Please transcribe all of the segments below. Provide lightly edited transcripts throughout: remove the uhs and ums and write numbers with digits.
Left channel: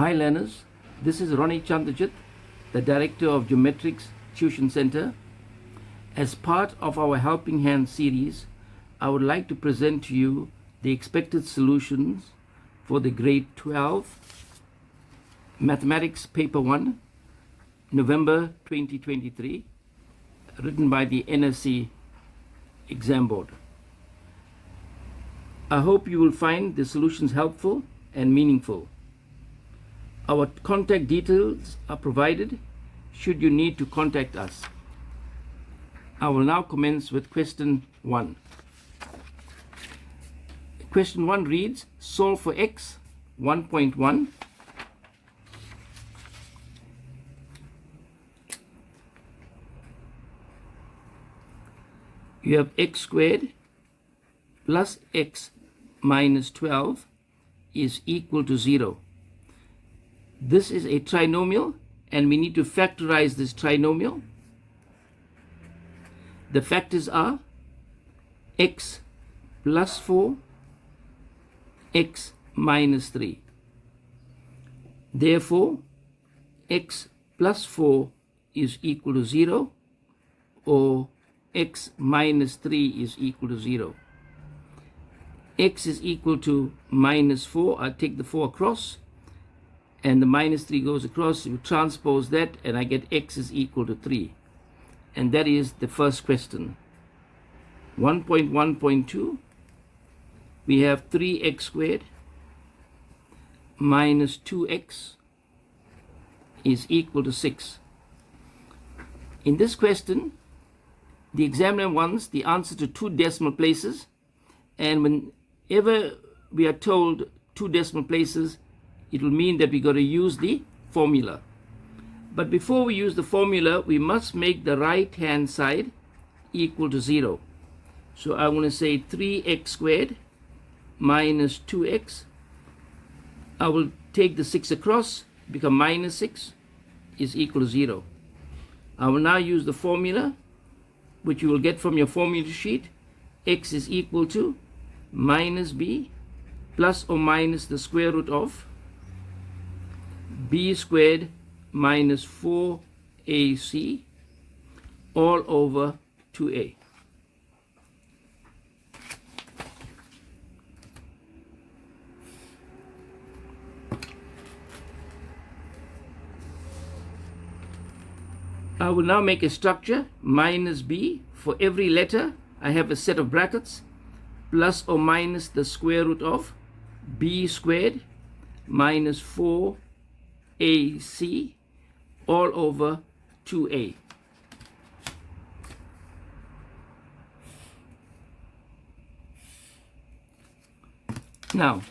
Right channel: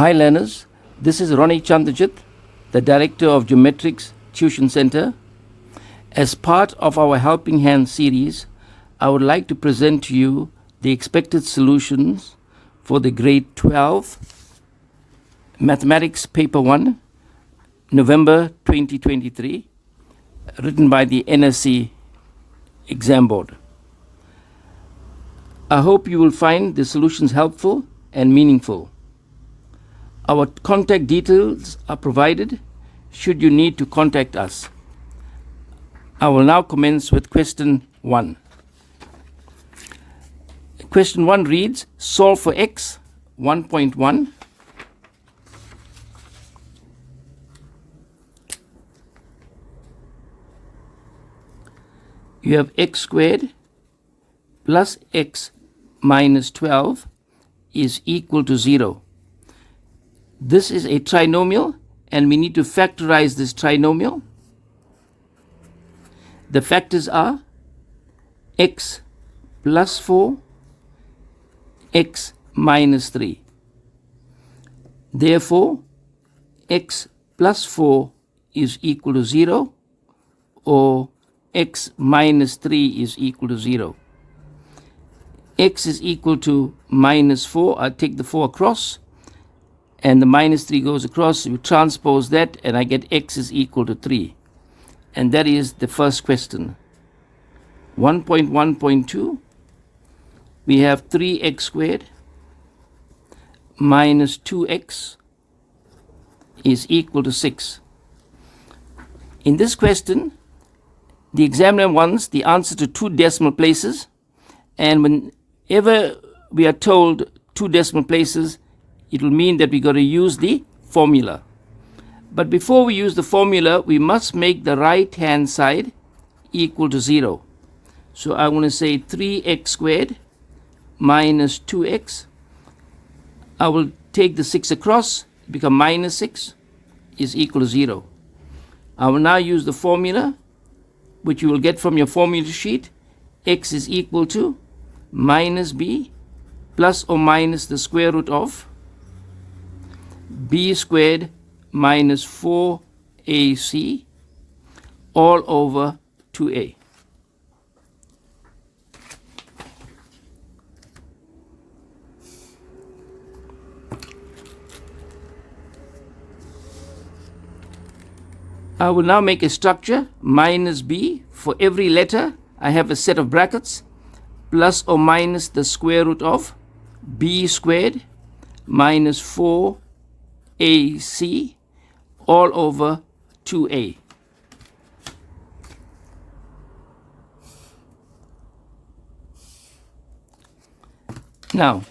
Hi learners, this is Ronnie Chandajit, the Director of Geomatrix Tuition Centre. As part of our Helping Hand series, I would like to present to you the expected solutions for the Grade 12 Mathematics Paper One, November 2023, written by the NSC Exam Board. I hope you will find the solutions helpful and meaningful. Our contact details are provided should you need to contact us. I will now commence with question 1. Question 1 reads, solve for x 1.1 you have x squared plus x minus 12 is equal to 0. This is a trinomial, and we need to factorize this trinomial. The factors are x plus 4, x minus 3. Therefore, x plus 4 is equal to 0, or x minus 3 is equal to 0. X is equal to minus 4. I take the 4 across, and the minus 3 goes across. You transpose that, and I get x is equal to 3. And that is the first question. 1.1.2, we have 3x squared minus 2x is equal to 6. In this question, the examiner wants the answer to 2 decimal places, and whenever we are told 2 decimal places, it will mean that we got to use the formula. But before we use the formula, we must make the right hand side equal to 0. So I want to say 3x squared minus 2x. I will take the 6 across, become minus 6 is equal to 0. I will now use the formula, which you will get from your formula sheet. X is equal to minus b plus or minus the square root of b squared minus 4ac all over 2a. I will now make a structure, minus b. For every letter, I have a set of brackets, plus or minus the square root of b squared minus 4ac all over 2a. Now,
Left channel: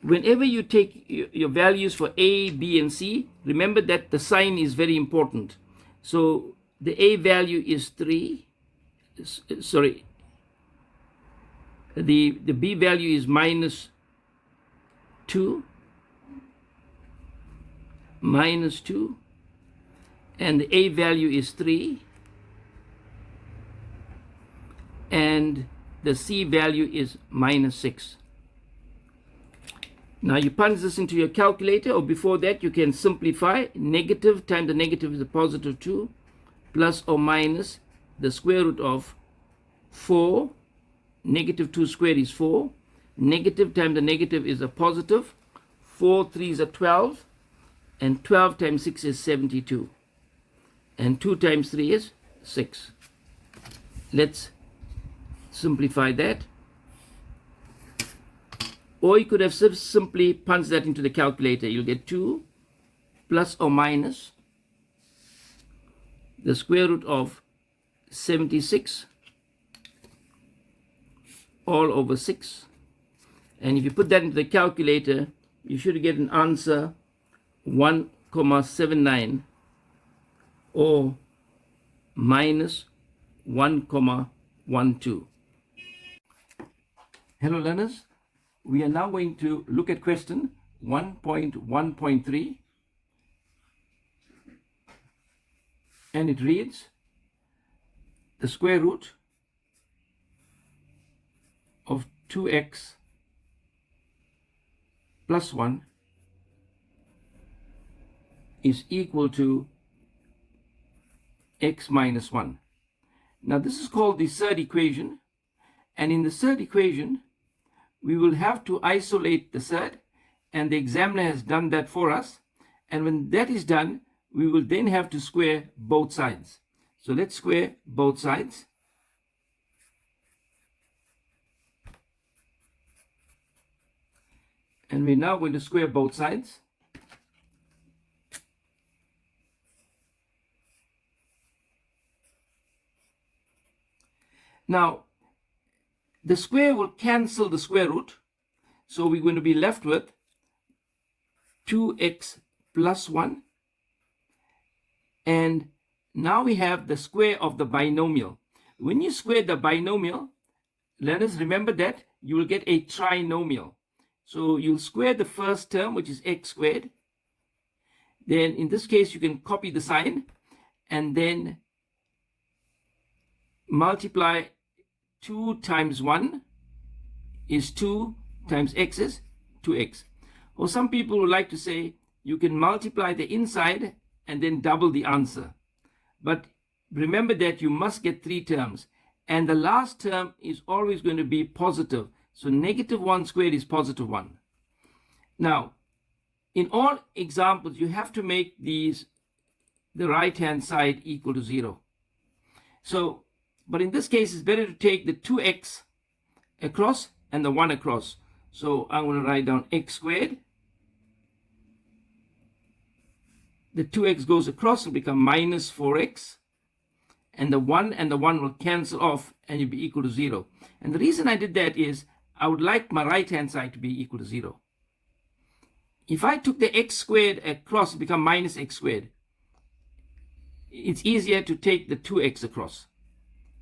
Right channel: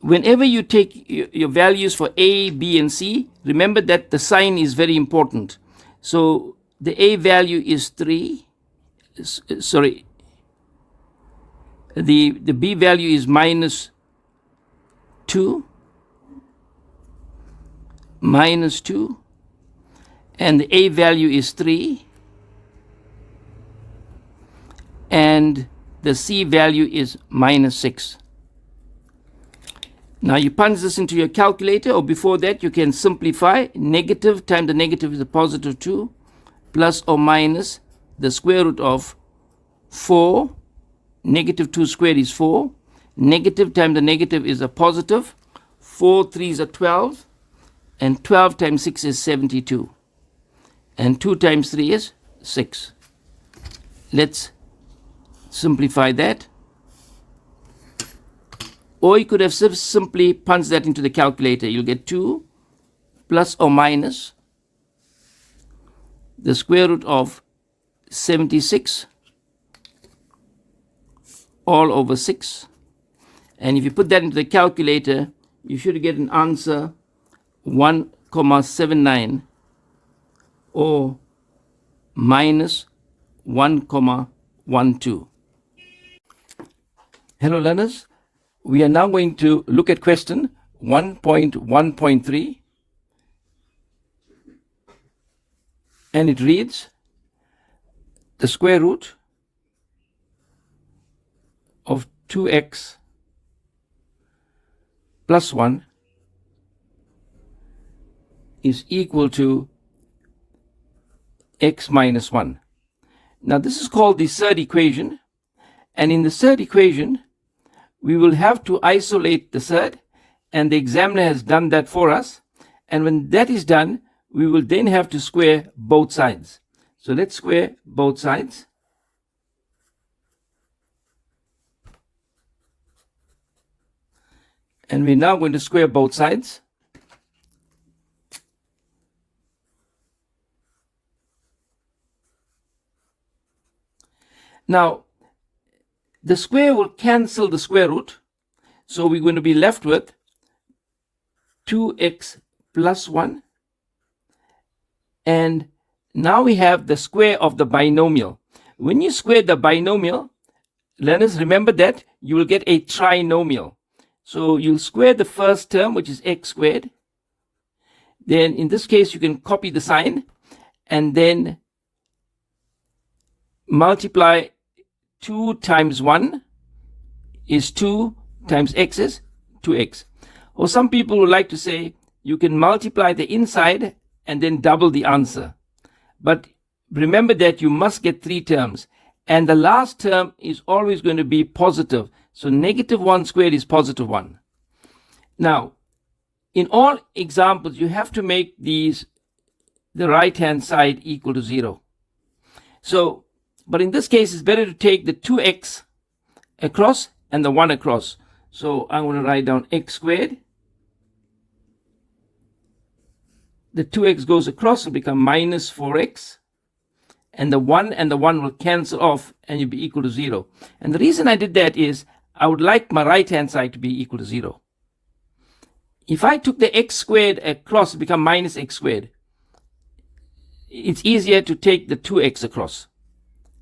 whenever you take your values for a, b, and c, remember that the sign is very important. So the a value is 3. Sorry. The b value is minus 2. Minus 2, and the a value is 3, and the c value is minus 6. Now you punch this into your calculator, or before that you can simplify. Negative times the negative is a positive 2, plus or minus the square root of 4. Negative 2 squared is 4. Negative times the negative is a positive. 4 3s are 12. And 12 times 6 is 72. And 2 times 3 is 6. Let's simplify that. Or you could have simply punched that into the calculator. You'll get 2 plus or minus the square root of 76 all over 6. And if you put that into the calculator, you should get an answer 1,79 or minus 1,12. Hello learners, we are now going to look at question 1.1.3, and it reads, the square root of 2x plus 1 is equal to x minus 1. Now this is called the third equation, and in the third equation we will have to isolate the third, and the examiner has done that for us. And when that is done, we will then have to square both sides. So let's square both sides. And we're now going to square both sides. Now, the square will cancel the square root. So we're going to be left with 2x plus 1. And now we have the square of the binomial. When you square the binomial, learners, remember that you will get a trinomial. So you'll square the first term, which is x squared. Then in this case, you can copy the sign and then multiply 2 times 1 is 2 times x is 2x. Or some people would like to say you can multiply the inside and then double the answer. But remember that you must get 3 terms. And the last term is always going to be positive. So negative 1 squared is positive 1. Now, in all examples, you have to make the right-hand side equal to 0. So, but in this case, it's better to take the 2x across and the 1 across. So I'm going to write down x squared. The 2x goes across, will become minus 4x. And the 1 will cancel off and you'll be equal to 0. And the reason I did that is I would like my right-hand side to be equal to 0. If I took the x squared across, it become minus x squared. It's easier to take the 2x across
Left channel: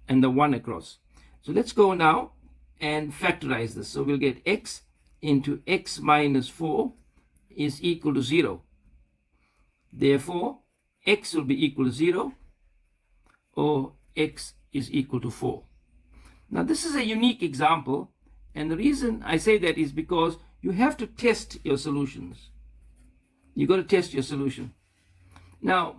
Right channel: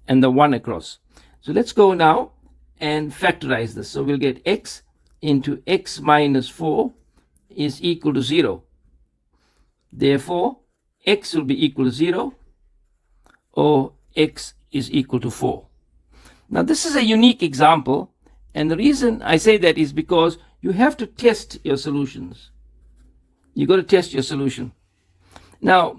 and the 1 across. So let's go now and factorize this. So we'll get x into x minus 4 is equal to 0. Therefore, x will be equal to 0, or x is equal to 4. Now this is a unique example, and the reason I say that is because you have to test your solutions. You got to test your solution. Now,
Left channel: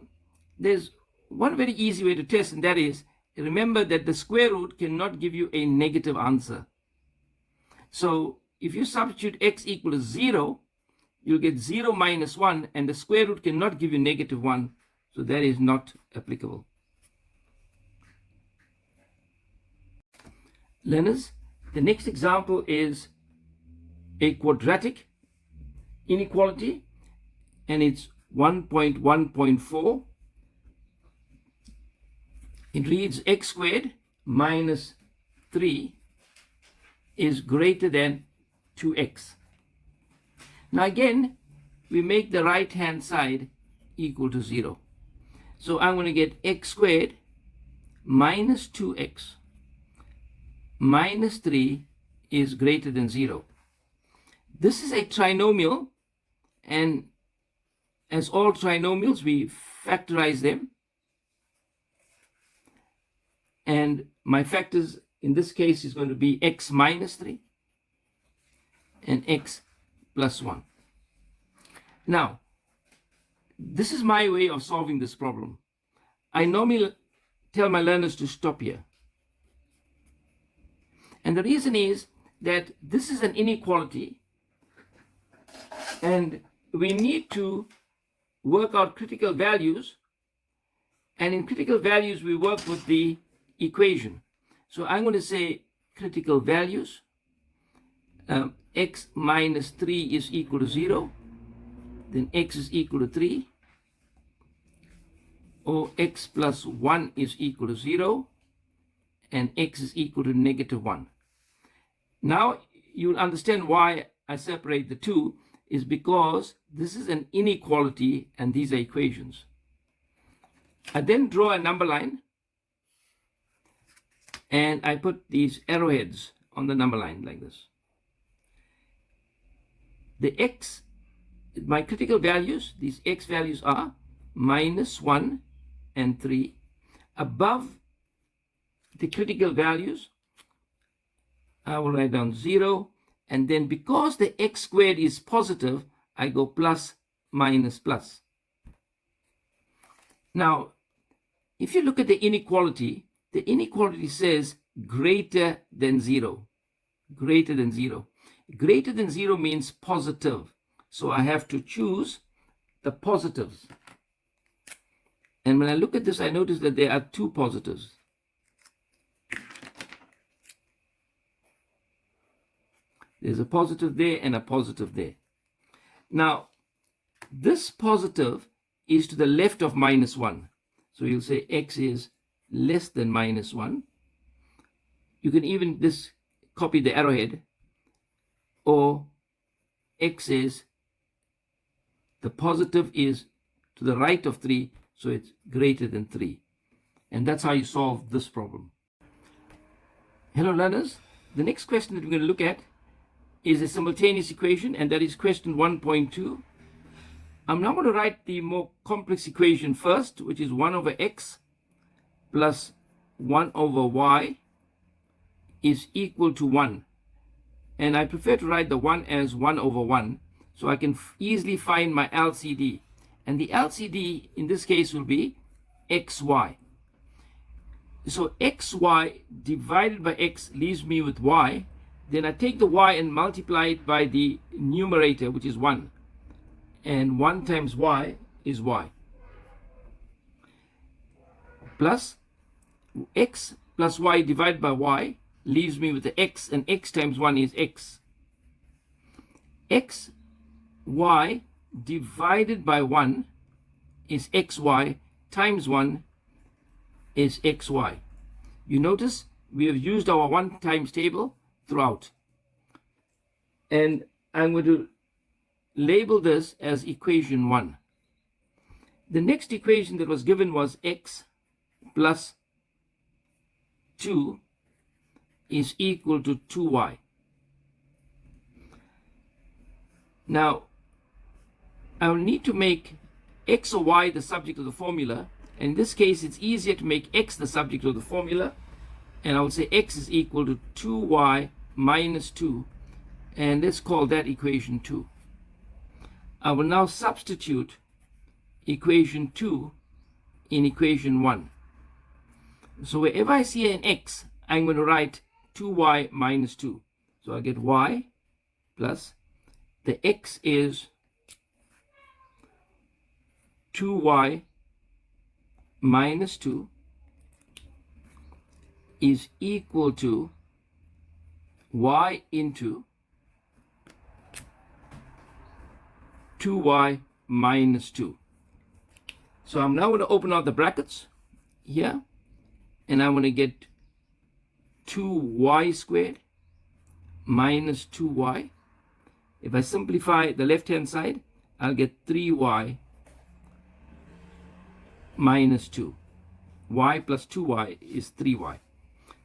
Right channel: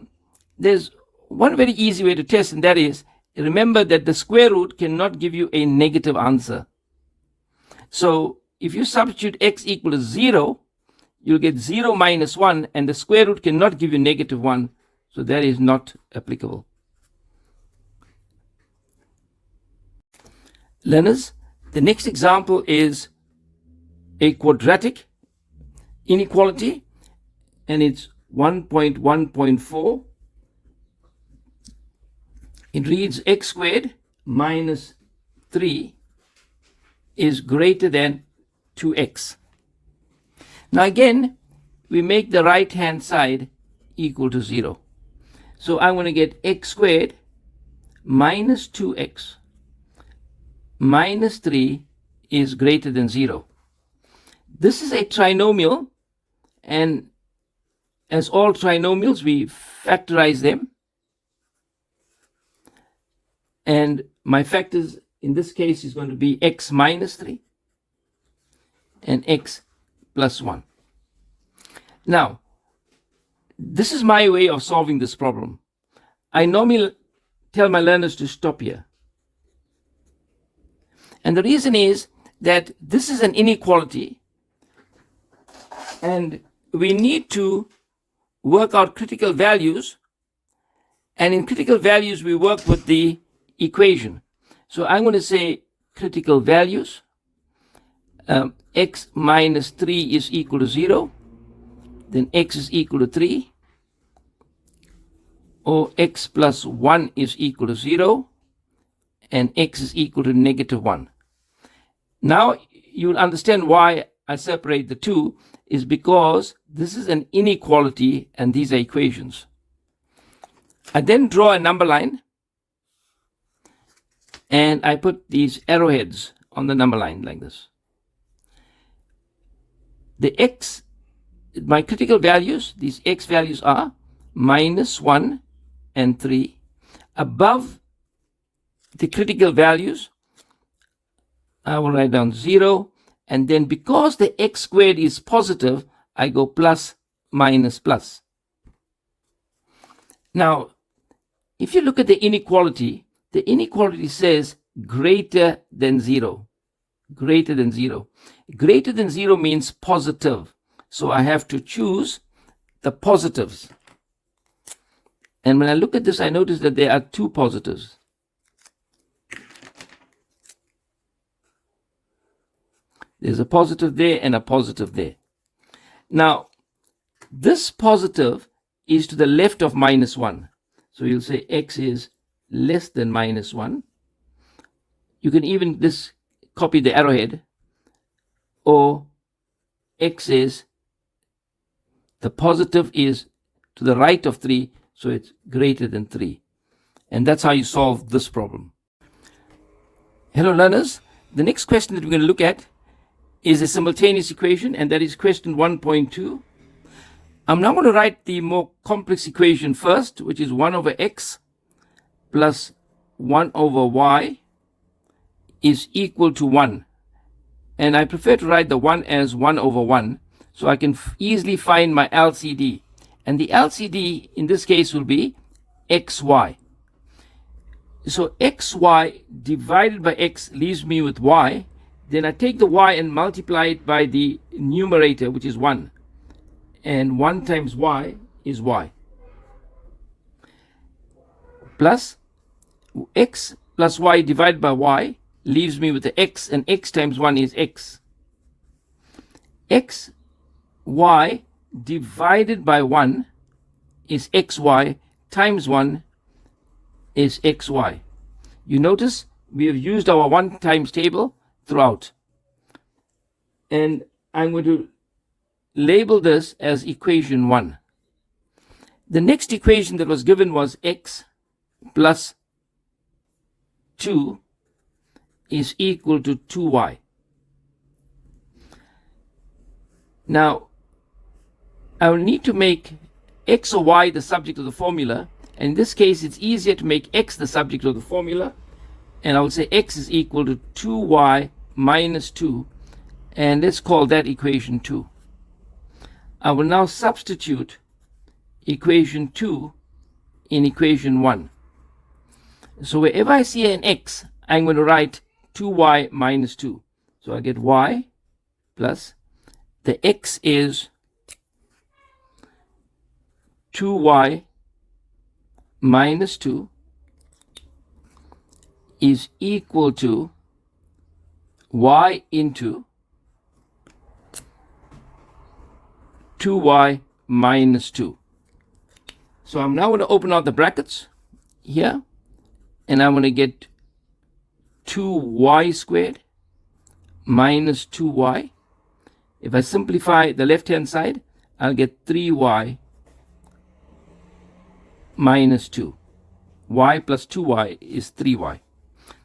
there's one very easy way to test, and that is, remember that the square root cannot give you a negative answer. So if you substitute x equal to 0, you'll get 0 minus 1, and the square root cannot give you negative 1. So that is not applicable. Learners, the next example is a quadratic inequality, and it's 1.1.4. It reads x squared minus 3 is greater than 2x. Now again, we make the right-hand side equal to 0. So I'm going to get x squared minus 2x minus 3 is greater than 0. This is a trinomial, and as all trinomials, we factorize them. And my factors in this case is going to be x minus 3 and x plus 1. Now, this is my way of solving this problem. I normally tell my learners to stop here. And the reason is that this is an inequality, and we need to work out critical values. And in critical values, we work with the equation. So I'm going to say critical values. X minus 3 is equal to 0. Then x is equal to 3. Or x plus 1 is equal to 0. And x is equal to negative 1. Now you'll understand why I separate the two, is because this is an inequality and these are equations. I then draw a number line and I put these arrowheads on the number line like this. The x, my critical values, these x values are minus 1 and 3. Above the critical values, I will write down 0. And then because the x squared is positive, I go plus, minus, plus. Now, if you look at the inequality says greater than 0. Greater than 0. Greater than 0 means positive. So I have to choose the positives. And when I look at this, I notice that there are two positives. There's a positive there and a positive there. Now, this positive is to the left of -1. So you'll say x is less than -1. You can even copy the arrowhead, or x is, the positive is to the right of 3, so it's greater than 3. And that's how you solve this problem. Hello learners, the next question that we're going to look at is a simultaneous equation, and that is question 1.2. I'm now going to write the more complex equation first, which is 1 over x plus 1 over y is equal to 1. And I prefer to write the 1 as 1 over 1, so I can easily find my LCD. And the LCD in this case will be xy. So xy divided by x leaves me with y. Then I take the y and multiply it by the numerator, which is 1. And 1 times y is y. Plus x plus y divided by y leaves me with the x, and x times 1 is x. xy divided by 1 is xy times 1 is xy. You notice we have used our 1 times table throughout. And I'm going to label this as equation 1. The next equation that was given was x plus 2 is equal to 2y. Now, I will need to make x or y the subject of the formula. And in this case, it's easier to make x the subject of the formula. And I will say x is equal to 2y minus 2. And let's call that equation 2. I will now substitute equation 2 in equation 1. So wherever I see an x, I'm going to write 2y minus 2. So I get y plus the x is 2y minus 2 is equal to y into 2y minus 2. So I'm now going to open out the brackets here, and I'm going to get 2y squared minus 2y. If I simplify the left-hand side, I'll get 3y minus 2. Y plus 2y is 3y.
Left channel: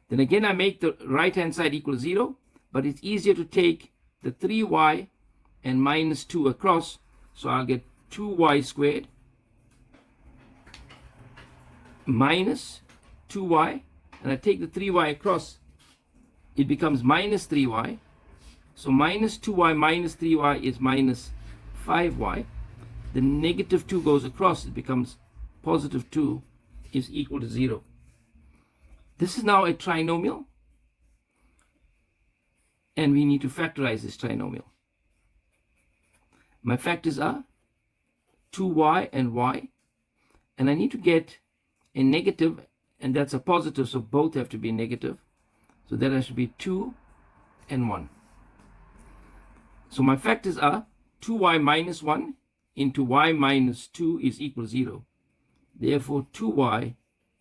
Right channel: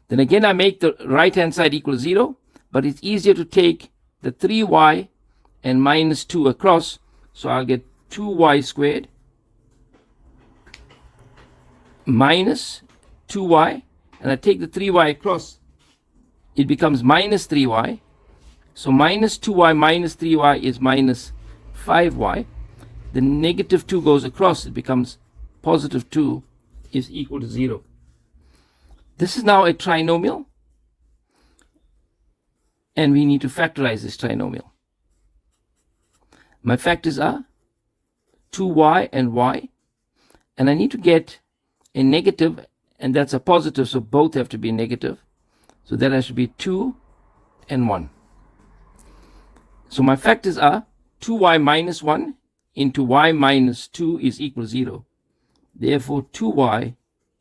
Then again, I make the right-hand side equal 0, but it's easier to take the 3y and minus 2 across, so I'll get 2y squared minus 2y, and I take the 3y across, it becomes minus 3y. So minus 2y minus 3y is minus 5y. The negative 2 goes across, it becomes positive 2 is equal to 0. This is now a trinomial, and we need to factorize this trinomial. My factors are 2y and y, and I need to get a negative, and that's a positive, so both have to be negative. So that has to be 2 and 1. So my factors are 2y minus 1 into y minus 2 is equal to 0. Therefore, 2y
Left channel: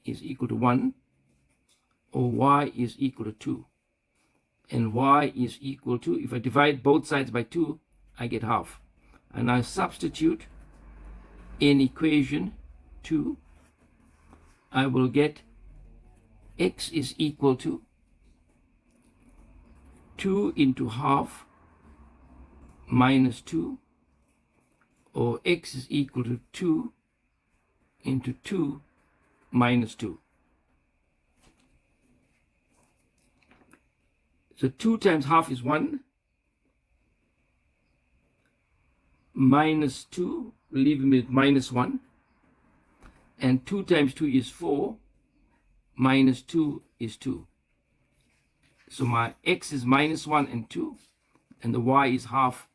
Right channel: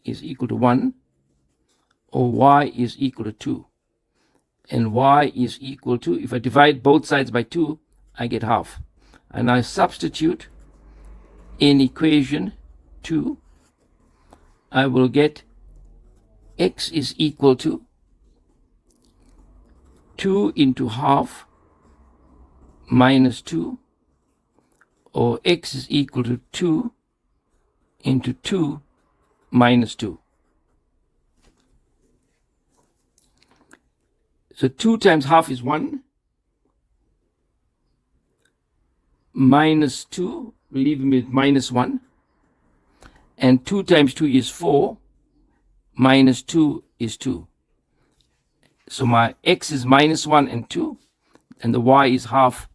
is equal to 1, or y is equal to 2. And y is equal to, if I divide both sides by 2, I get half. And I substitute in equation 2, I will get x is equal to 2 into half minus 2, or x is equal to 2 into 2 minus 2. So 2 times half is 1, minus 2, leaving me with minus 1. and 2 times 2 is 4, minus 2 is 2. So my x is minus 1 and 2, and the y is half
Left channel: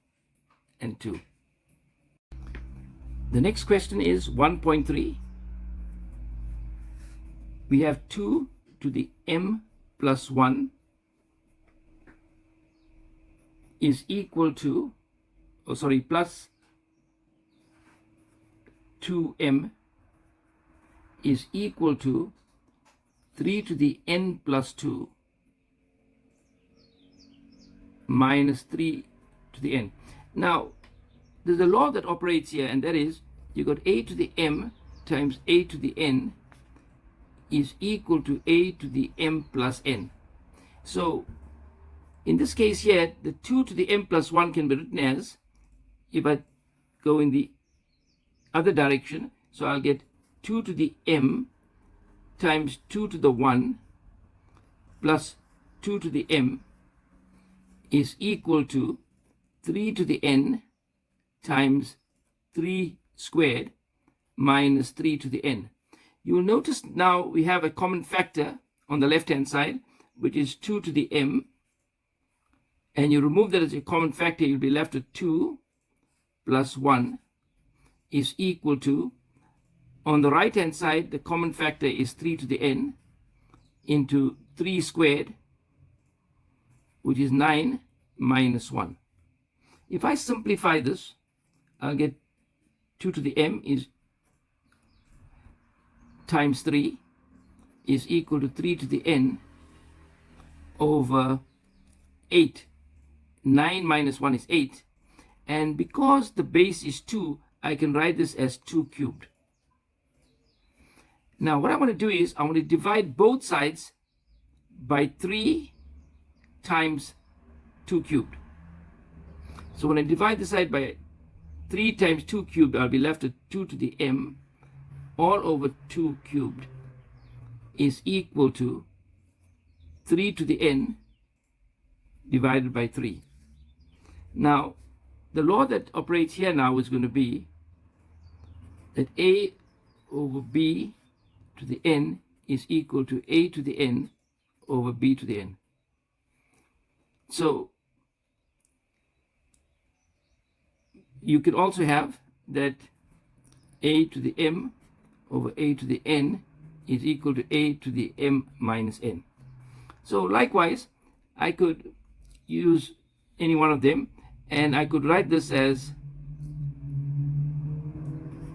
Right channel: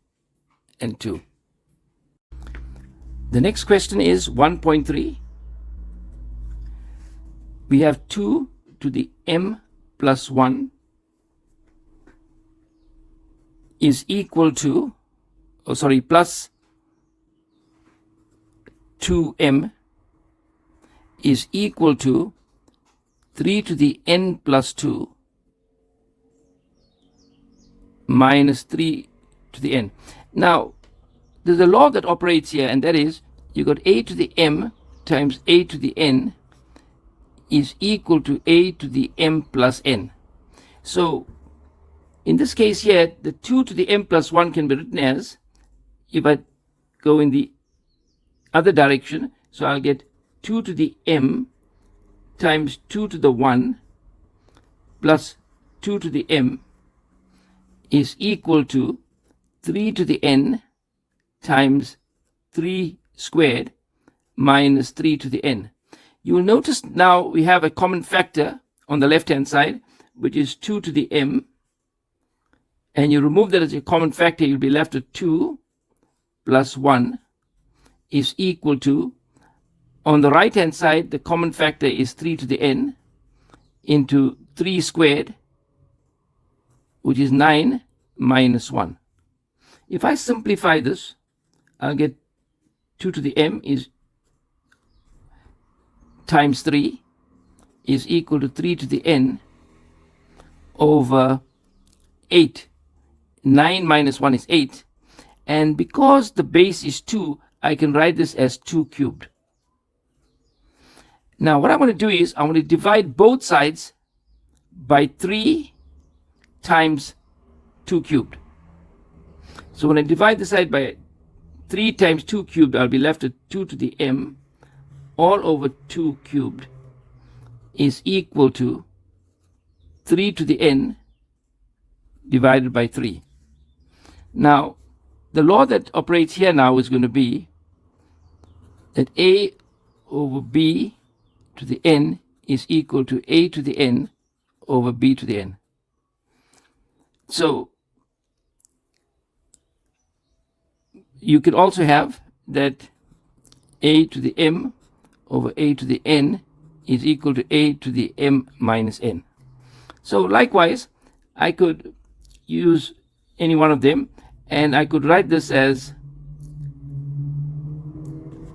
and 2. The next question is 1.3. We have 2 to the m plus 1 is equal to, plus 2m is equal to 3 to the n plus 2 minus 3 to the n. Now, there's a law that operates here, and that is you got a to the m times a to the n is equal to a to the m plus n. So in this case here, the 2 to the m plus 1 can be written as, if I go in the other direction, so I'll get 2 to the m times 2 to the 1 plus 2 to the m is equal to 3 to the n times 3 squared minus 3 to the n. You will notice now we have a common factor on the left-hand side, which is 2 to the m. And you remove that as a common factor, you'll be left with 2 plus 1 is equal to, on the right-hand side, the common factor is 3 to the n into 3 squared, which is 9 minus 1. If I simplify this, I'll get 2 to the m is times 3 is equal to 3 to the n over 8. 9 minus 1 is 8. And because the base is 2, I can write this as 2 cubed. Now what I want to do is I want to divide both sides by 3 times 2 cubed. So when I divide the side by 3 times 2 cubed, I'll be left with 2 to the m all over 2 cubed is equal to 3 to the n divided by 3. Now, the law that operates here now is going to be that a over b to the n is equal to a to the n over b to the n. So, you can also have that a to the m over a to the n is equal to a to the m minus n. So likewise, I could use any one of them, and I could write this as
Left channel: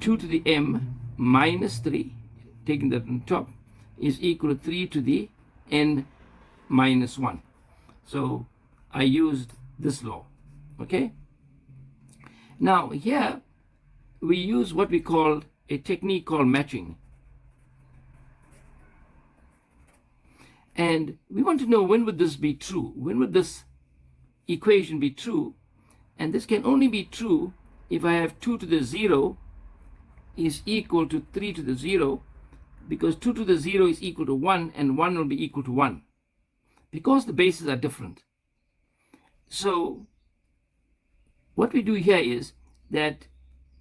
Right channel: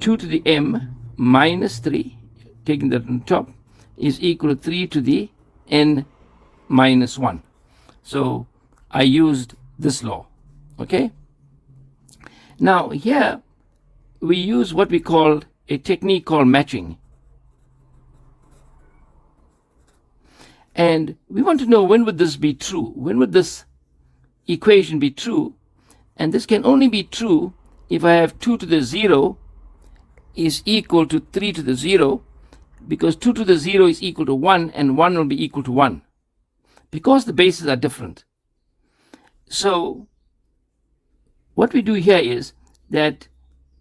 2 to the m minus 3, taking that on top, is equal to 3 to the n minus 1. So I used this law, okay? Now here we use what we call a technique called matching. And we want to know, when would this be true? When would this equation be true? And this can only be true if I have 2 to the 0 is equal to 3 to the 0, because 2 to the 0 is equal to 1, and 1 will be equal to 1, because the bases are different. So what we do here is that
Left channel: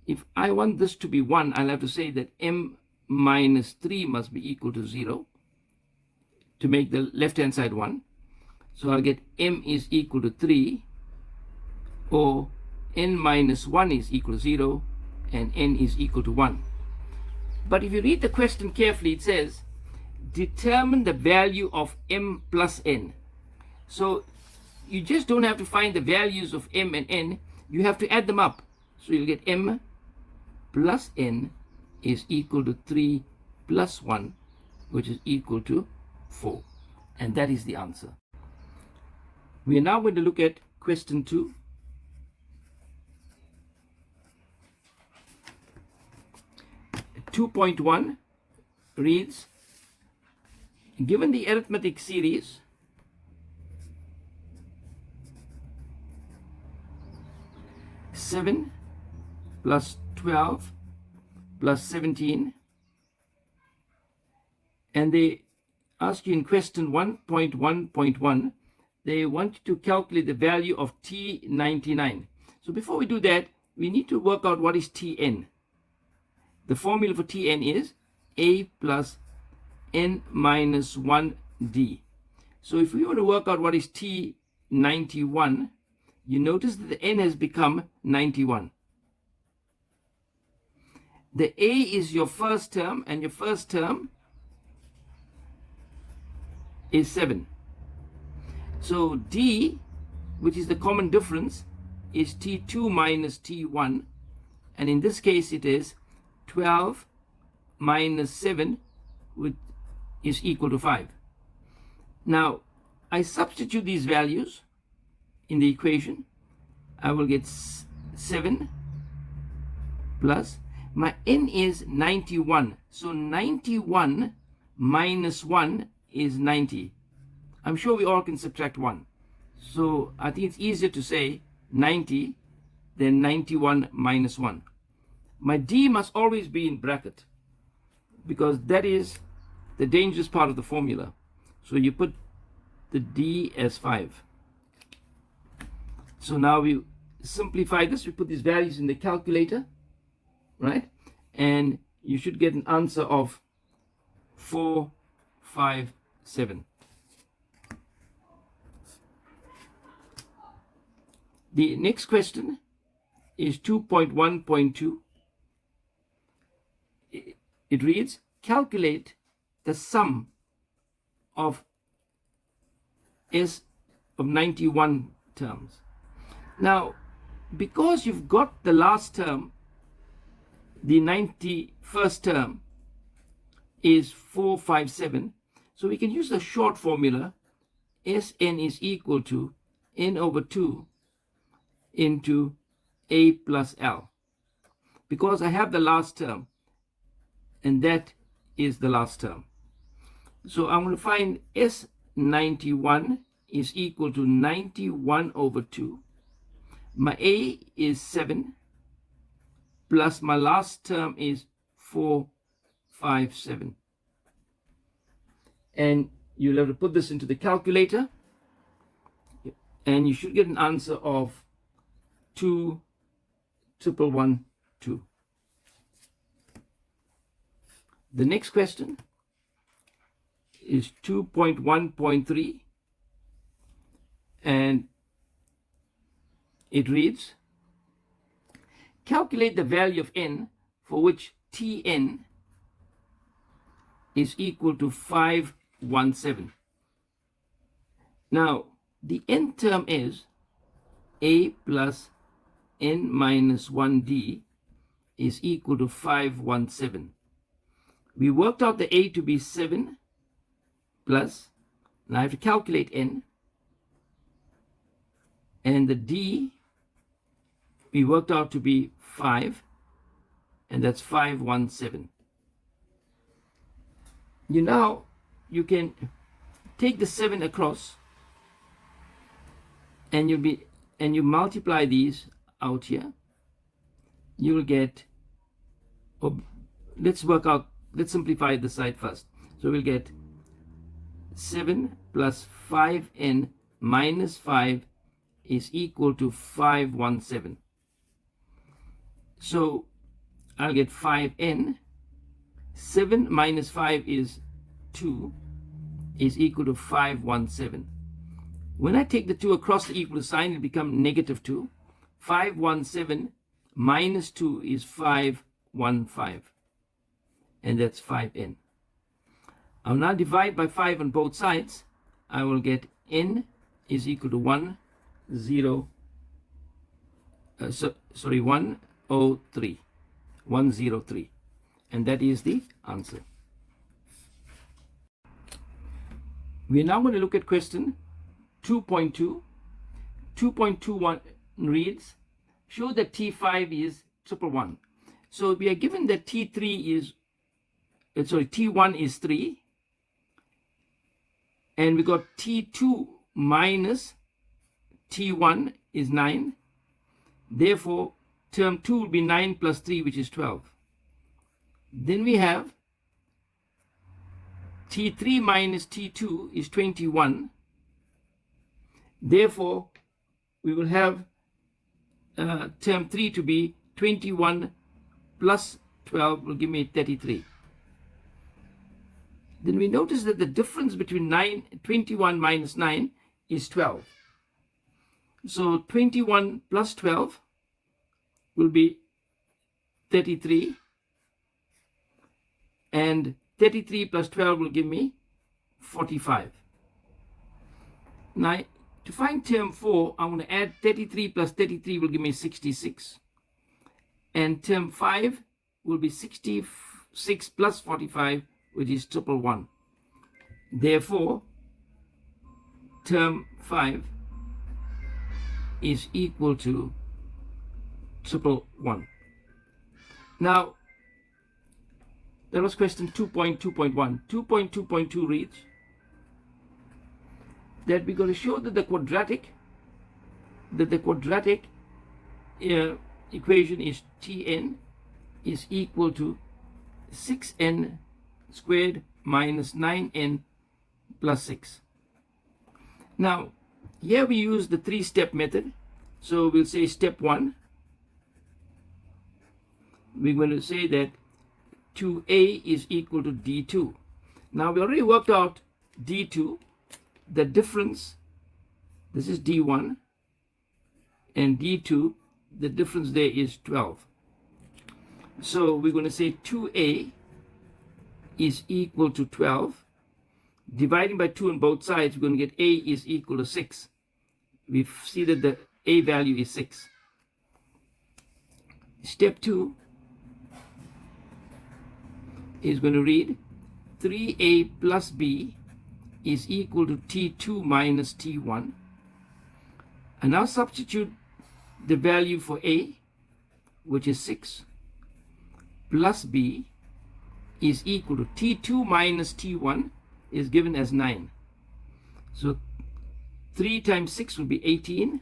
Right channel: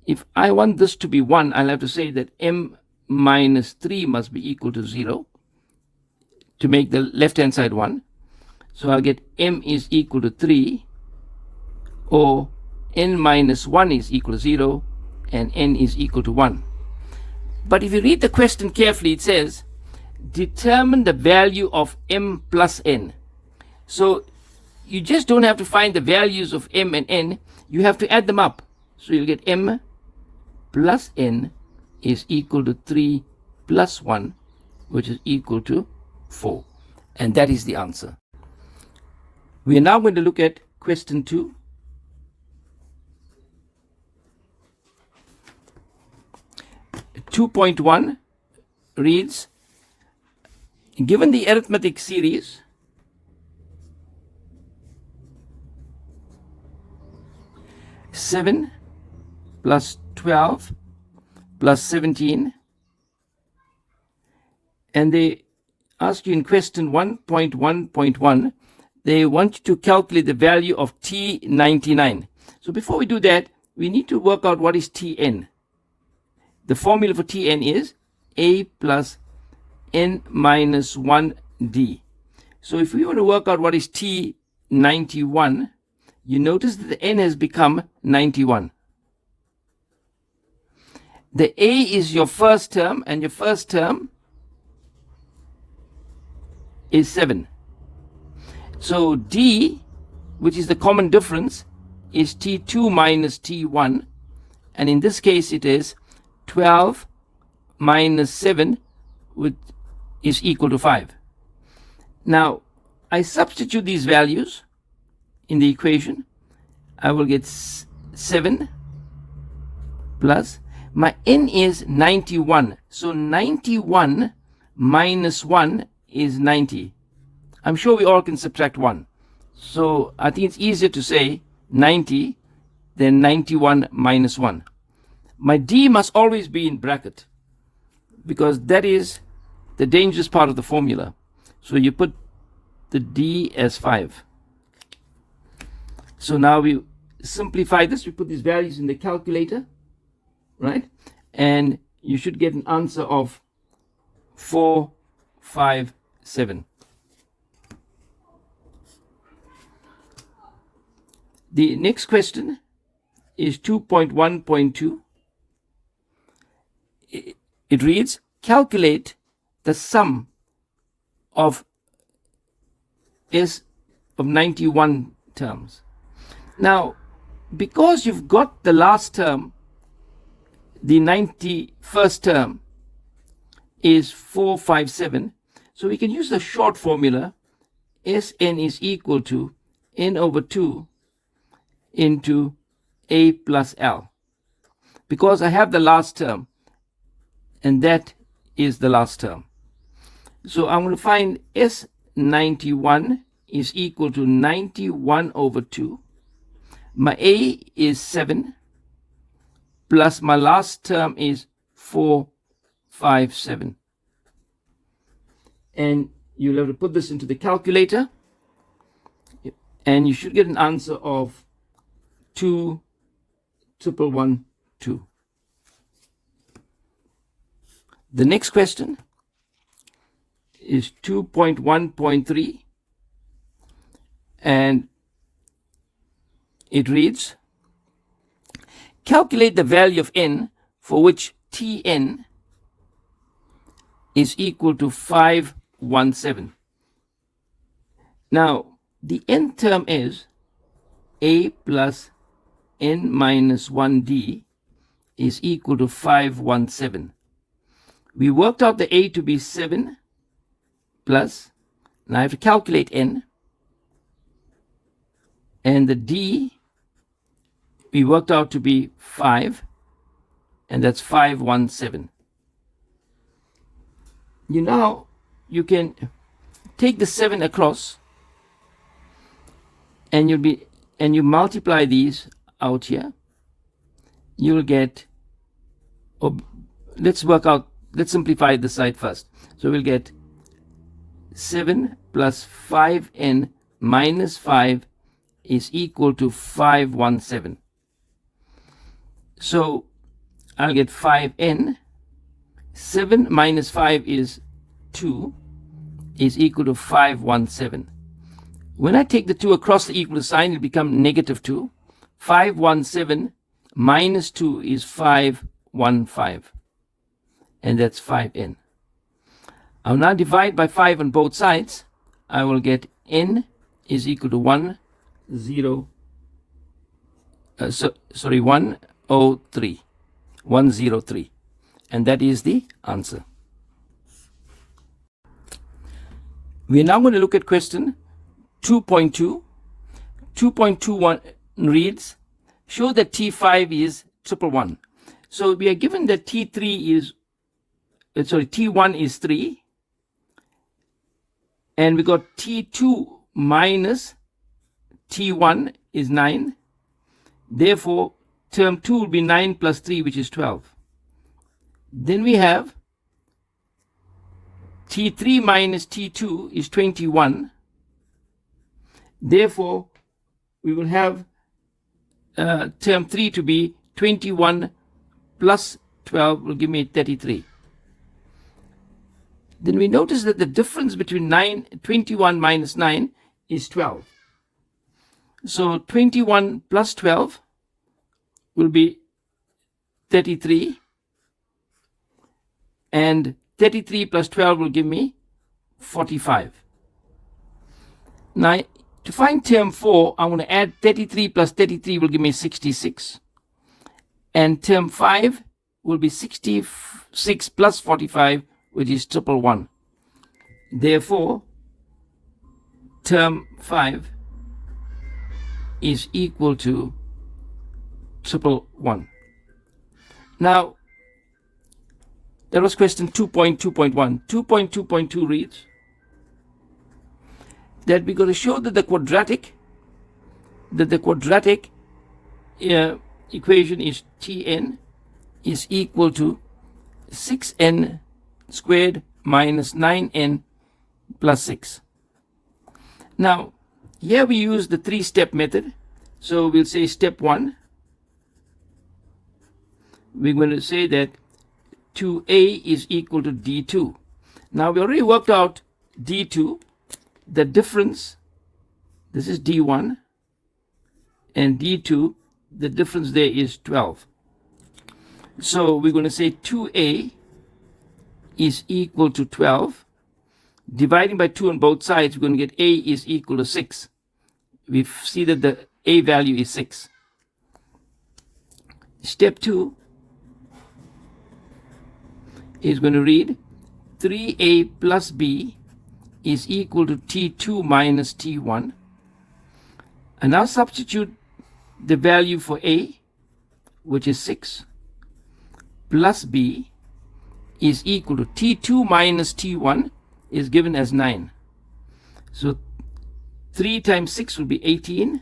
if I want this to be 1, I'll have to say that m minus 3 must be equal to 0 to make the left-hand side 1. So I'll get m is equal to 3, or n minus 1 is equal to 0, and n is equal to 1. But if you read the question carefully, it says, determine the value of m plus n. So you just don't have to find the values of m and n, you have to add them up. So you'll get m plus n is equal to 3 plus 1, which is equal to 4. And that is the answer. We are now going to look at question 2. (2.1) reads, given the arithmetic series (7 plus 12 plus 17), and they ask you in question 1.1.1, they want you to calculate the value of T99. So before we do that, we need to work out what is Tn. The formula for Tn is a plus n minus 1d. So if we want to work out what is t91, you notice that the n has become 91. The a is your first term, and your first term is 7. So d, which is the common difference, is t2 minus t1, and in this case it is 12 minus 7, which is equal to 5. Now I substitute these values in the equation. I will get 7 plus, my n is 91, so 91 minus 1 is 90. I'm sure we all can subtract 1, so I think it's easier to say 90 than 91 minus 1. My d must always be in bracket, because that is the dangerous part of the formula. So you put the d as 5. So now we simplify this. We put these values in the calculator, right? And you should get an answer of 457. The next question is 2.1.2. It reads, calculate the sum of S of 91 terms. Now, because you've got the last term, the 91st term is 457, so we can use the short formula. Sn is equal to n over 2 into a plus l, because I have the last term, and that is the last term. So I'm going to find S91 is equal to 91 over 2. My a is 7, plus my last term is 457. And you'll have to put this into the calculator, and you should get an answer of 2,112. The next question is 2.1.3, and it reads, calculate the value of n for which Tn is equal to 517. Now, the nth term is a plus n minus 1d is equal to 517. We worked out the a to be 7 plus, now I have to calculate n, and the d we worked out to be 5, and that's 517. You can take the 7 across, and you multiply these out here. You'll get, let's simplify the side first. So we'll get 7 plus 5n minus 5 is equal to 517. So I'll get 5n. 7 minus 5 is 2, is equal to 517. When I take the 2 across the equal sign, it becomes negative 2. 517 minus 2 is 515. And that's 5n. I'll now divide by 5 on both sides. I will get n is equal to 103. 103. And that is the answer. We are now going to look at question 2.2. 2.21 reads, show that T5 is 111. So we are given that T1 is 3, and we got T2 minus T1 is 9. Therefore, term 2 will be 9 plus 3, which is 12. Then we have T3 minus T2 is 21. Therefore, we will have term 3 to be 21 plus 12 will give me 33. then we notice that the difference between 21 minus 9 is 12. So 21 plus 12 will be 33, and 33 plus 12 will give me 45. Now, to find term 4, I'm going to add 33 plus 33 will give me 66. And term 5 will be 66 plus 45, which is 111. Therefore, term 5 is equal to 111. Now, that was question 2.2.1. 2.2.2 reads that we're going to show that the quadratic equation is Tn is equal to 6n squared minus 9n plus 6. Now, here we use the three-step method. So we'll say step 1. We're going to say that 2a is equal to d2. Now, we already worked out d2. The difference, this is d1, and d2, the difference there is 12. So we're going to say 2a is equal to 12. Dividing by 2 on both sides, we're going to get a is equal to 6. We see that the a value is 6. Step 2 is going to read 3a plus b is equal to T2 minus T1. And now substitute the value for A, which is 6, plus B is equal to T2 minus T1 is given as 9. So 3 times 6 will be 18,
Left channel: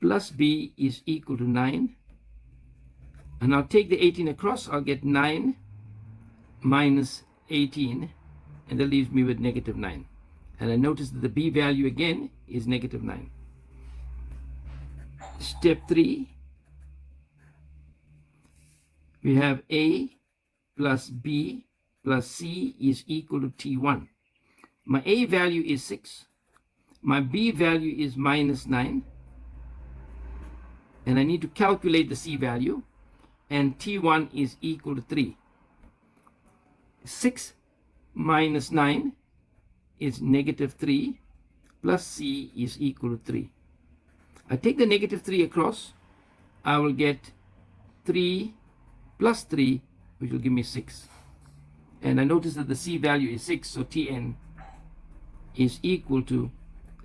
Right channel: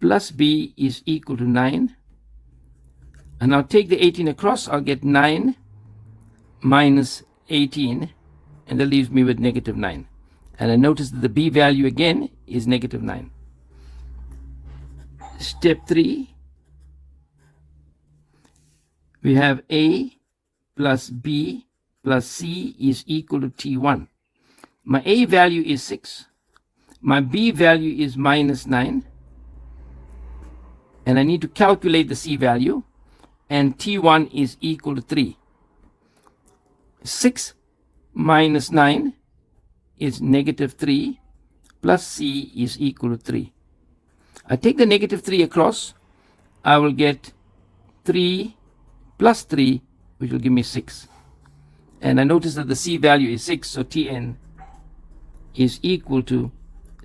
plus B is equal to 9. And I'll take the 18 across. I'll get 9 minus 18. And that leaves me with negative 9. And I notice that the B value again is negative 9. Step 3, we have A plus B plus C is equal to T1. My A value is 6. My B value is minus 9. And I need to calculate the C value. And T1 is equal to 3. 6 minus 9 is negative 3, plus C is equal to 3. I take the negative 3 across. I will get 3 plus 3, which will give me 6. And I notice that the C value is 6, so Tn is equal to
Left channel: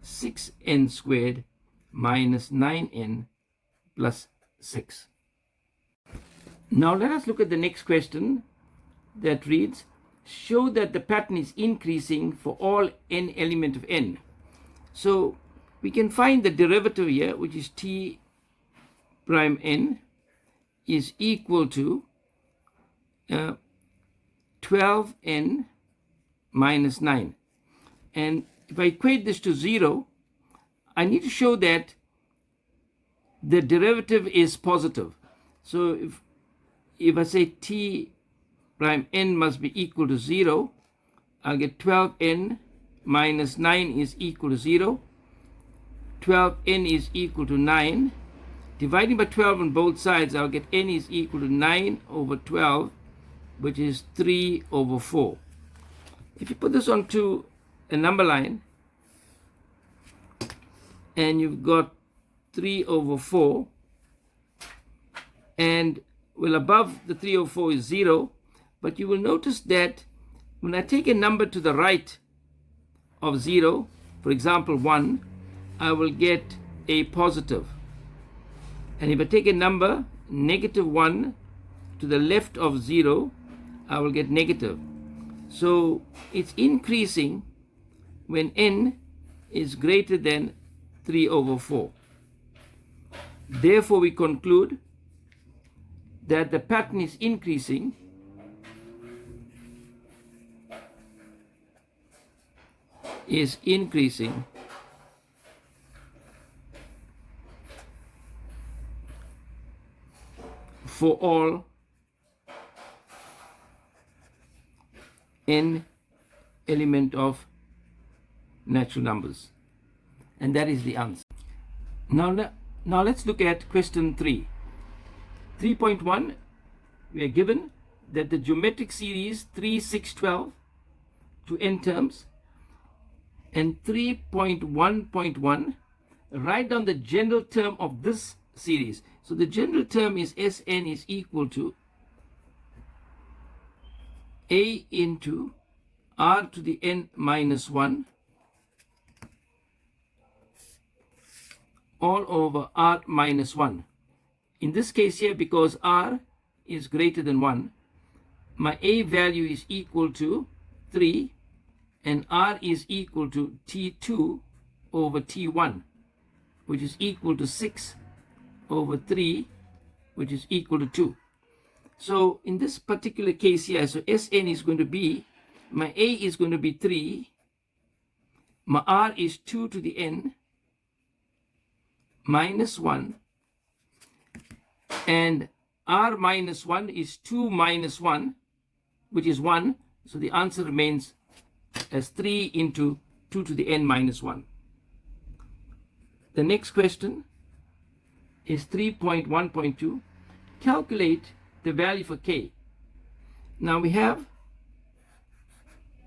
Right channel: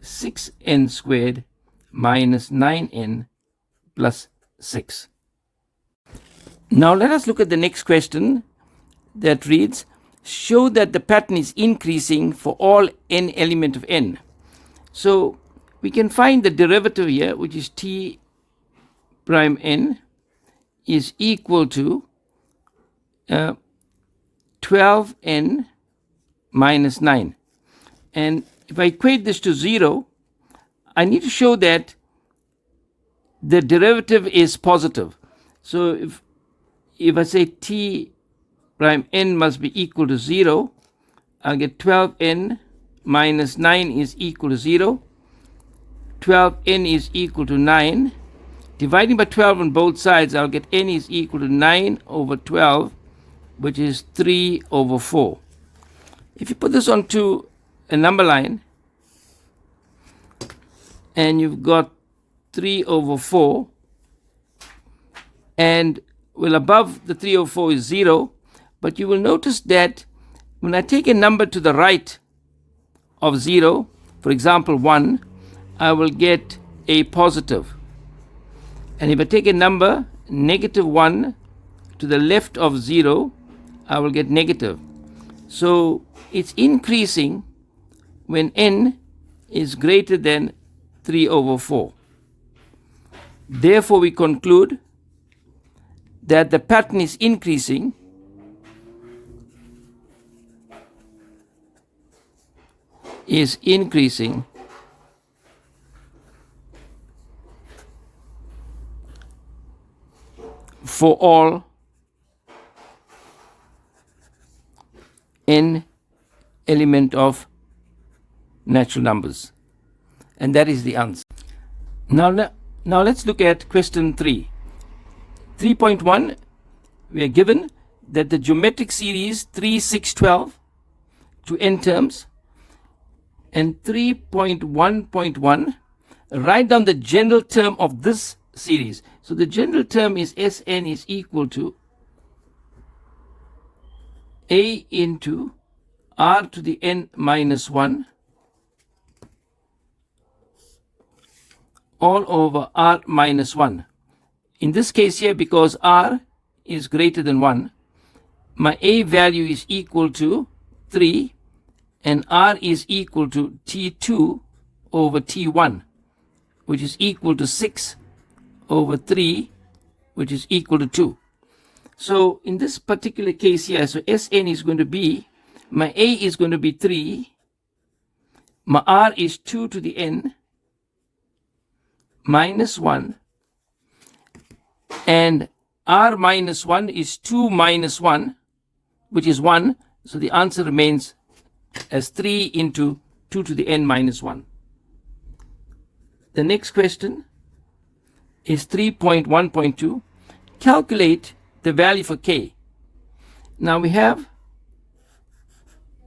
6n squared minus 9n plus 6. Now let us look at the next question that reads, show that the pattern is increasing for all n element of n. So we can find the derivative here, which is t prime n is equal to 12n minus 9. And if I equate this to 0, I need to show that the derivative is positive. So if I say t prime n must be equal to 0, I'll get 12n minus 9 is equal to 0. 12n is equal to 9. Dividing by 12 on both sides, I'll get n is equal to 9 over 12, which is 3 over 4. If you put this onto a number line, and you've got 3 over 4, and well, above the 3 over 4 is 0, but you will notice that when I take a number to the right of 0, for example 1, I will get a positive. And if I take a number negative 1 to the left of 0, I will get negative. So it's increasing when n is greater than 3 over 4. Therefore, we conclude that the pattern is increasing for all n element of natural numbers. And that is the answer. Now let's look at question 3. 3.1, we are given that the geometric series 3, 6, 12 to n terms, and 3.1.1, write down the general term of this series. So the general term is Sn is equal to a into r to the n minus 1 all over r minus 1. In this case here, because r is greater than 1, my a value is equal to 3 and r is equal to t2 over t1, which is equal to 6 over 3, which is equal to 2. So in this particular case here, so Sn is going to be, my a is going to be 3, my r is 2 to the n minus 1, and r minus 1 is 2 minus 1, which is 1. So the answer remains as 3 into 2 to the n minus 1. The next question is 3.1.2. Calculate the value for k. Now we have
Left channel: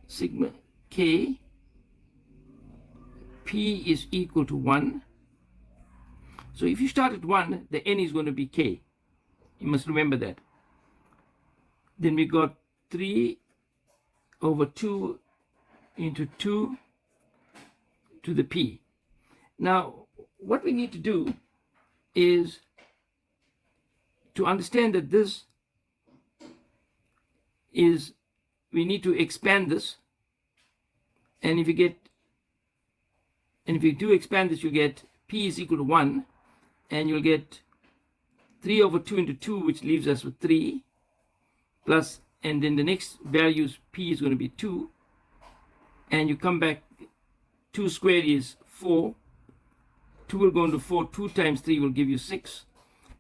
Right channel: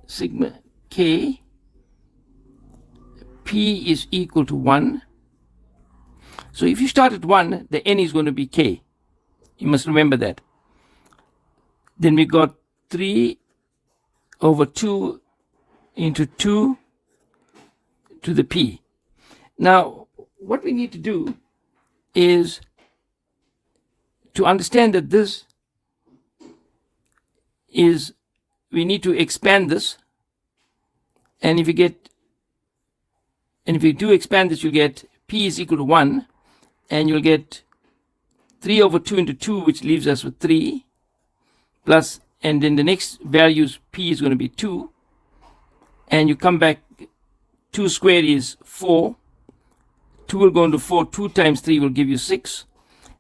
sigma k, p is equal to 1. So if you start at 1, the n is going to be k. You must remember that. Then we got 3 over 2 into 2 to the p. Now, what we need to do is to understand that this is, we need to expand this. And if you do expand this, you'll get p is equal to 1, and you'll get 3 over 2 into 2, which leaves us with 3, plus, and then the next values, p is going to be 2, and you come back, 2 squared is 4, 2 will go into 4, 2 times 3 will give you 6,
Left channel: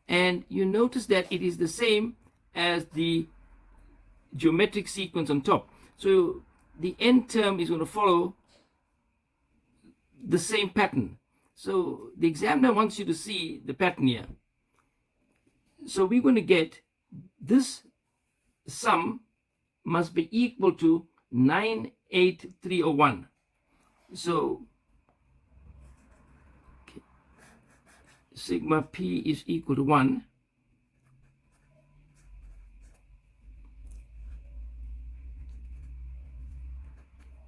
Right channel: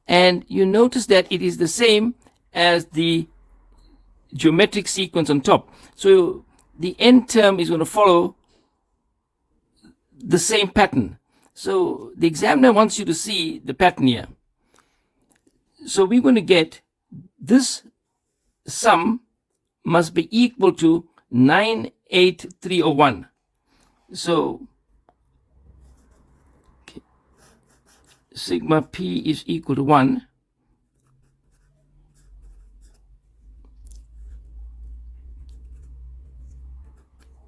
and you notice that it is the same as the geometric sequence on top. So the n term is going to follow the same pattern. So the examiner wants you to see the pattern here. So we're going to get this sum must be equal to 98301. So okay, sigma p is equal to 1.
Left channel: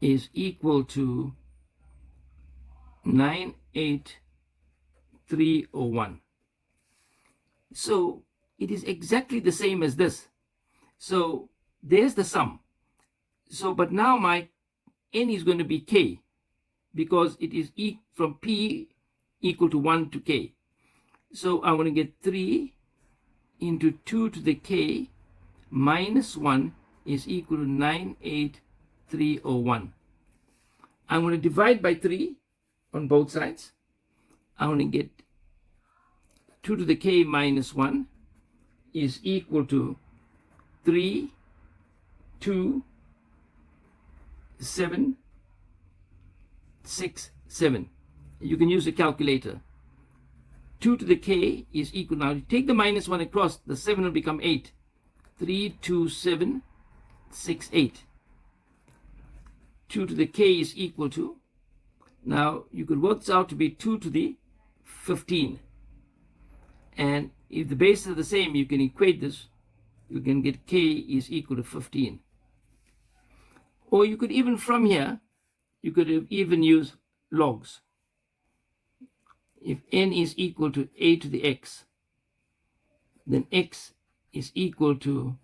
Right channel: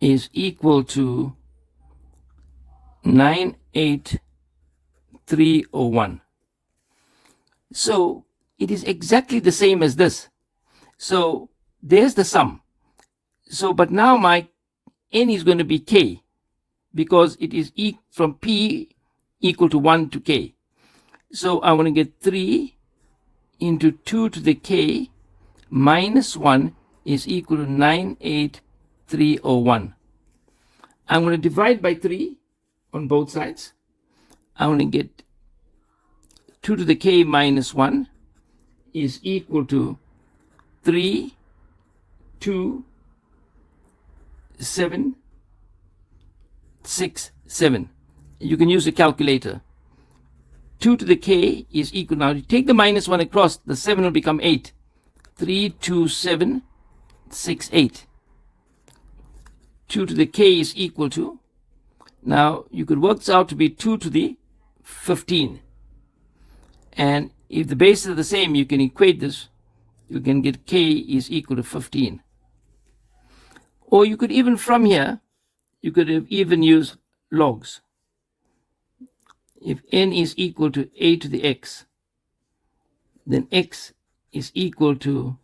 Is equal to 98301. So it is exactly the same as this. So there's the sum. So but now my n is going to be k, because it is from p equal to 1 to k. So I want to get 3 into 2 to the k minus 1 is equal to 98301. I'm going to divide by 3 on both sides. I want to get 2 to the k minus 1 is equal to 3, 2, 7, 6, 7. You can use a calculator. 2 to the k is equal, now you take the minus 1 across, the 7 will become 8. 3, 2, 7, 6, 8. 2 to the k is equal to, now you could work this out to be 2 to the 15. And if the bases are the same, you can equate this. You can get k is equal to 15. Or you could even from here, you could even use logs. If n is equal to a to the x, then x is equal to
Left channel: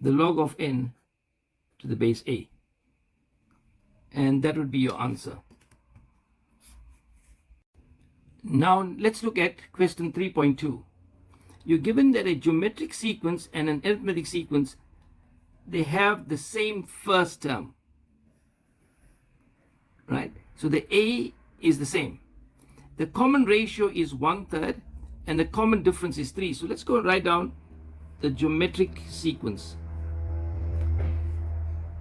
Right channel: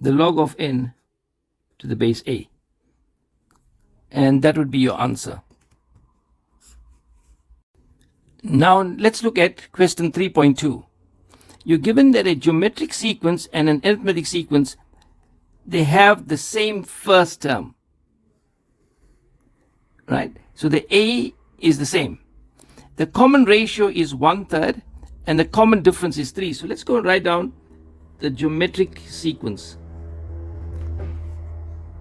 the log of n to the base a. And that would be your answer. Now let's look at question 3.2. You're given that a geometric sequence and an arithmetic sequence, they have the same first term, right? So the a is the same. The common ratio is 1/3 and the common difference is 3. So let's go and write down the geometric sequence.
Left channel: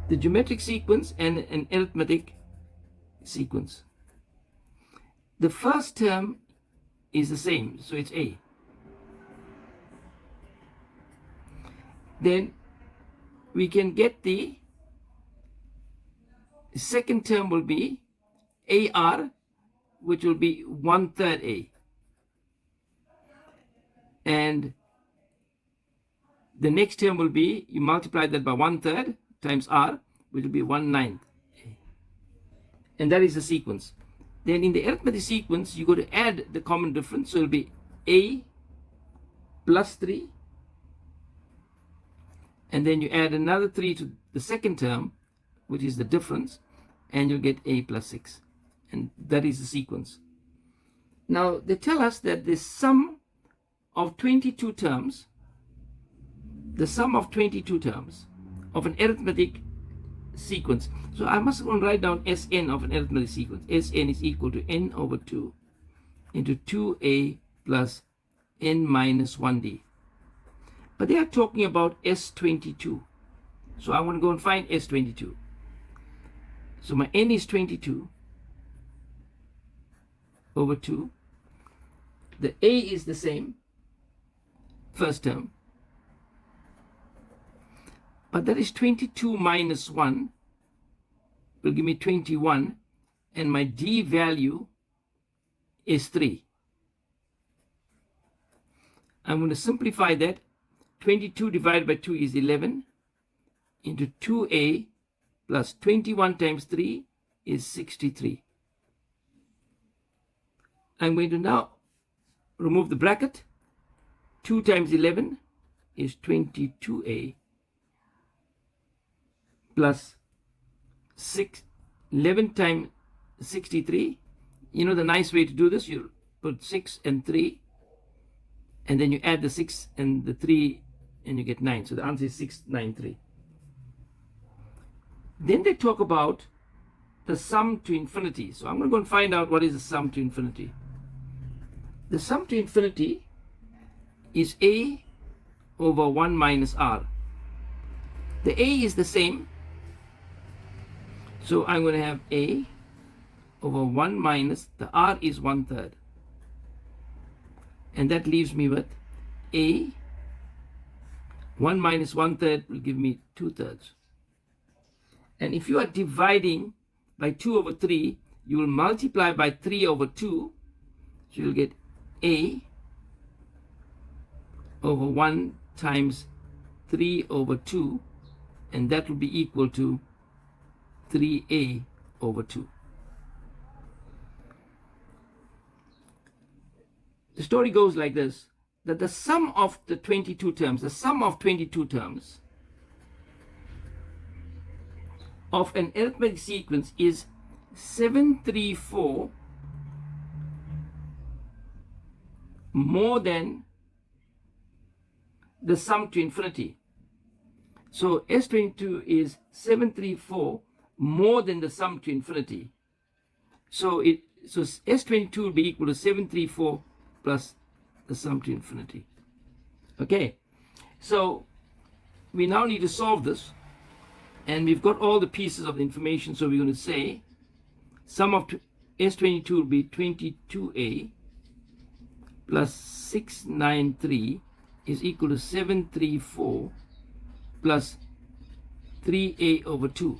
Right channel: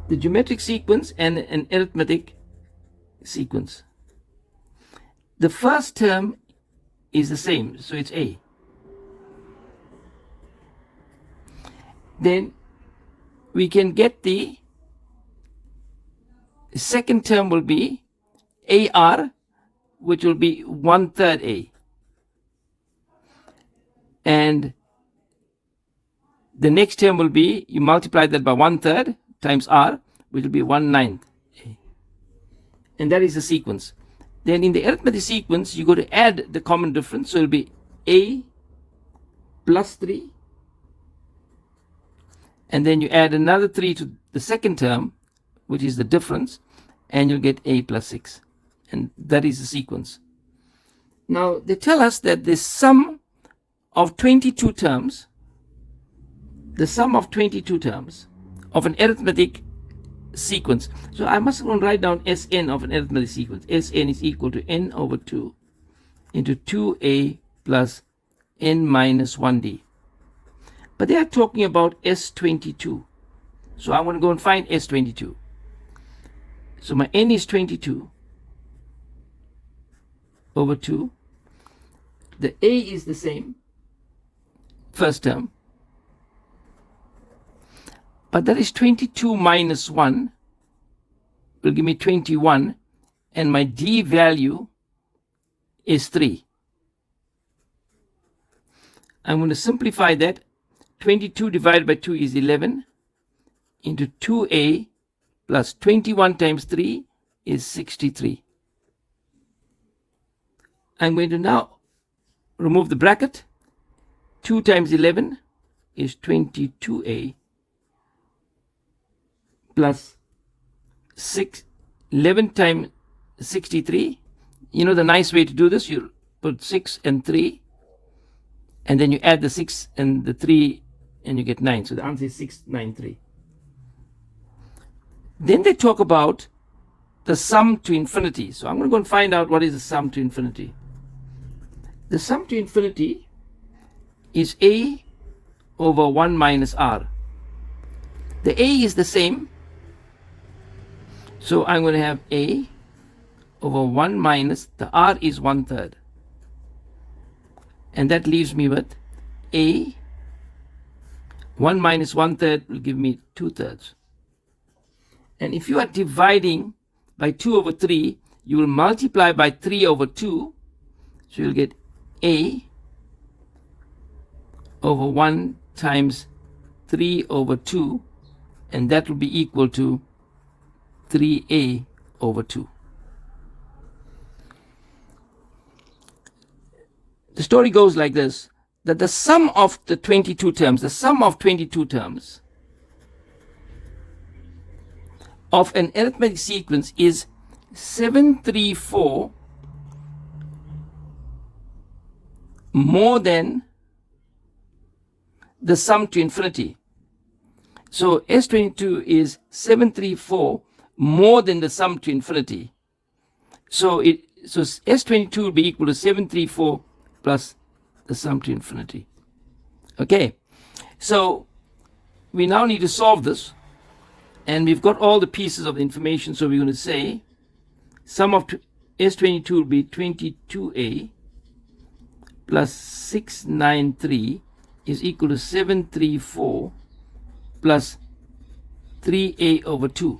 the geometric sequence and an arithmetic sequence. The first term is the same, so it's A. Then we can get the second term will be AR, which will be 1/3 A. And the next term will be, you multiply that by 1/3 times R, which will be 1/9 A. And that is the sequence. Then in the arithmetic sequence, you go to add the common difference. So it will be A plus 3. And then you add another 3 to the second term, which is the difference, and you'll get A plus 6. And that is the sequence. Now, they tell us that the sum of 22 terms, of an arithmetic sequence. So I must go and write down Sn of an arithmetic sequence. Sn is equal to n over 2 into 2a plus n minus 1d. But they are talking about S22. So I want to go and find S22. So my n is 22 over 2. The a is the same, first term. But that is 22 minus 1 will give me 21, and my d value is 3. I'm going to simplify that. 22 divided by 2 is 11 into 2a plus 21 times 3 is 63. I'm going to now remove the bracket. 2 times 11 is 22a plus 11 times 63. You know the nice way to do this, you put 6 and 3, and then you add the 6 and the 3, and you get 9. So the answer is 693. Then they talk about the sum to infinity. So I'm going to go and find out what is the sum to infinity. The sum to infinity is a over 1 minus r. The a is the same. So I'm going to have a over 1 minus, the r is 1/3. And that leaves me with a, 1 minus 1/3 will give me 2/3. And if you are dividing by 2 over 3, you will multiply by 3 over 2. So you'll get a over 1 times 3 over 2, and that will be equal to 3a over 2. The story goes like this, that the sum of the 22 terms, of an arithmetic sequence is 734 more than the sum to infinity. So S22 is 734 more than the sum to infinity. So S22 will be equal to 734 plus the sum to infinity. Okay, so we now need to solve this, and we've got all the pieces of the information. So we're going to say sum of S22 will be 22a plus 693 is equal to 734 plus 3a over 2.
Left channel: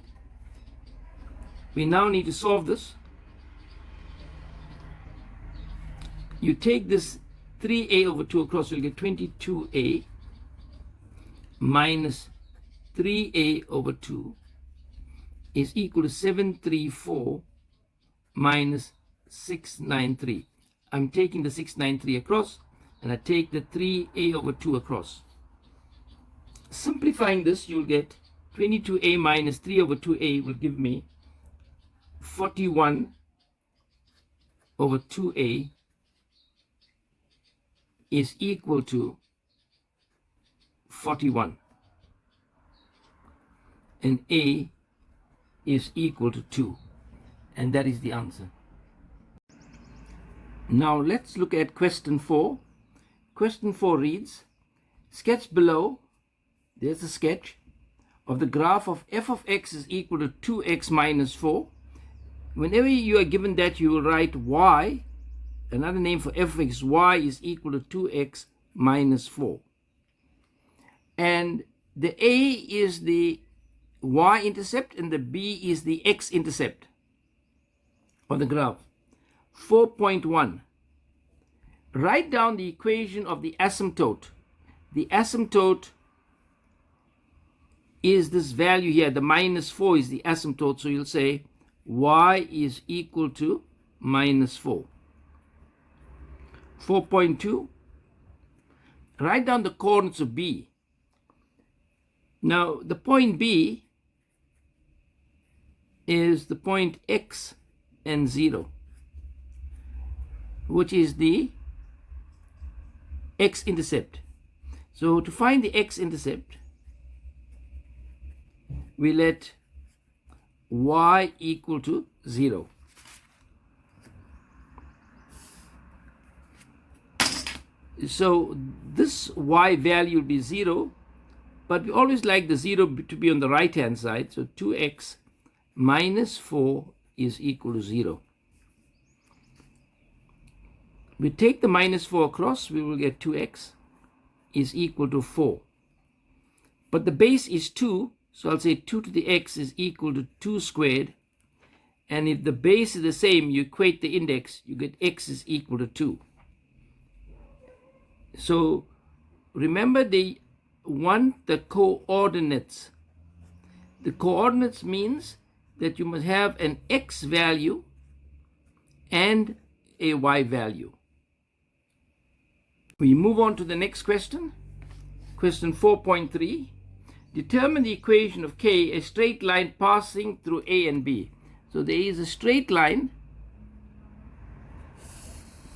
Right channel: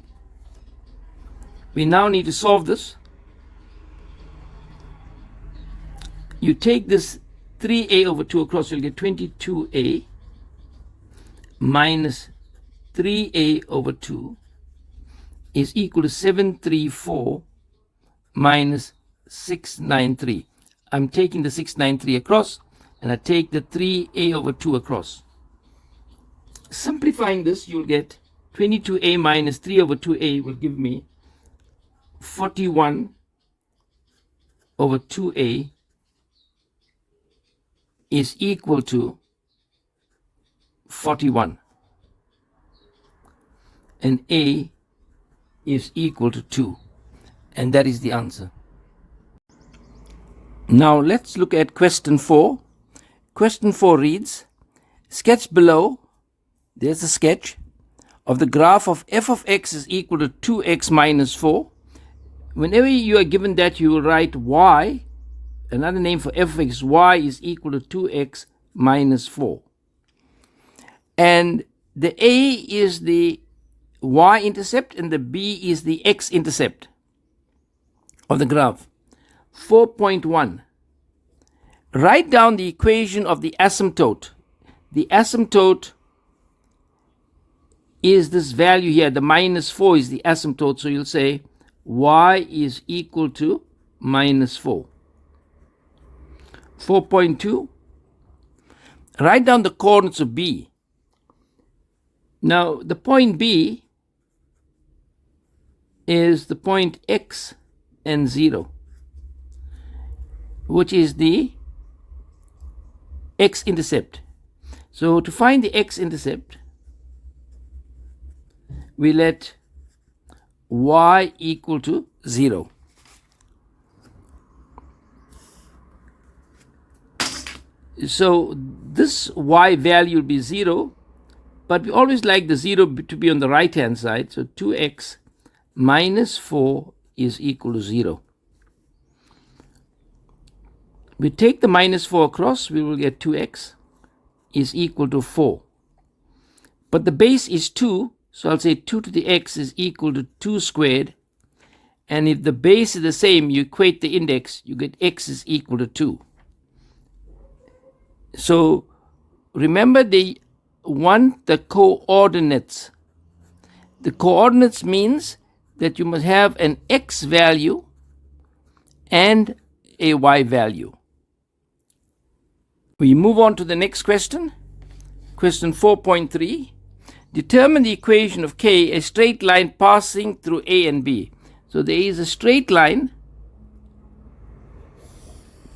We now need to solve this. You take this 3a over 2 across, you'll get 22a minus 3a over 2 is equal to 734 minus 693. I'm taking the 693 across, and I take the 3a over 2 across. Simplifying this, you'll get 22a minus 3 over 2a will give me 41 over 2a is equal to 41. And a is equal to 2. And that is the answer. Now let's look at question 4. Question 4 reads, sketch below, there's a sketch of the graph of f of x is equal to 2x minus 4. Whenever you are given that, you will write y, another name for f of x, y is equal to 2x minus 4. And the a is the y-intercept and the b is the x-intercept of the graph. 4.1. Write down the equation of the asymptote. The asymptote is this value here. The minus 4 is the asymptote. So you'll say y is equal to minus 4. 4.2. Write down the coordinates of B. Now, the point B is the point x and 0, which is the x-intercept. So to find the x-intercept, we let y equal to 0. So this y value will be 0, but we always like the 0 to be on the right hand side. So 2x minus 4 is equal to 0. We take the minus 4 across, we will get 2x is equal to 4. But the base is 2, so I'll say 2 to the x is equal to 2 squared. And if the base is the same, you equate the index, you get x is equal to 2. So remember, they want the coordinates. The coordinates means that you must have an x value and a y value. We move on to the next question. Question 4.3. Determine the equation of k, a straight line passing through A and B. So there is a straight line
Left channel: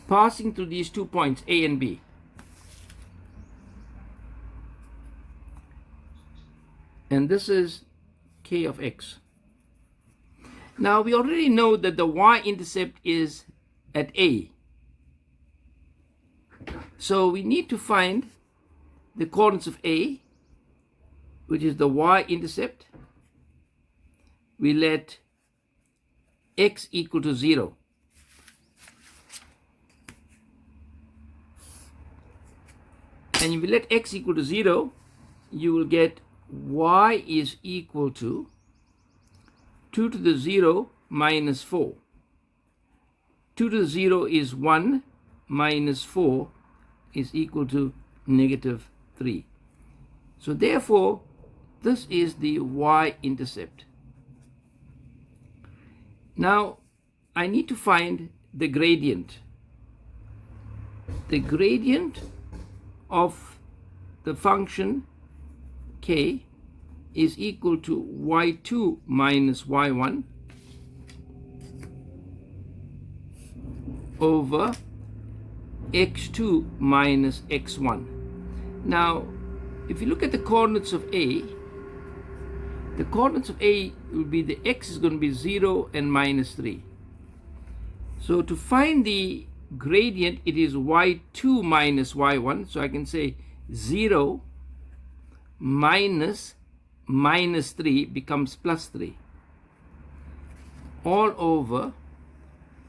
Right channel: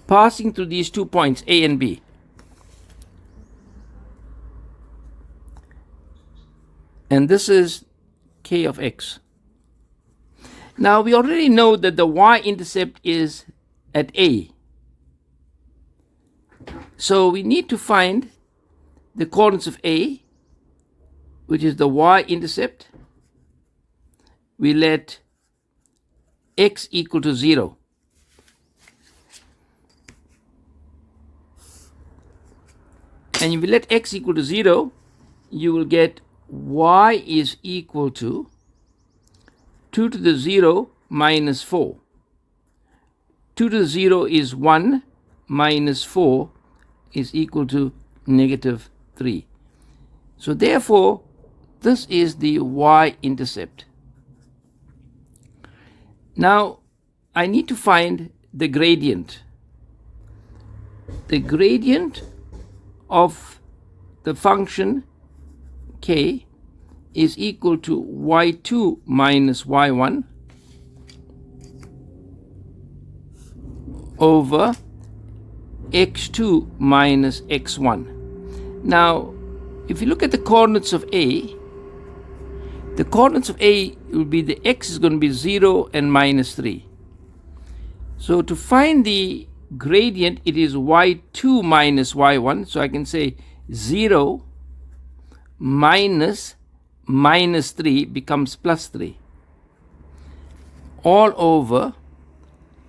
passing through these 2 points, A and B. And this is k of x. Now we already know that the y-intercept is at A. So we need to find the coordinates of A, which is the y-intercept. We let x equal to 0. And if you let x equal to 0, you will get y is equal to 2 to the 0 minus 4. 2 to the 0 is 1 minus 4 is equal to negative 3. So therefore, this is the y-intercept. Now, I need to find the gradient. The gradient of the function k is equal to y2 minus y1 over x2 minus x1. Now, if you look at the coordinates of A, the coordinates of A will be the x is going to be 0 and minus 3. So to find the gradient, it is y2 minus y1. So I can say 0 minus 3 becomes plus 3. All over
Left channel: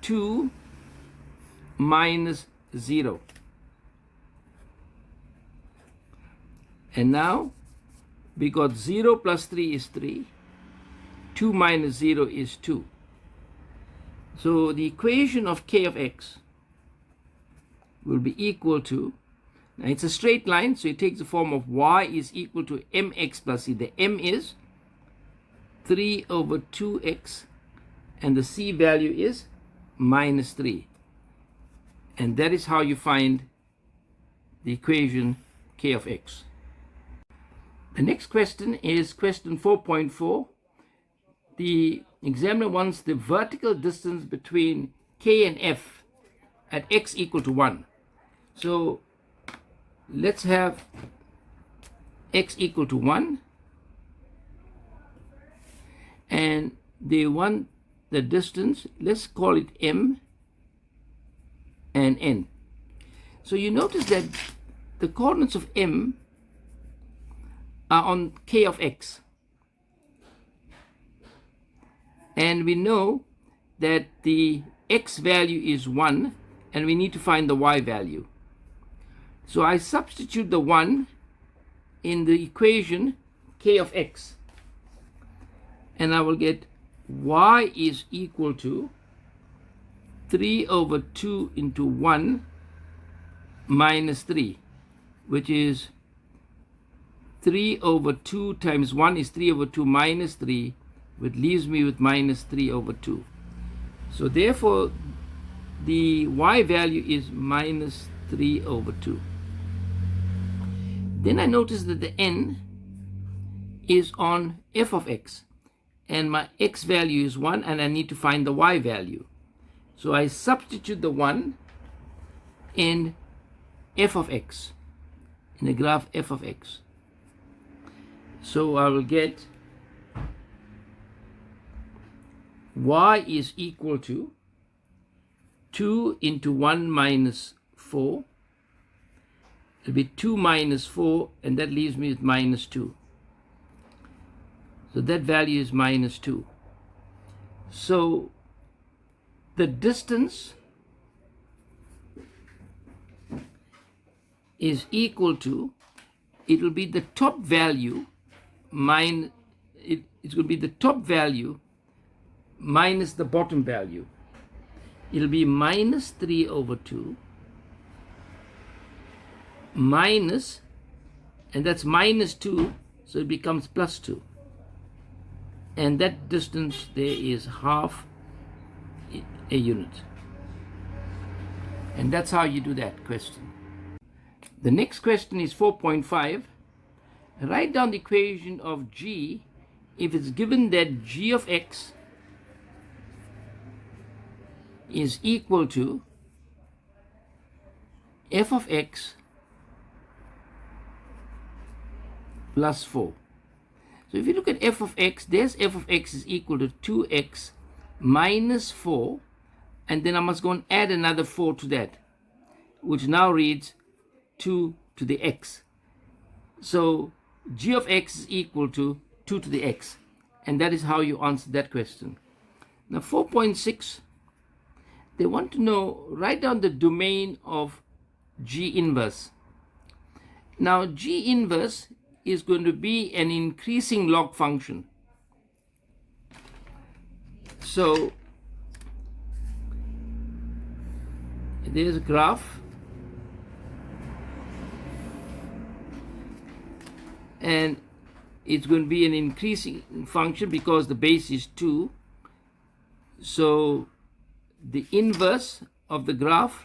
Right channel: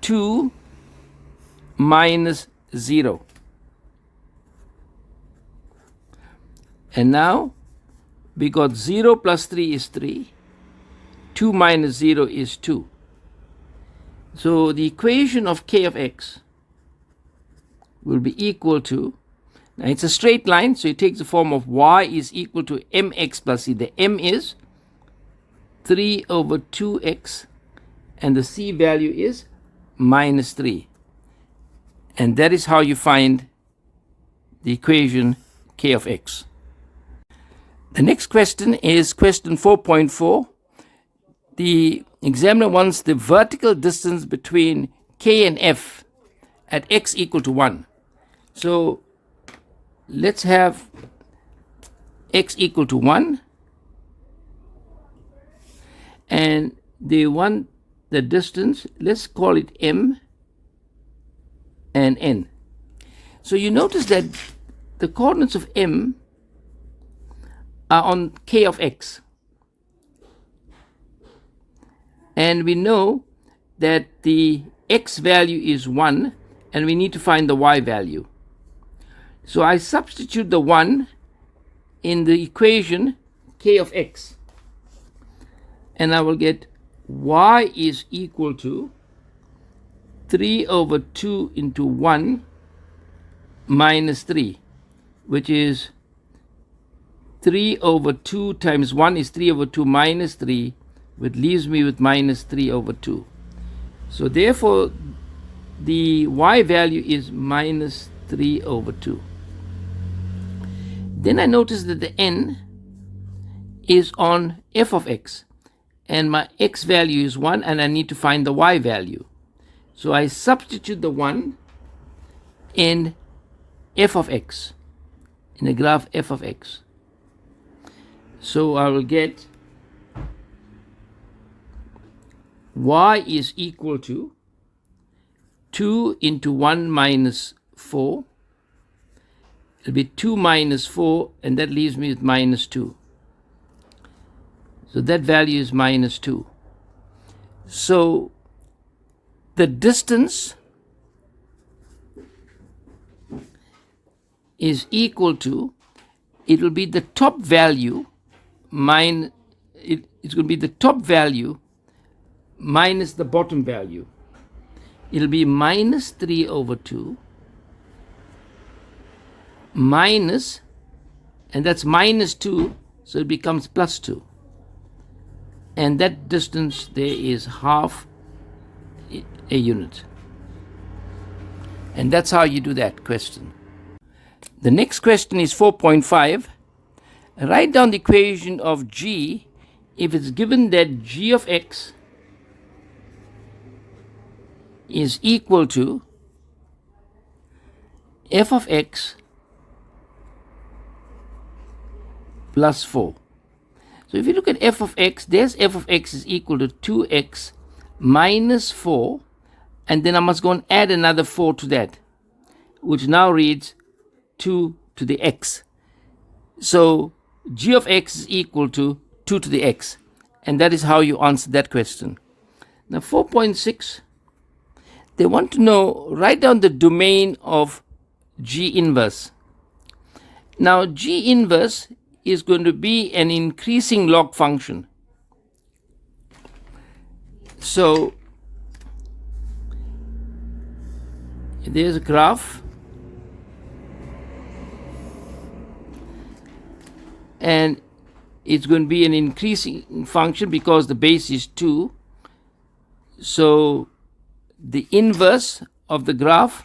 2 minus 0. And now we got 0 plus 3 is 3. 2 minus 0 is 2. So the equation of k of x will be equal to, now it's a straight line, so it takes the form of y is equal to mx plus c. The m is 3 over 2x, and the c value is minus 3. And that is how you find the equation k of x. The next question is question 4.4. The examiner wants the vertical distance between k and f at x equal to 1. So let's have x equal to 1. And they want the distance, let's call it m and n. So you notice that the coordinates of m are on k of x. And we know that the x value is 1, and we need to find the y value. So I substitute the 1 in the equation k of x, and I will get y is equal to 3 over 2 into 1 minus 3, which is 3 over 2 times 1 is 3 over 2 minus 3, which leaves me with minus 3 over 2. So therefore, the y value is minus 3 over 2. Then I notice that the n is on f of x, and my x value is 1, and I need to find the y value. So I substitute the 1 in f of x, in the graph f of x. So I will get y is equal to 2 into 1 minus 4. It'll be 2 minus 4, and that leaves me with minus 2. So that value is minus 2. So the distance is equal to, it will be the top value it's going to be the top value minus the bottom value. It'll be minus 3 over 2 minus, and that's minus 2, so it becomes plus 2. And that distance there is half a unit. And that's how you do that question. The next question is 4.5. Write down the equation of g if it's given that g of x is equal to f of x plus 4. So if you look at f of x, there's f of x is equal to 2x minus 4, and then I must go and add another 4 to that, which now reads 2 to the x. So g of x is equal to 2 to the x, and that is how you answer that question. Now 4.6, they want to know, write down the domain of g inverse. Now g inverse is going to be an increasing log function. So there's a graph, and it's going to be an increasing function because the base is 2. So the inverse of the graph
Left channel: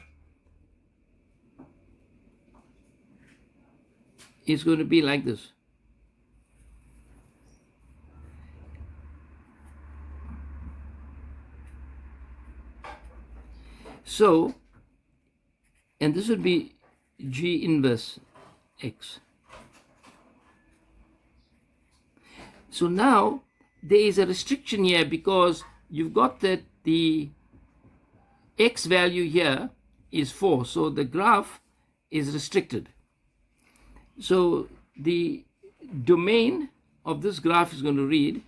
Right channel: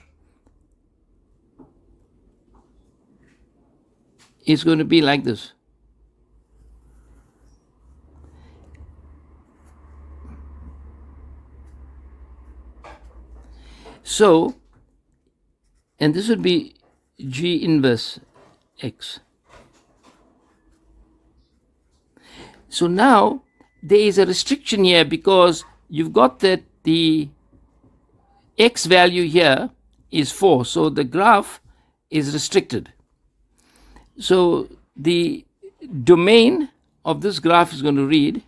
is going to be like this. So, and this would be g inverse x. So now there is a restriction here because you've got that the x value here is 4, so the graph is restricted. So the domain of this graph is going to read,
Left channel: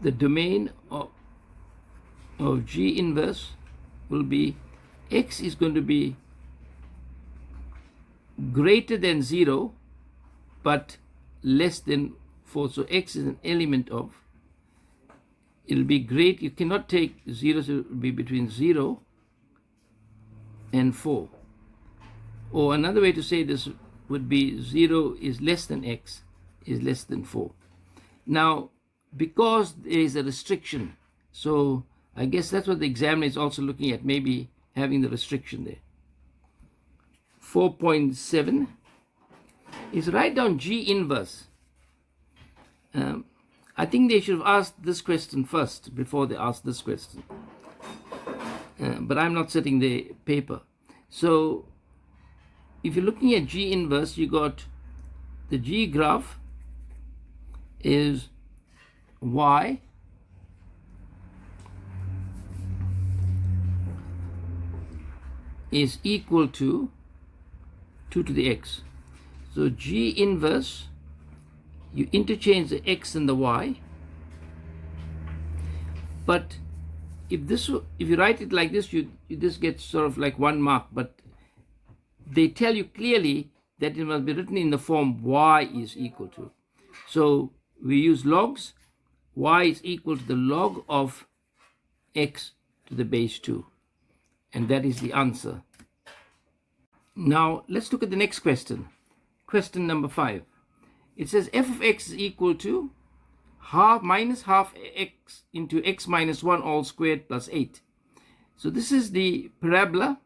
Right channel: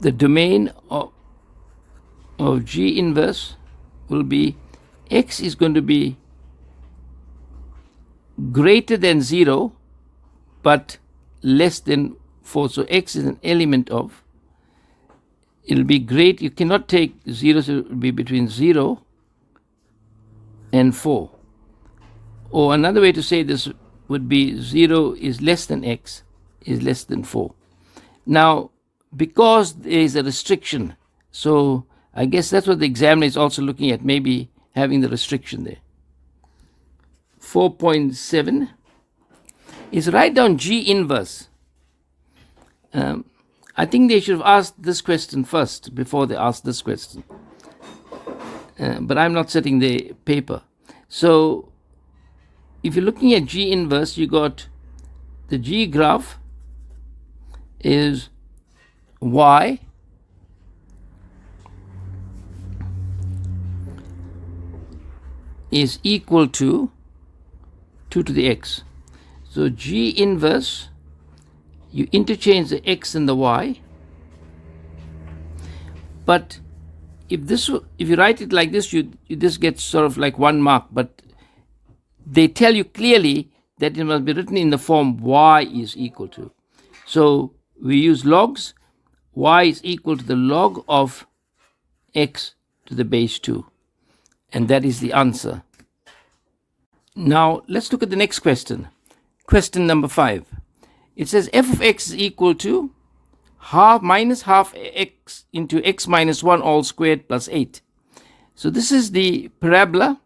the domain of g inverse will be x is going to be greater than 0 but less than 4. So x is an element of, it'll be great, you cannot take 0, so it will be between 0 and 4. Or another way to say this would be 0 is less than x is less than 4. Now, because there is a restriction, so I guess that's what the examiner is also looking at, maybe having the restriction there. 4.7 is write down g inverse. I think they should have asked this question first before they asked this question. But I'm not setting the paper. So if you're looking at g inverse, you got the g graph is y is equal to 2 to the x. So g inverse, you interchange the x and the y, But if you write it like this, you just get sort of like 1 mark. But they tell you clearly that it must be written in the form y is equal to. So we use logs. Y is equal to the log of x to the base 2. And that is the answer. Now let's look at the next question. Question number 5. It says f of x is equal to minus half x into x minus 1 all squared plus 8. So this is the parabola,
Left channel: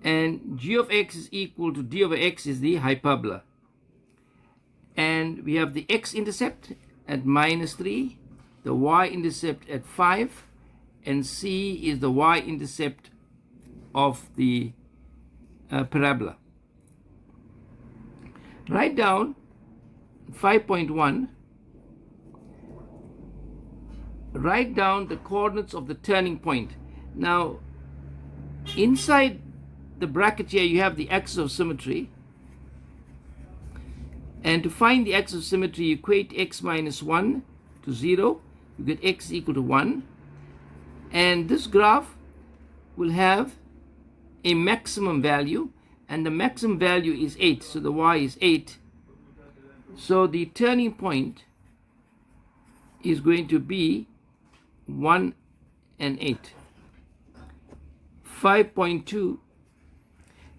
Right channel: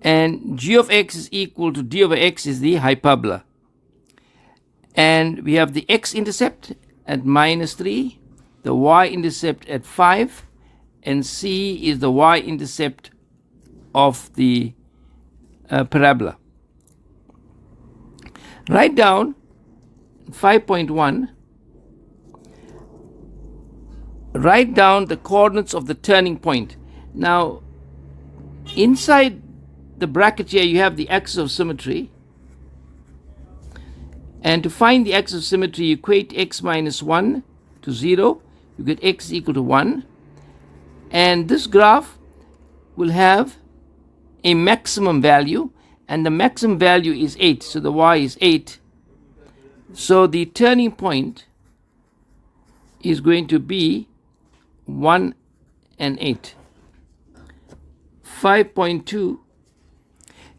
and g of x is equal to d over x is the hyperbola. And we have the x-intercept at minus 3, the y-intercept at 5, and c is the y-intercept of the parabola. Write down 5.1. Write down the coordinates of the turning point. Now, inside the bracket here, you have the axis of symmetry. And to find the axis of symmetry, you equate x minus 1 to 0. You get x equal to 1. And this graph will have a maximum value, and the maximum value is 8. So the y is 8. So the turning point is going to be 1 and 8. 5.2.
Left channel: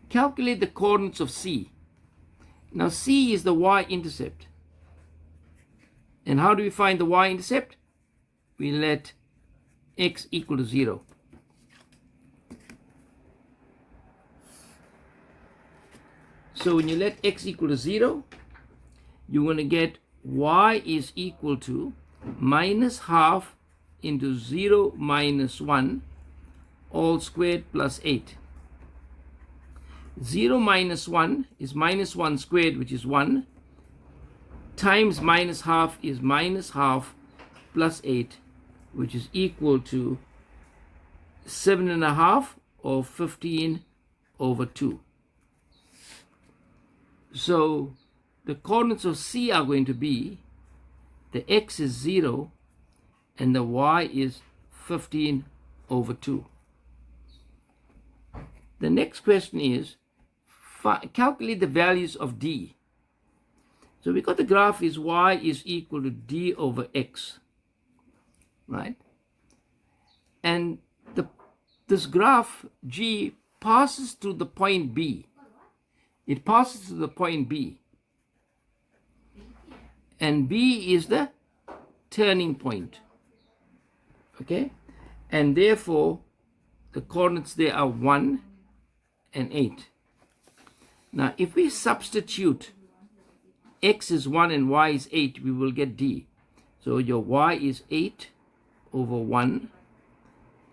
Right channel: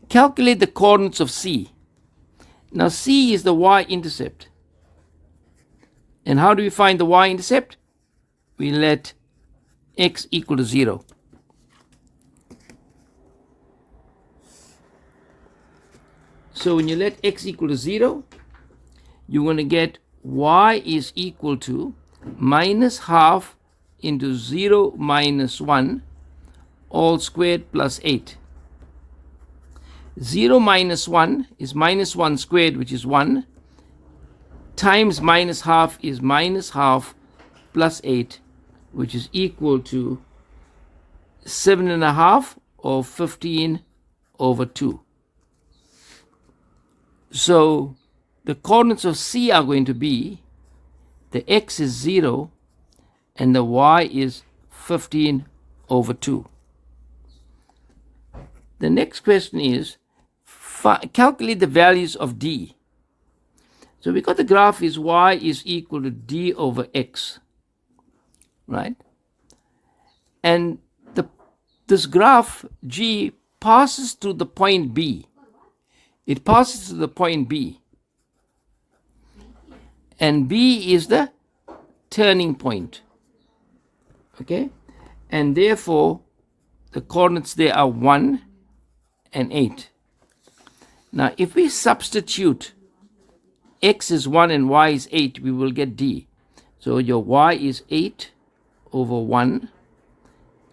Calculate the coordinates of C. Now C is the y-intercept. And how do we find the y-intercept? We let x equal to 0. So when you let x equal to 0, you're going to get y is equal to minus half into 0 minus 1 all squared plus 8. 0 minus 1 is minus 1 squared, which is 1, times minus half is minus half plus 8, which is equal to 7.5 or 15 over 2. So the coordinates of C are going to be, the x is 0 and the y is 15 over 2. The next question is, calculate the values of d. So we got the graph is y is equal to d over x, right? And this graph g passes through the point B. It passes to the point B. And B is the turning point. Okay? And therefore, the coordinates there are 1 and 8. Now, if we substitute x is 1 and y is 8, we will get D. So your y is 8 over 1.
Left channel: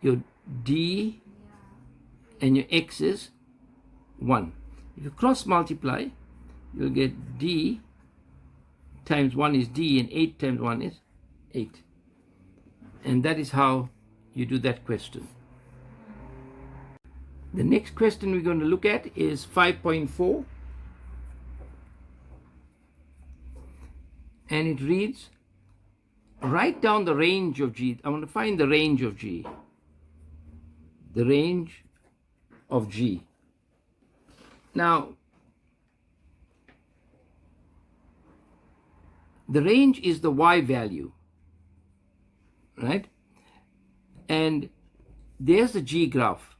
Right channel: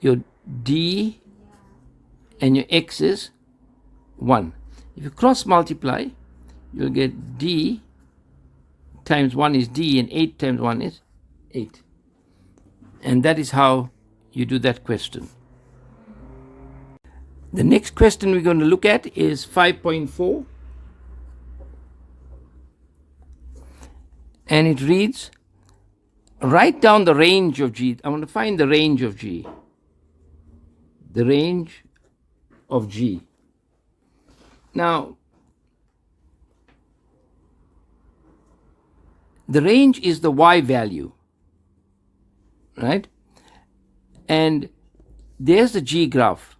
Your D and your x is 1. If you cross multiply, you'll get D times 1 is D and 8 times 1 is 8. And that is how you do that question. The next question we're going to look at is 5.4. And it reads, write down the range of G. I want to find the range of G. The range of G. Now, the range is the y value, right? And there's the G graph.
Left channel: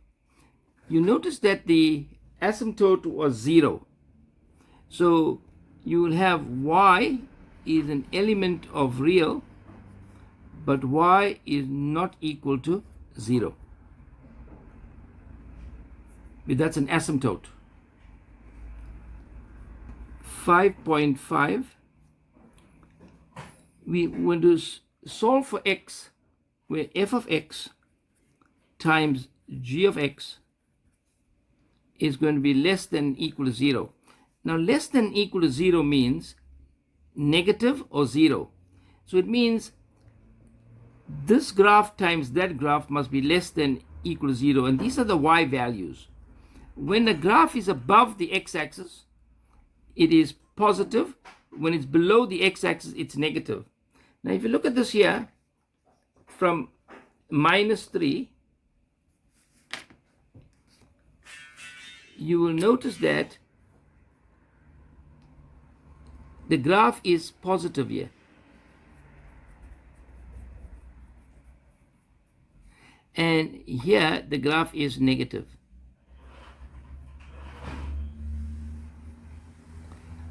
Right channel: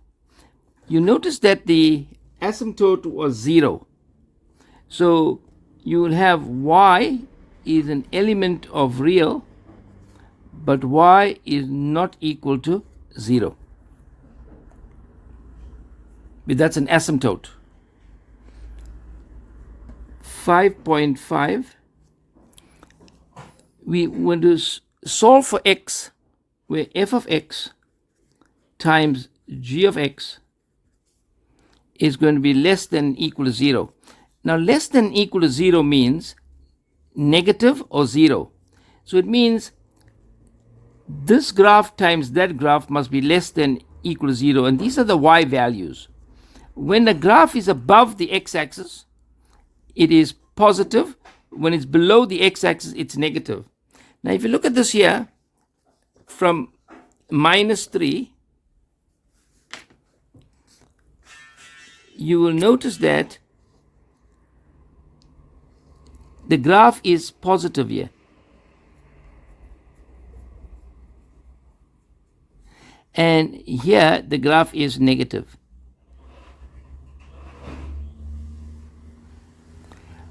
You notice that the asymptote was 0. So you will have y is an element of real, but y is not equal to 0. But that's an asymptote. 5.5. We want to solve for x, where f of x times g of x is going to be less than or equal to 0. Now, less than or equal to 0 means negative or 0. So it means this graph times that graph must be less than or equal to 0. And these are the y values. When the graph is above the x-axis, it is positive. When it's below the x-axis, it's negative. Now, if you look at this here, from -3, you will notice that the graph is positive here. And here the graph is negative.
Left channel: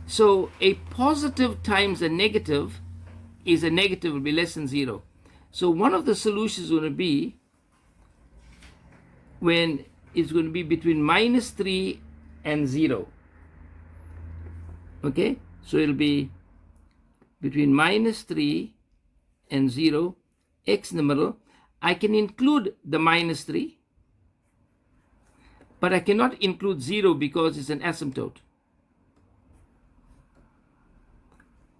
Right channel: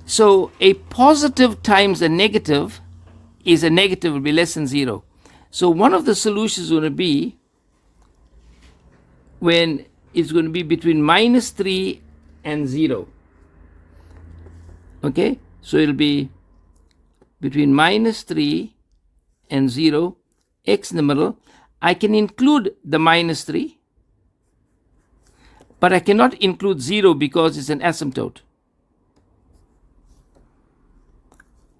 So a positive times a negative is a negative, will be less than 0. So one of the solutions is going to be when it's going to be between -3 and 0. Okay, so it'll be between -3 and 0, x in the middle. I can include the -3, but I cannot include 0 because it's an asymptote.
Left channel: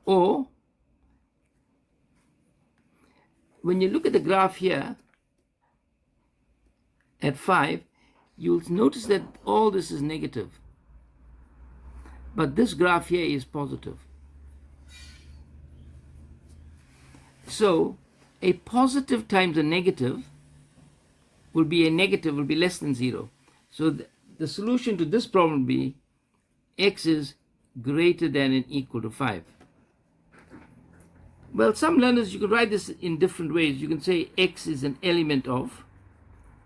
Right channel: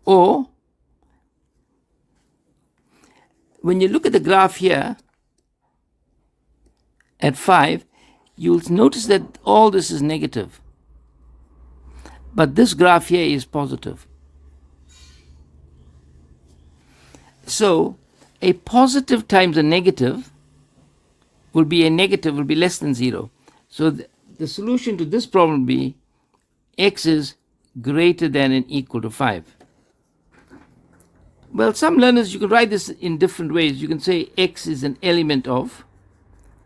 Or when you look at the graph here at 5, you'll notice that all this is negative. But this graph here is positive. So a positive times a negative will be a negative, will be less than 0. So the solution to this problem will be x is greater than and equal to 5. Well, some learners, you can write this in different ways. You can say x is an element of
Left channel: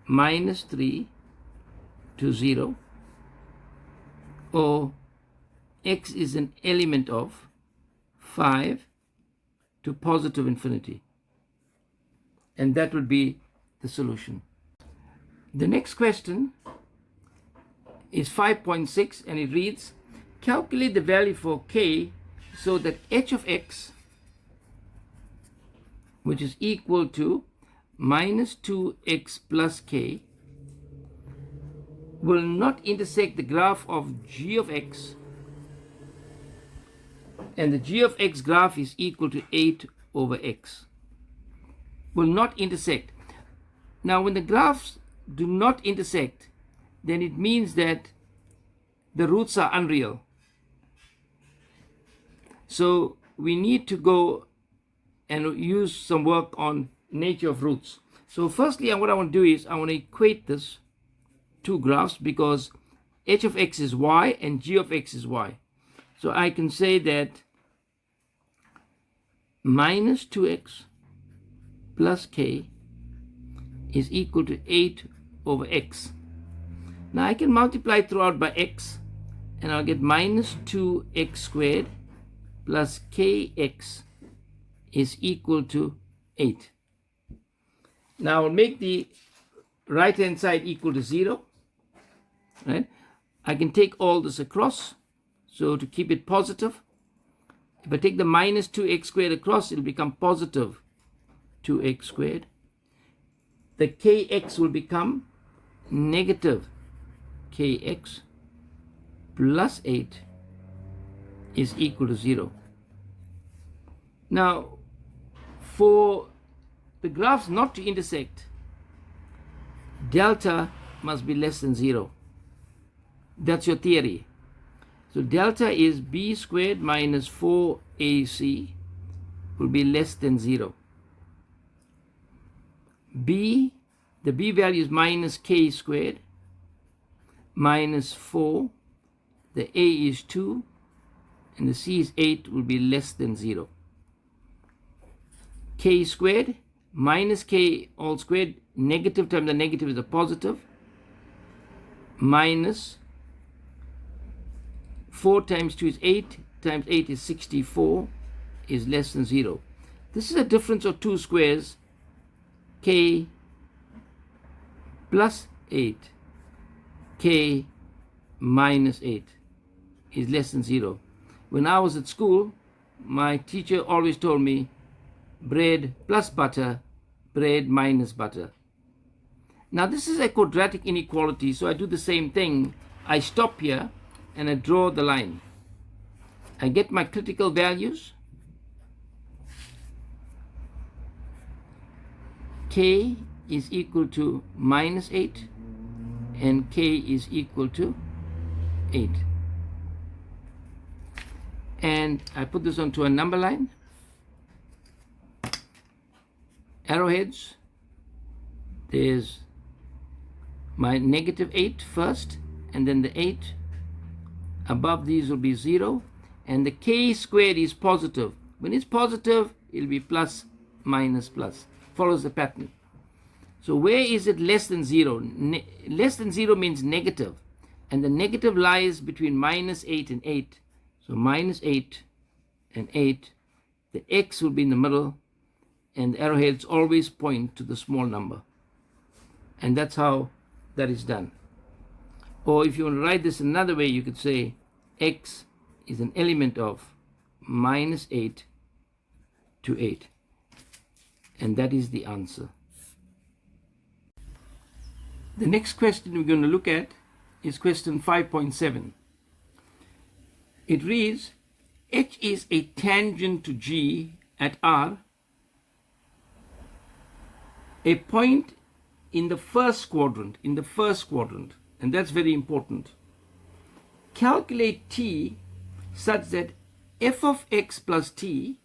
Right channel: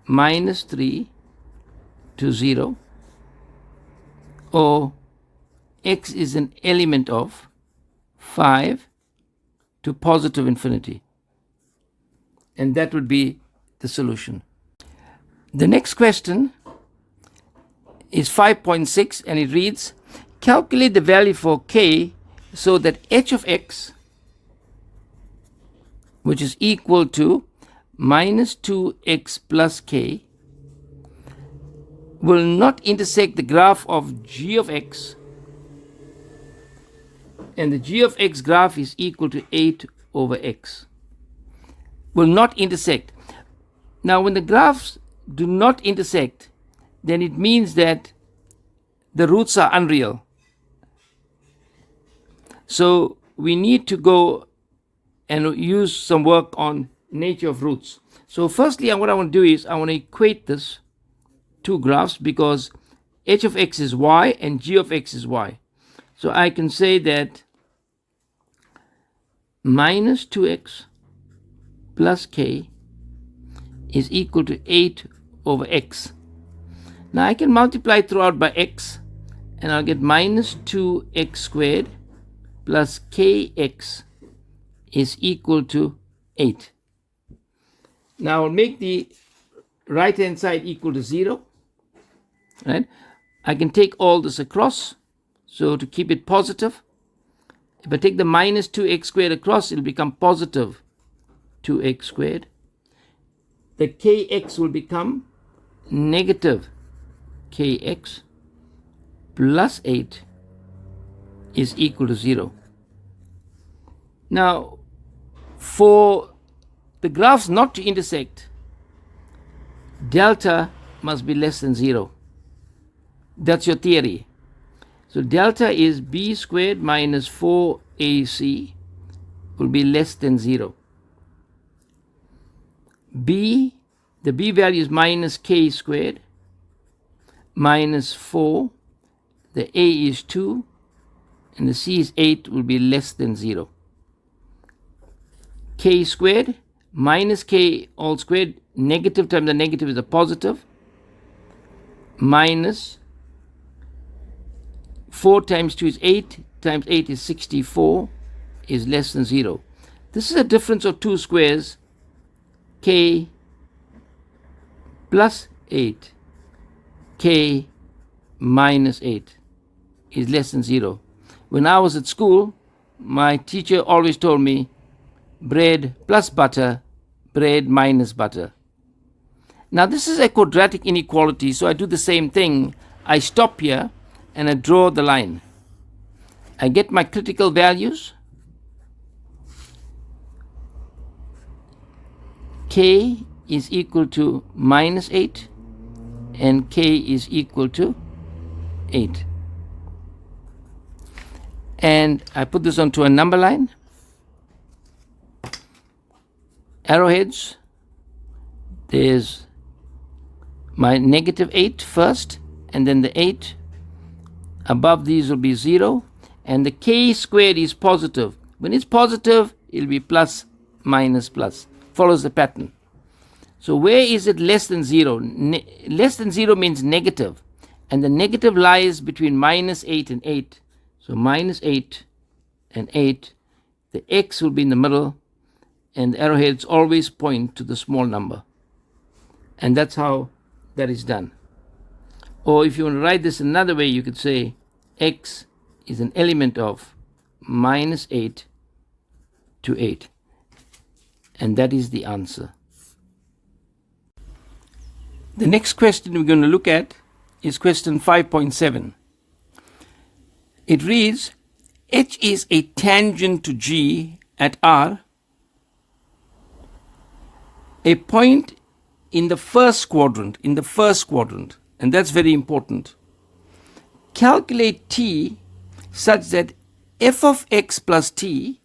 -3 to 0, or x is an element of 5 to positive infinity. And that would be the solution. The next question is 5.6, and it reads, calculate the value for k so that h of x, which is equal to -2x plus k, will not intersect the graph of g of x, and the g of x graph is equal to 8 over x. Will not intersect. Now, when the graphs do not intersect, then it means that the roots are unreal. So we need to go and use some work on nature of roots. So firstly, what I want to do is I want to equate this two graphs, because h of x is y and g of x is y. So I can say that -2x plus k is equal to 8 over x. Now I can multiply throughout by x, and I'll get -2x squared plus kx is equal to 8. Now I'll make the right hand side equal to 0. Right? I can take all this across, so to keep it positive, if I take the -2x squared across, it'll become positive 2x squared. The kx will become negative kx plus 8 is equal to 0. Now, for the graphs not to intersect, delta must be less than 0. That's your theory. So delta is b squared minus 4ac will be less than 0. The b value is minus k squared minus 4. The a is 2 and the c is 8 will be less than 0. K squared minus k all squared, negative times the negative is a positive, minus 4 times 2 is 8, times 8 is 64, is less than 0. This is a difference of two squares, k plus 8, k minus 8 is less than 0. When I was at school, my teacher always told me bread plus butter, bread minus butter. Now this is a quadratic inequality, so I do the same thing. I stop here and I draw the line. I get my critical values. K is equal to minus 8 and k is equal to 8. And I put this onto a number line. arrowheads, there's my negative 8 first, and then the 8 above these will be 0, and the k squared is positive. When it's positive, it'll be plus, minus, plus. Follows the pattern. So where is it less than 0? Less than 0 means negative, and the negative lies between minus 8 and 8. So minus 8 and 8, the x will be in the middle, and the arrowheads always point to the small number. And that's how that is done. Or if you want to write this another way, you could say x is an element of minus 8 to 8. And that is the answer. The next question we're going to look at is question 5.7. It reads, H is a tangent to G at R, a point in the first quadrant, and that's very important. Calculate T such that f of x plus t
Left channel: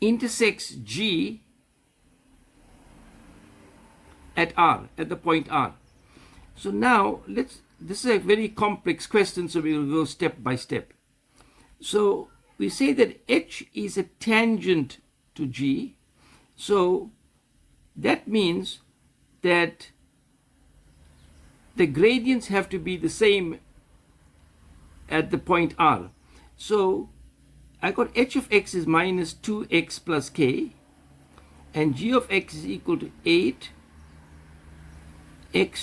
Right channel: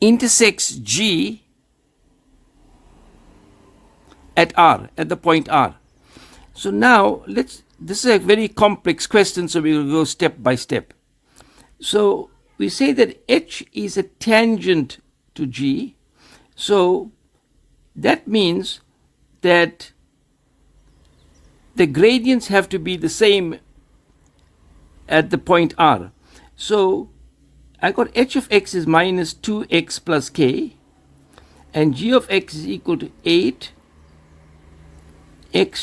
intersects G at R, at the point R. So now, this is a very complex question, so we will go step by step. So we say that H is a tangent to G, so that means that the gradients have to be the same at the point R. So I got h of x is minus 2x plus k, and g of x is equal to 8x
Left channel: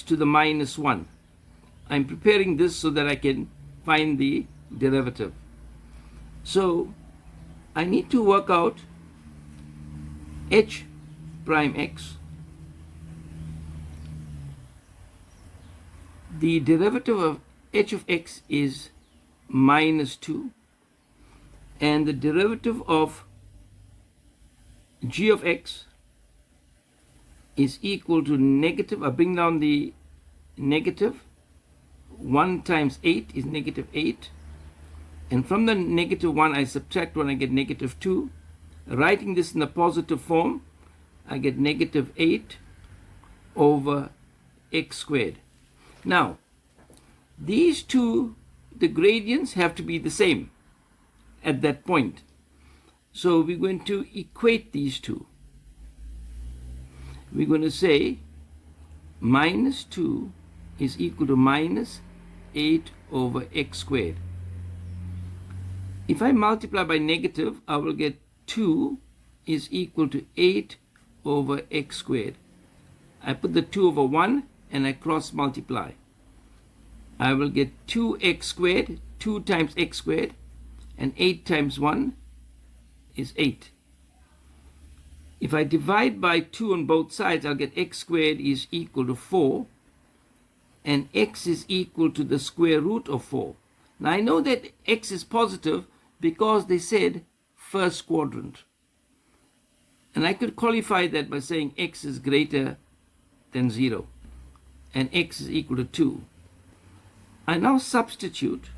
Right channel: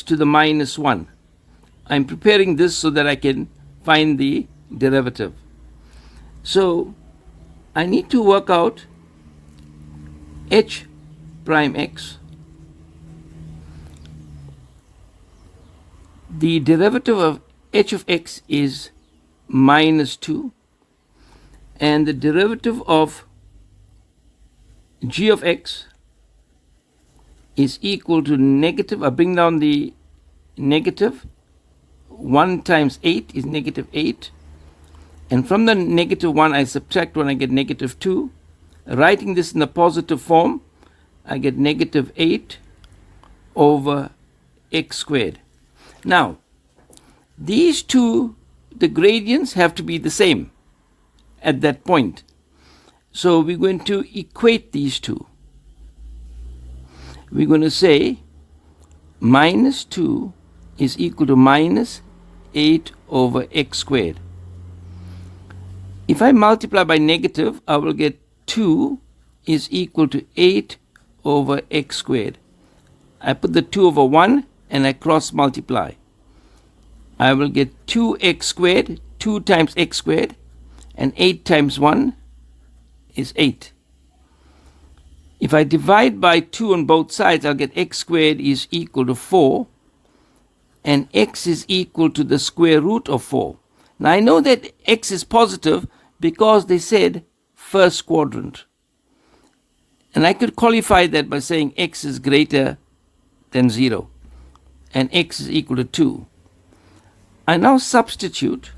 to the minus 1. I'm preparing this so that I can find the derivative. So I need to work out h prime x. The derivative of h of x is minus 2, and the derivative of g of x is equal to negative, I bring down the negative, 1 times 8 is negative 8, and from the negative 1 I subtract 1, I get negative 2. Writing this in the positive form, I get negative 8 over x squared. Now, these two, the gradients have to be the same at that point. So we're going to equate these two. We're going to say minus 2 is equal to minus 8 over x squared. If I multiply by negative, I will get 2 is equal to 8 over x squared. I put the 2 over 1 and I cross multiply. I will get 2x squared, 2 times x squared, and 8 times 1 is 8. If I divide by 2 on both sides, I'll get x squared is equal to 4, and x is equal to the square root of 4. Now I know that x is positive because they said first quadrant. And I could qualify that by saying x is greater than 0, and x is equal to 2. I now substitute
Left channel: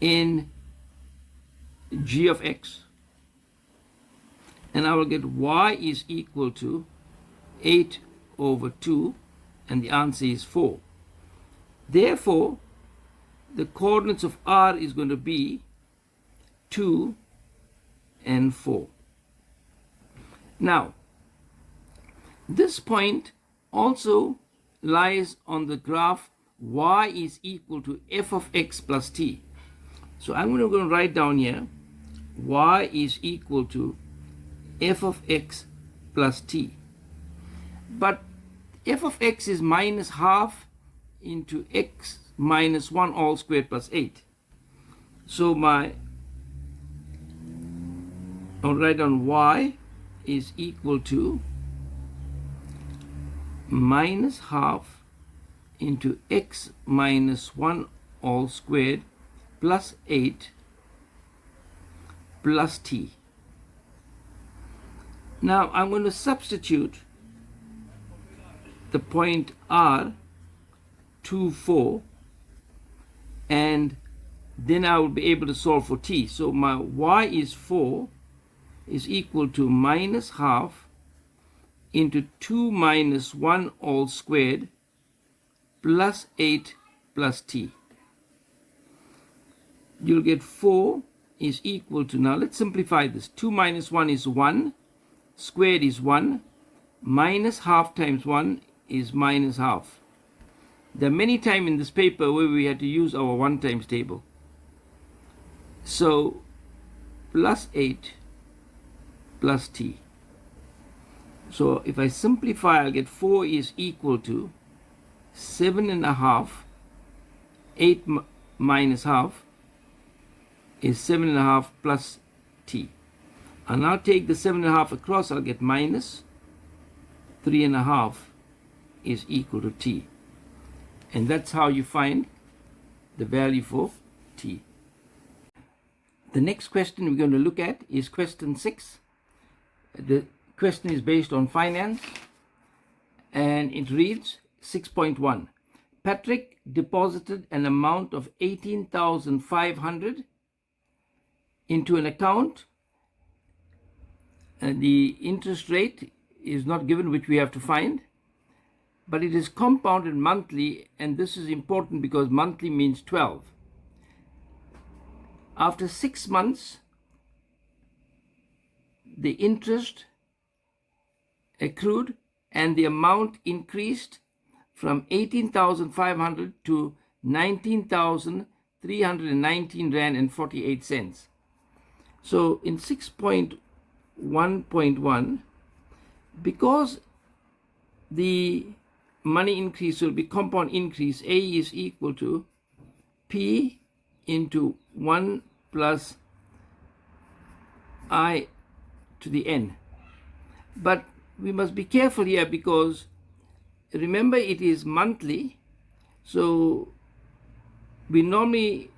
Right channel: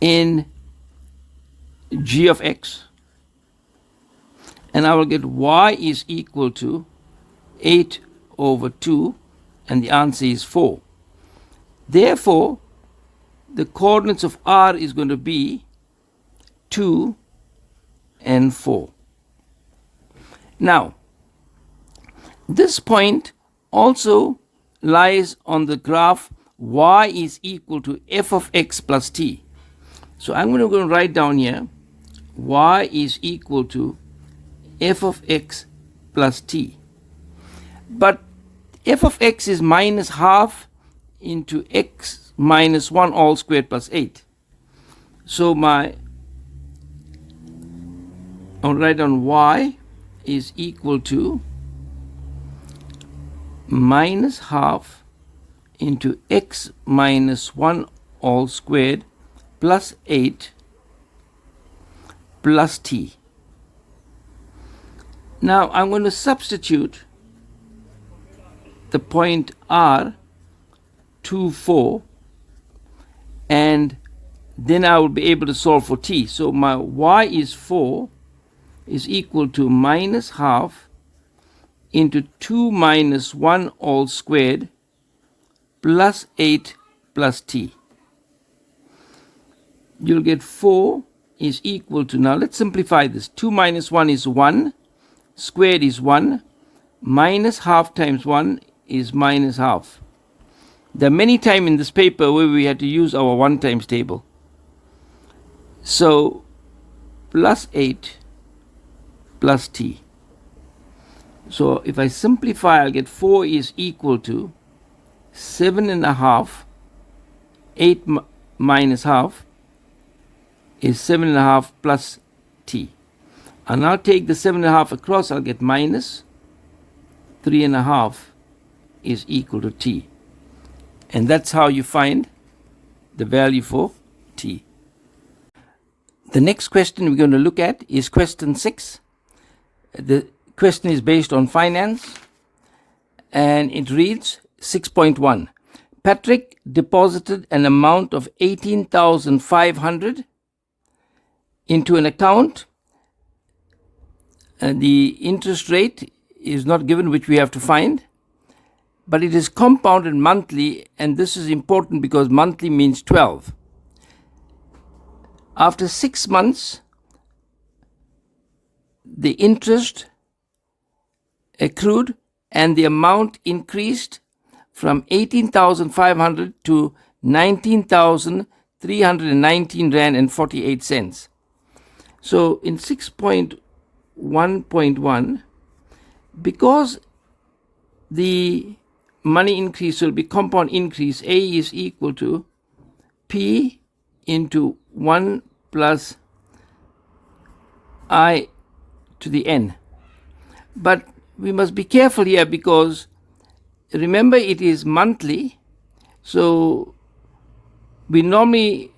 in g of x, and I will get y is equal to 8 over 2, and the answer is 4. Therefore, the coordinates of R is going to be 2 and 4. Now, this point also lies on the graph y is equal to f of x plus t. So I'm going to write down here y is equal to f of x plus t. But f of x is minus half into x minus 1 all squared plus 8. So I'll write down y is equal to minus half into x minus 1 all squared plus 8 plus t. Now I'm going to substitute the point R 2, 4, and then I will be able to solve for t. So my y is 4 is equal to minus half into 2 minus 1 all squared plus 8 plus t. You'll get 4 is equal to, now let's simplify this. 2 minus 1 is 1, squared is 1, minus half times 1 is minus half. There are many times in this paper where we had to use our 1 times table. So plus 8 plus t. So if I simplify, I'll get 4 is equal to 7.5. 8 minus half is 7.5 plus t. And I'll take the 7.5 across, I'll get minus 3.5 is equal to t. And that's how you find the value for t. The next question we're going to look at is question 6. The question is based on finance, and it reads 6.1. Patrick deposited an amount of 18,500 into an account, and the interest rate is not given, which we have to find, but it is compounded monthly, and this is important because monthly means 12. After 6 months, the interest accrued and the amount increased from 18,500 to 19,319 Rand and 48 cents. So in 6.1.1, because the money increase will be compound increase, A is equal to P into 1 plus I to the n. But we must be careful here because remember it is monthly, so we normally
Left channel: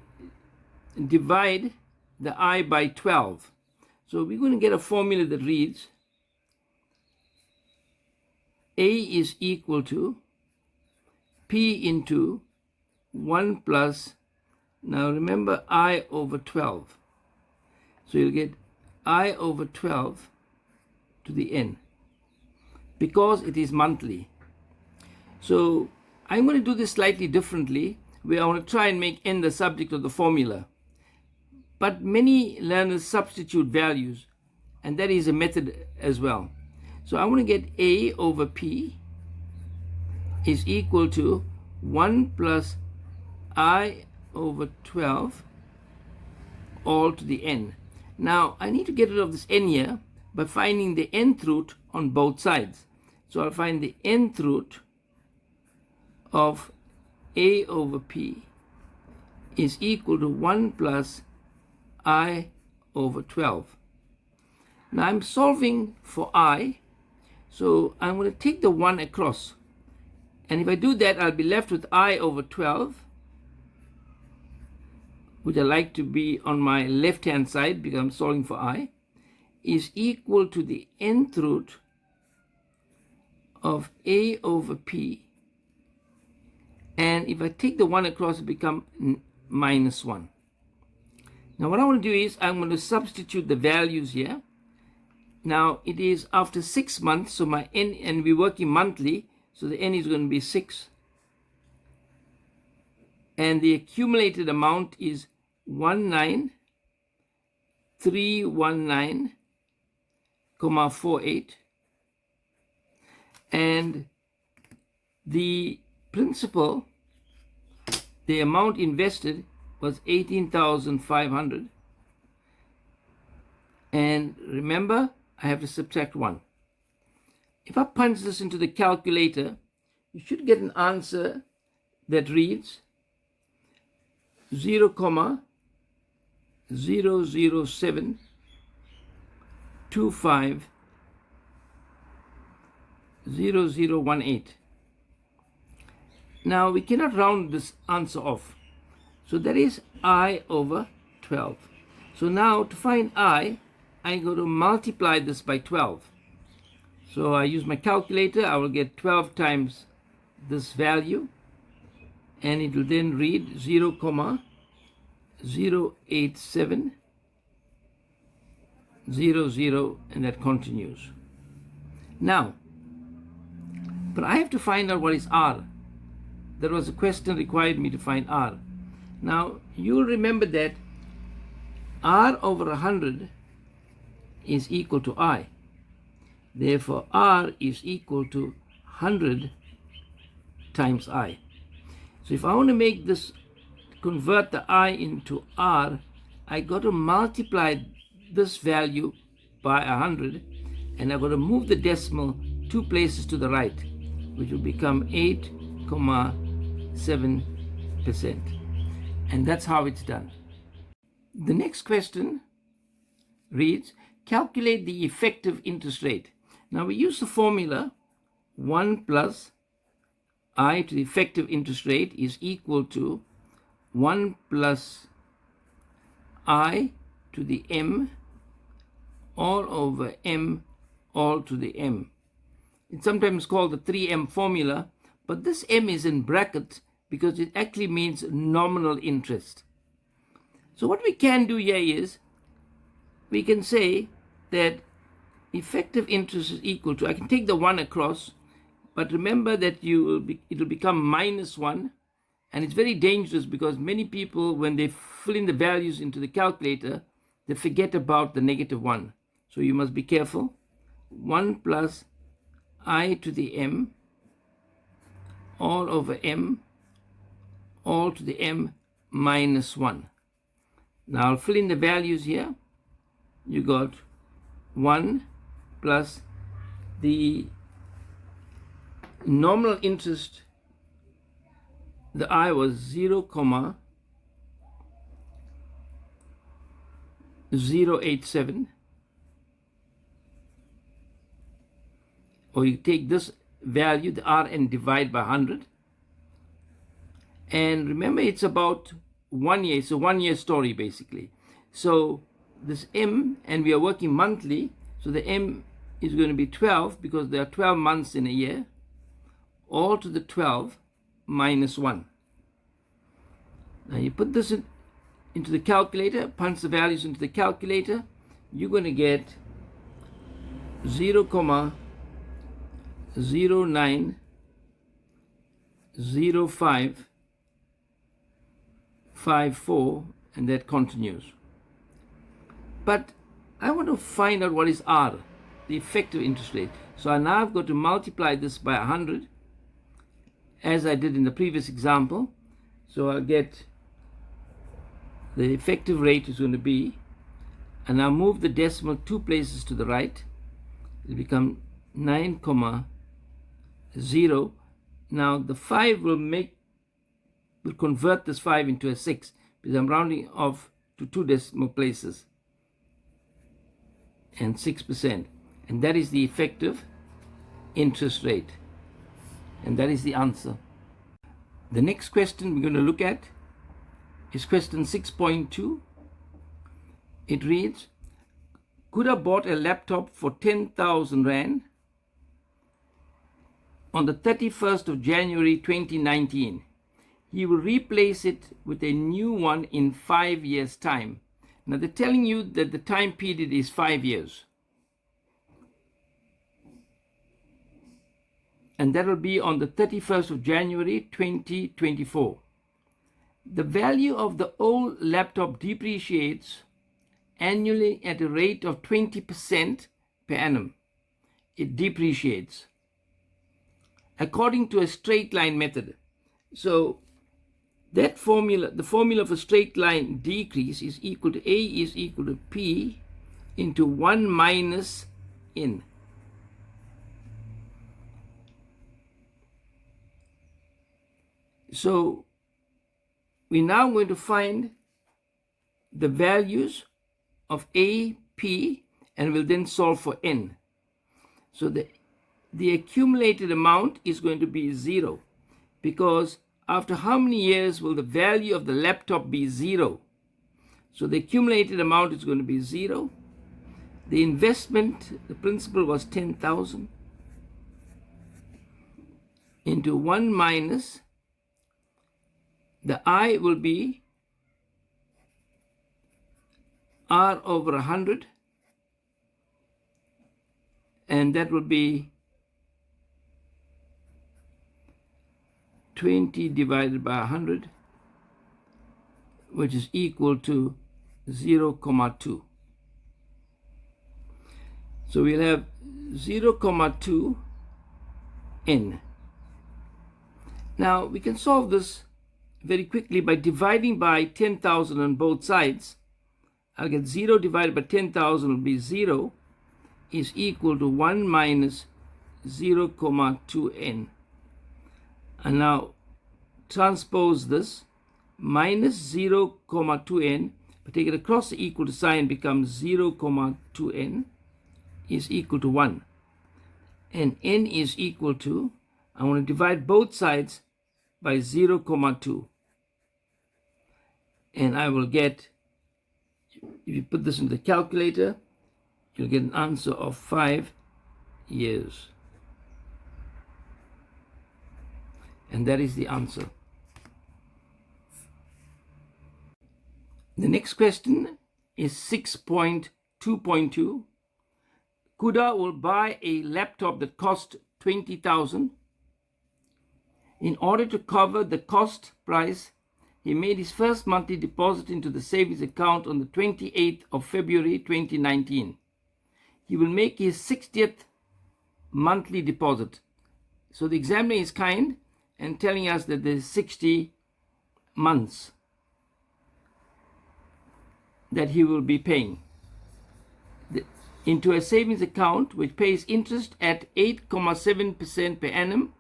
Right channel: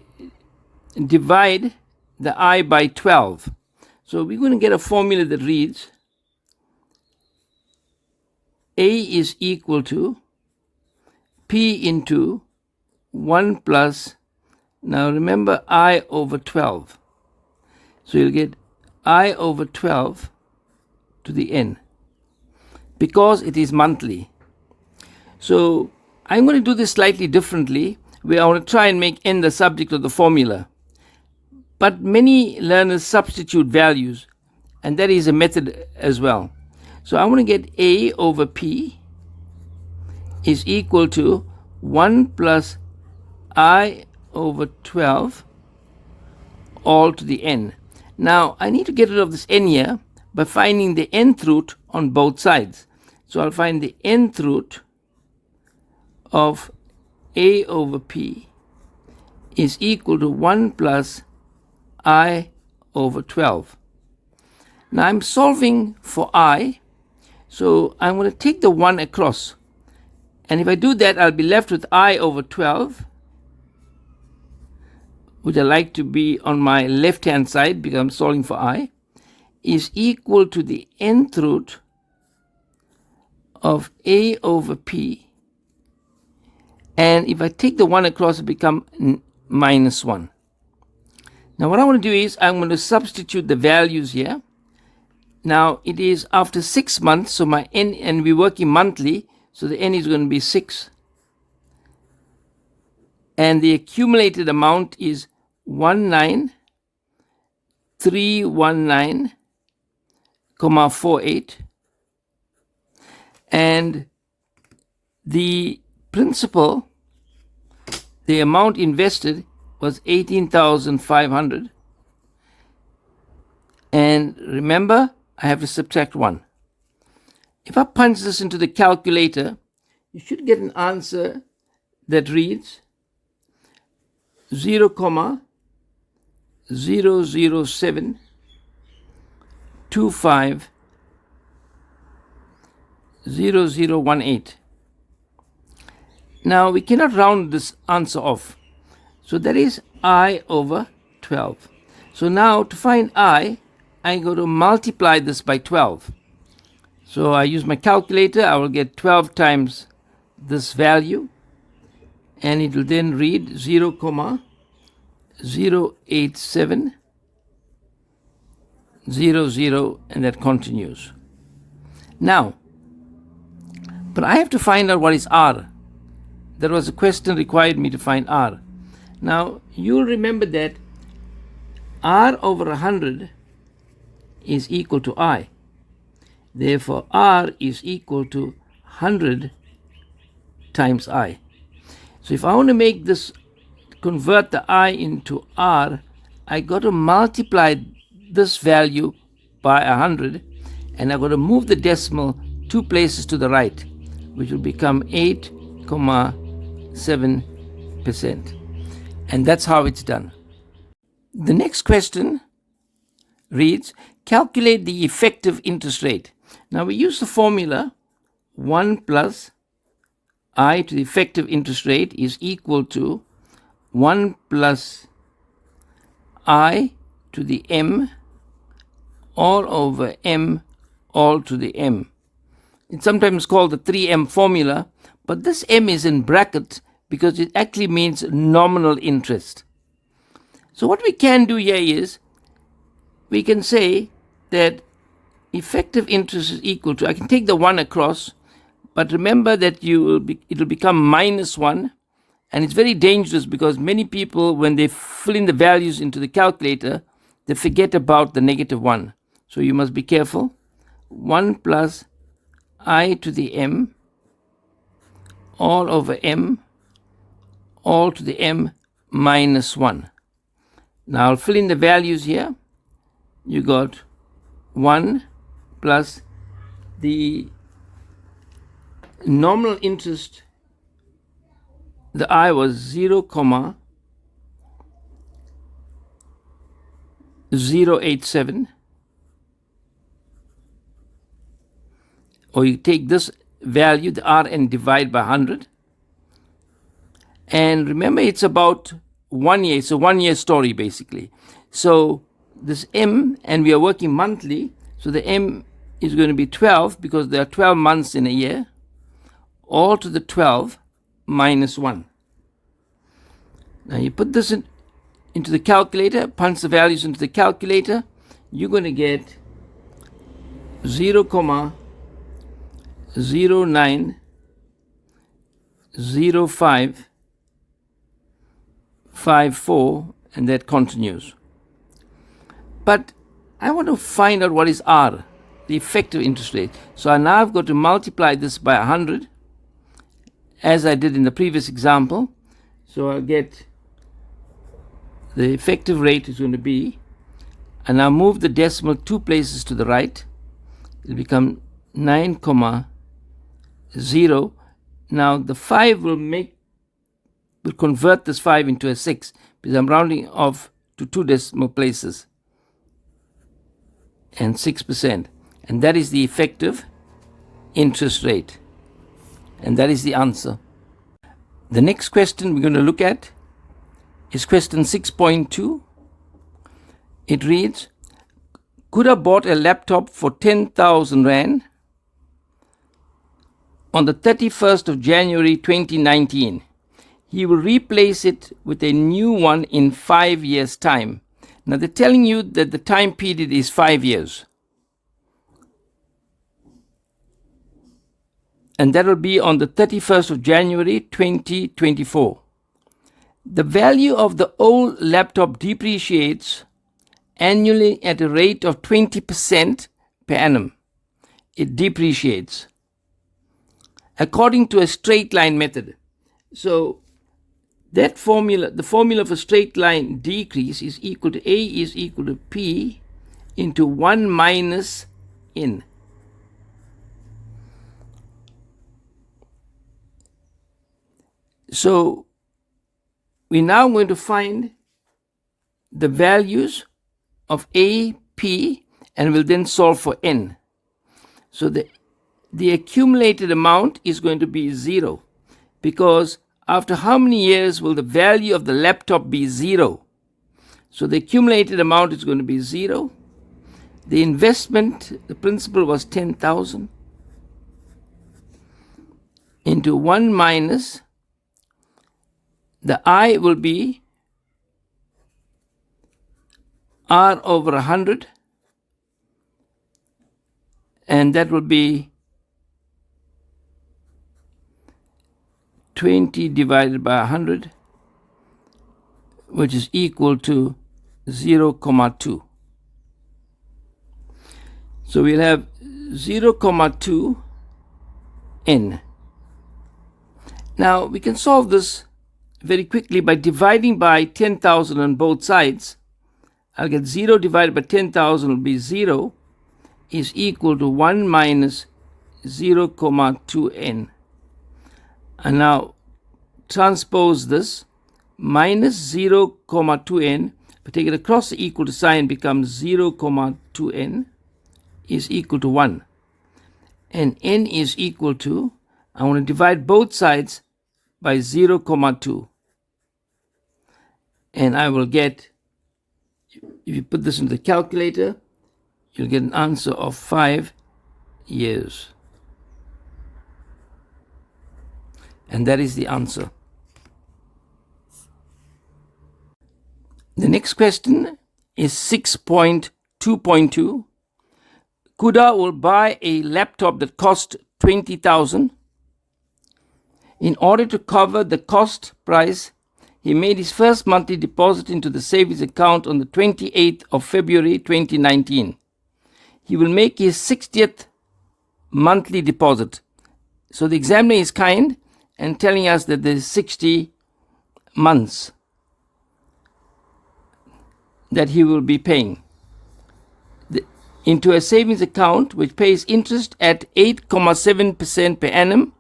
divide the I by 12. So we're going to get a formula that reads A is equal to P into 1 plus, now remember, I over 12. So you'll get I over 12 to the n because it is monthly. So I'm going to do this slightly differently, where I want to try and make n the subject of the formula. But many learners substitute values, and that is a method as well. So I'm going to get A over P is equal to 1 plus I over 12 all to the n. Now I need to get rid of this n here by finding the nth root on both sides. So I'll find the nth root of A over P is equal to 1 plus I over 12. Now I'm solving for I, so I'm going to take the 1 across. And if I do that, I'll be left with I over 12, which I like to be on my left-hand side because I'm solving for I, is equal to the nth root of A over P. And if I take the 1 across, it becomes minus 1. Now what I want to do is I'm going to substitute the values here. Now it is after 6 months, so my n, and we're working monthly, so the n is going to be 6. And the accumulated amount is 19,319,48. And the principal, the amount invested was 18,500. And remember, I have to subtract 1. If I punch this into the calculator, you should get an answer that reads 0,007250018. Now we cannot round this answer off. So that is I over 12. So now to find I go to multiply this by 12. So I use my calculator. I will get 12 times this value, and it will then read 0, 0.8700, and that continues. Now, but I have to find out what is R. That was a question required me to find R. Now, you'll remember that R over 100 is equal to I. Therefore, R is equal to 100 times I. So if I want to make this, convert the I into R, I got to multiply this value by 100, and I've got to move the decimal 2 places to the right, which will become 8.7%. And that's how it's done. The next question reads, calculate the effective interest rate. Now we use the formula 1 plus I to the effective interest rate is equal to 1 plus I to the M all over M all to the M. It's sometimes called the 3M formula, but this M is in brackets because it actually means nominal interest. So what we can do here is we can say that effective interest is equal to, I can take the 1 across, but remember that it'll become minus 1, and it's very dangerous because many people, when they fill in the values into the calculator, they forget about the negative 1. So you must be careful. 1 plus I to the M all over M all to the M minus 1. Now I'll fill in the values here. You got 1 plus the nominal interest, the I was 0.087, or you take this value, the R, and divide by 100. And remember, it's about 1 year. It's a 1 year story, basically. So this M, and we are working monthly, so the M is going to be 12 because there are 12 months in a year, all to the 12 minus 1. Now you put this into the calculator, punch the values into the calculator, you're going to get 0.090554, and that continues. But I want to find out what is R, the effective interest rate. So I now have got to multiply this by 100, as I did in the previous example. So I'll get the effective rate is going to be, and I'll move the decimal 2 places to the right. It'll become 9.0. Now the 5 will convert this 5 into a 6 because I'm rounding off to 2 decimal places, and 6%. And that is the effective interest rate. And that is the answer. The next question we're going to look at is question 6.2. It reads, Kuda bought a laptop for 10,000 Rand on the 31st of January 2019. He will replace it with a new one in 5 years' time. Now they're telling you that the time period is 5 years. And that will be on the 31st of January 2024. The value of the old laptop depreciates annually at a rate of 20% per annum. It depreciates according to a straight line method. So that formula, the formula for straight line decrease is equal to A is equal to P into 1 minus N. So we're now going to find the values of A, P, and we'll then solve for N. So the accumulated amount is going to be 0, because after how many years will the value of the laptop be 0? So the accumulated amount is going to be 0. The investment, the principal was 10,000 into 1 minus, the I will be r over 100, and that will be 20 divided by 100, which is equal to 0,2. So we'll have 0,2 n. Now we can solve this very quickly by dividing by 10,000 on both sides. I'll get 0 divided by 10,000 will be 0, is equal to 1 minus 0,2n. And now transpose this. Minus 0,2n, but take it across the equal to sign, becomes 0,2n is equal to 1. And n is equal to, I want to divide both sides by 0,2. And I will get, if you put this into the calculator, you'll get an answer of 5 years. And that is the answer. The next question is 6.2.2. Kuda will buy a laptop that cost 20,000. In order to cover the cost price, he made his first monthly deposit into the savings account on the 28th of February 2019. He will make his 60th monthly deposit. So the examiner is kind and telling us that there's 60 months that he will be paying into a savings account which pays interest at 8.7% per annum,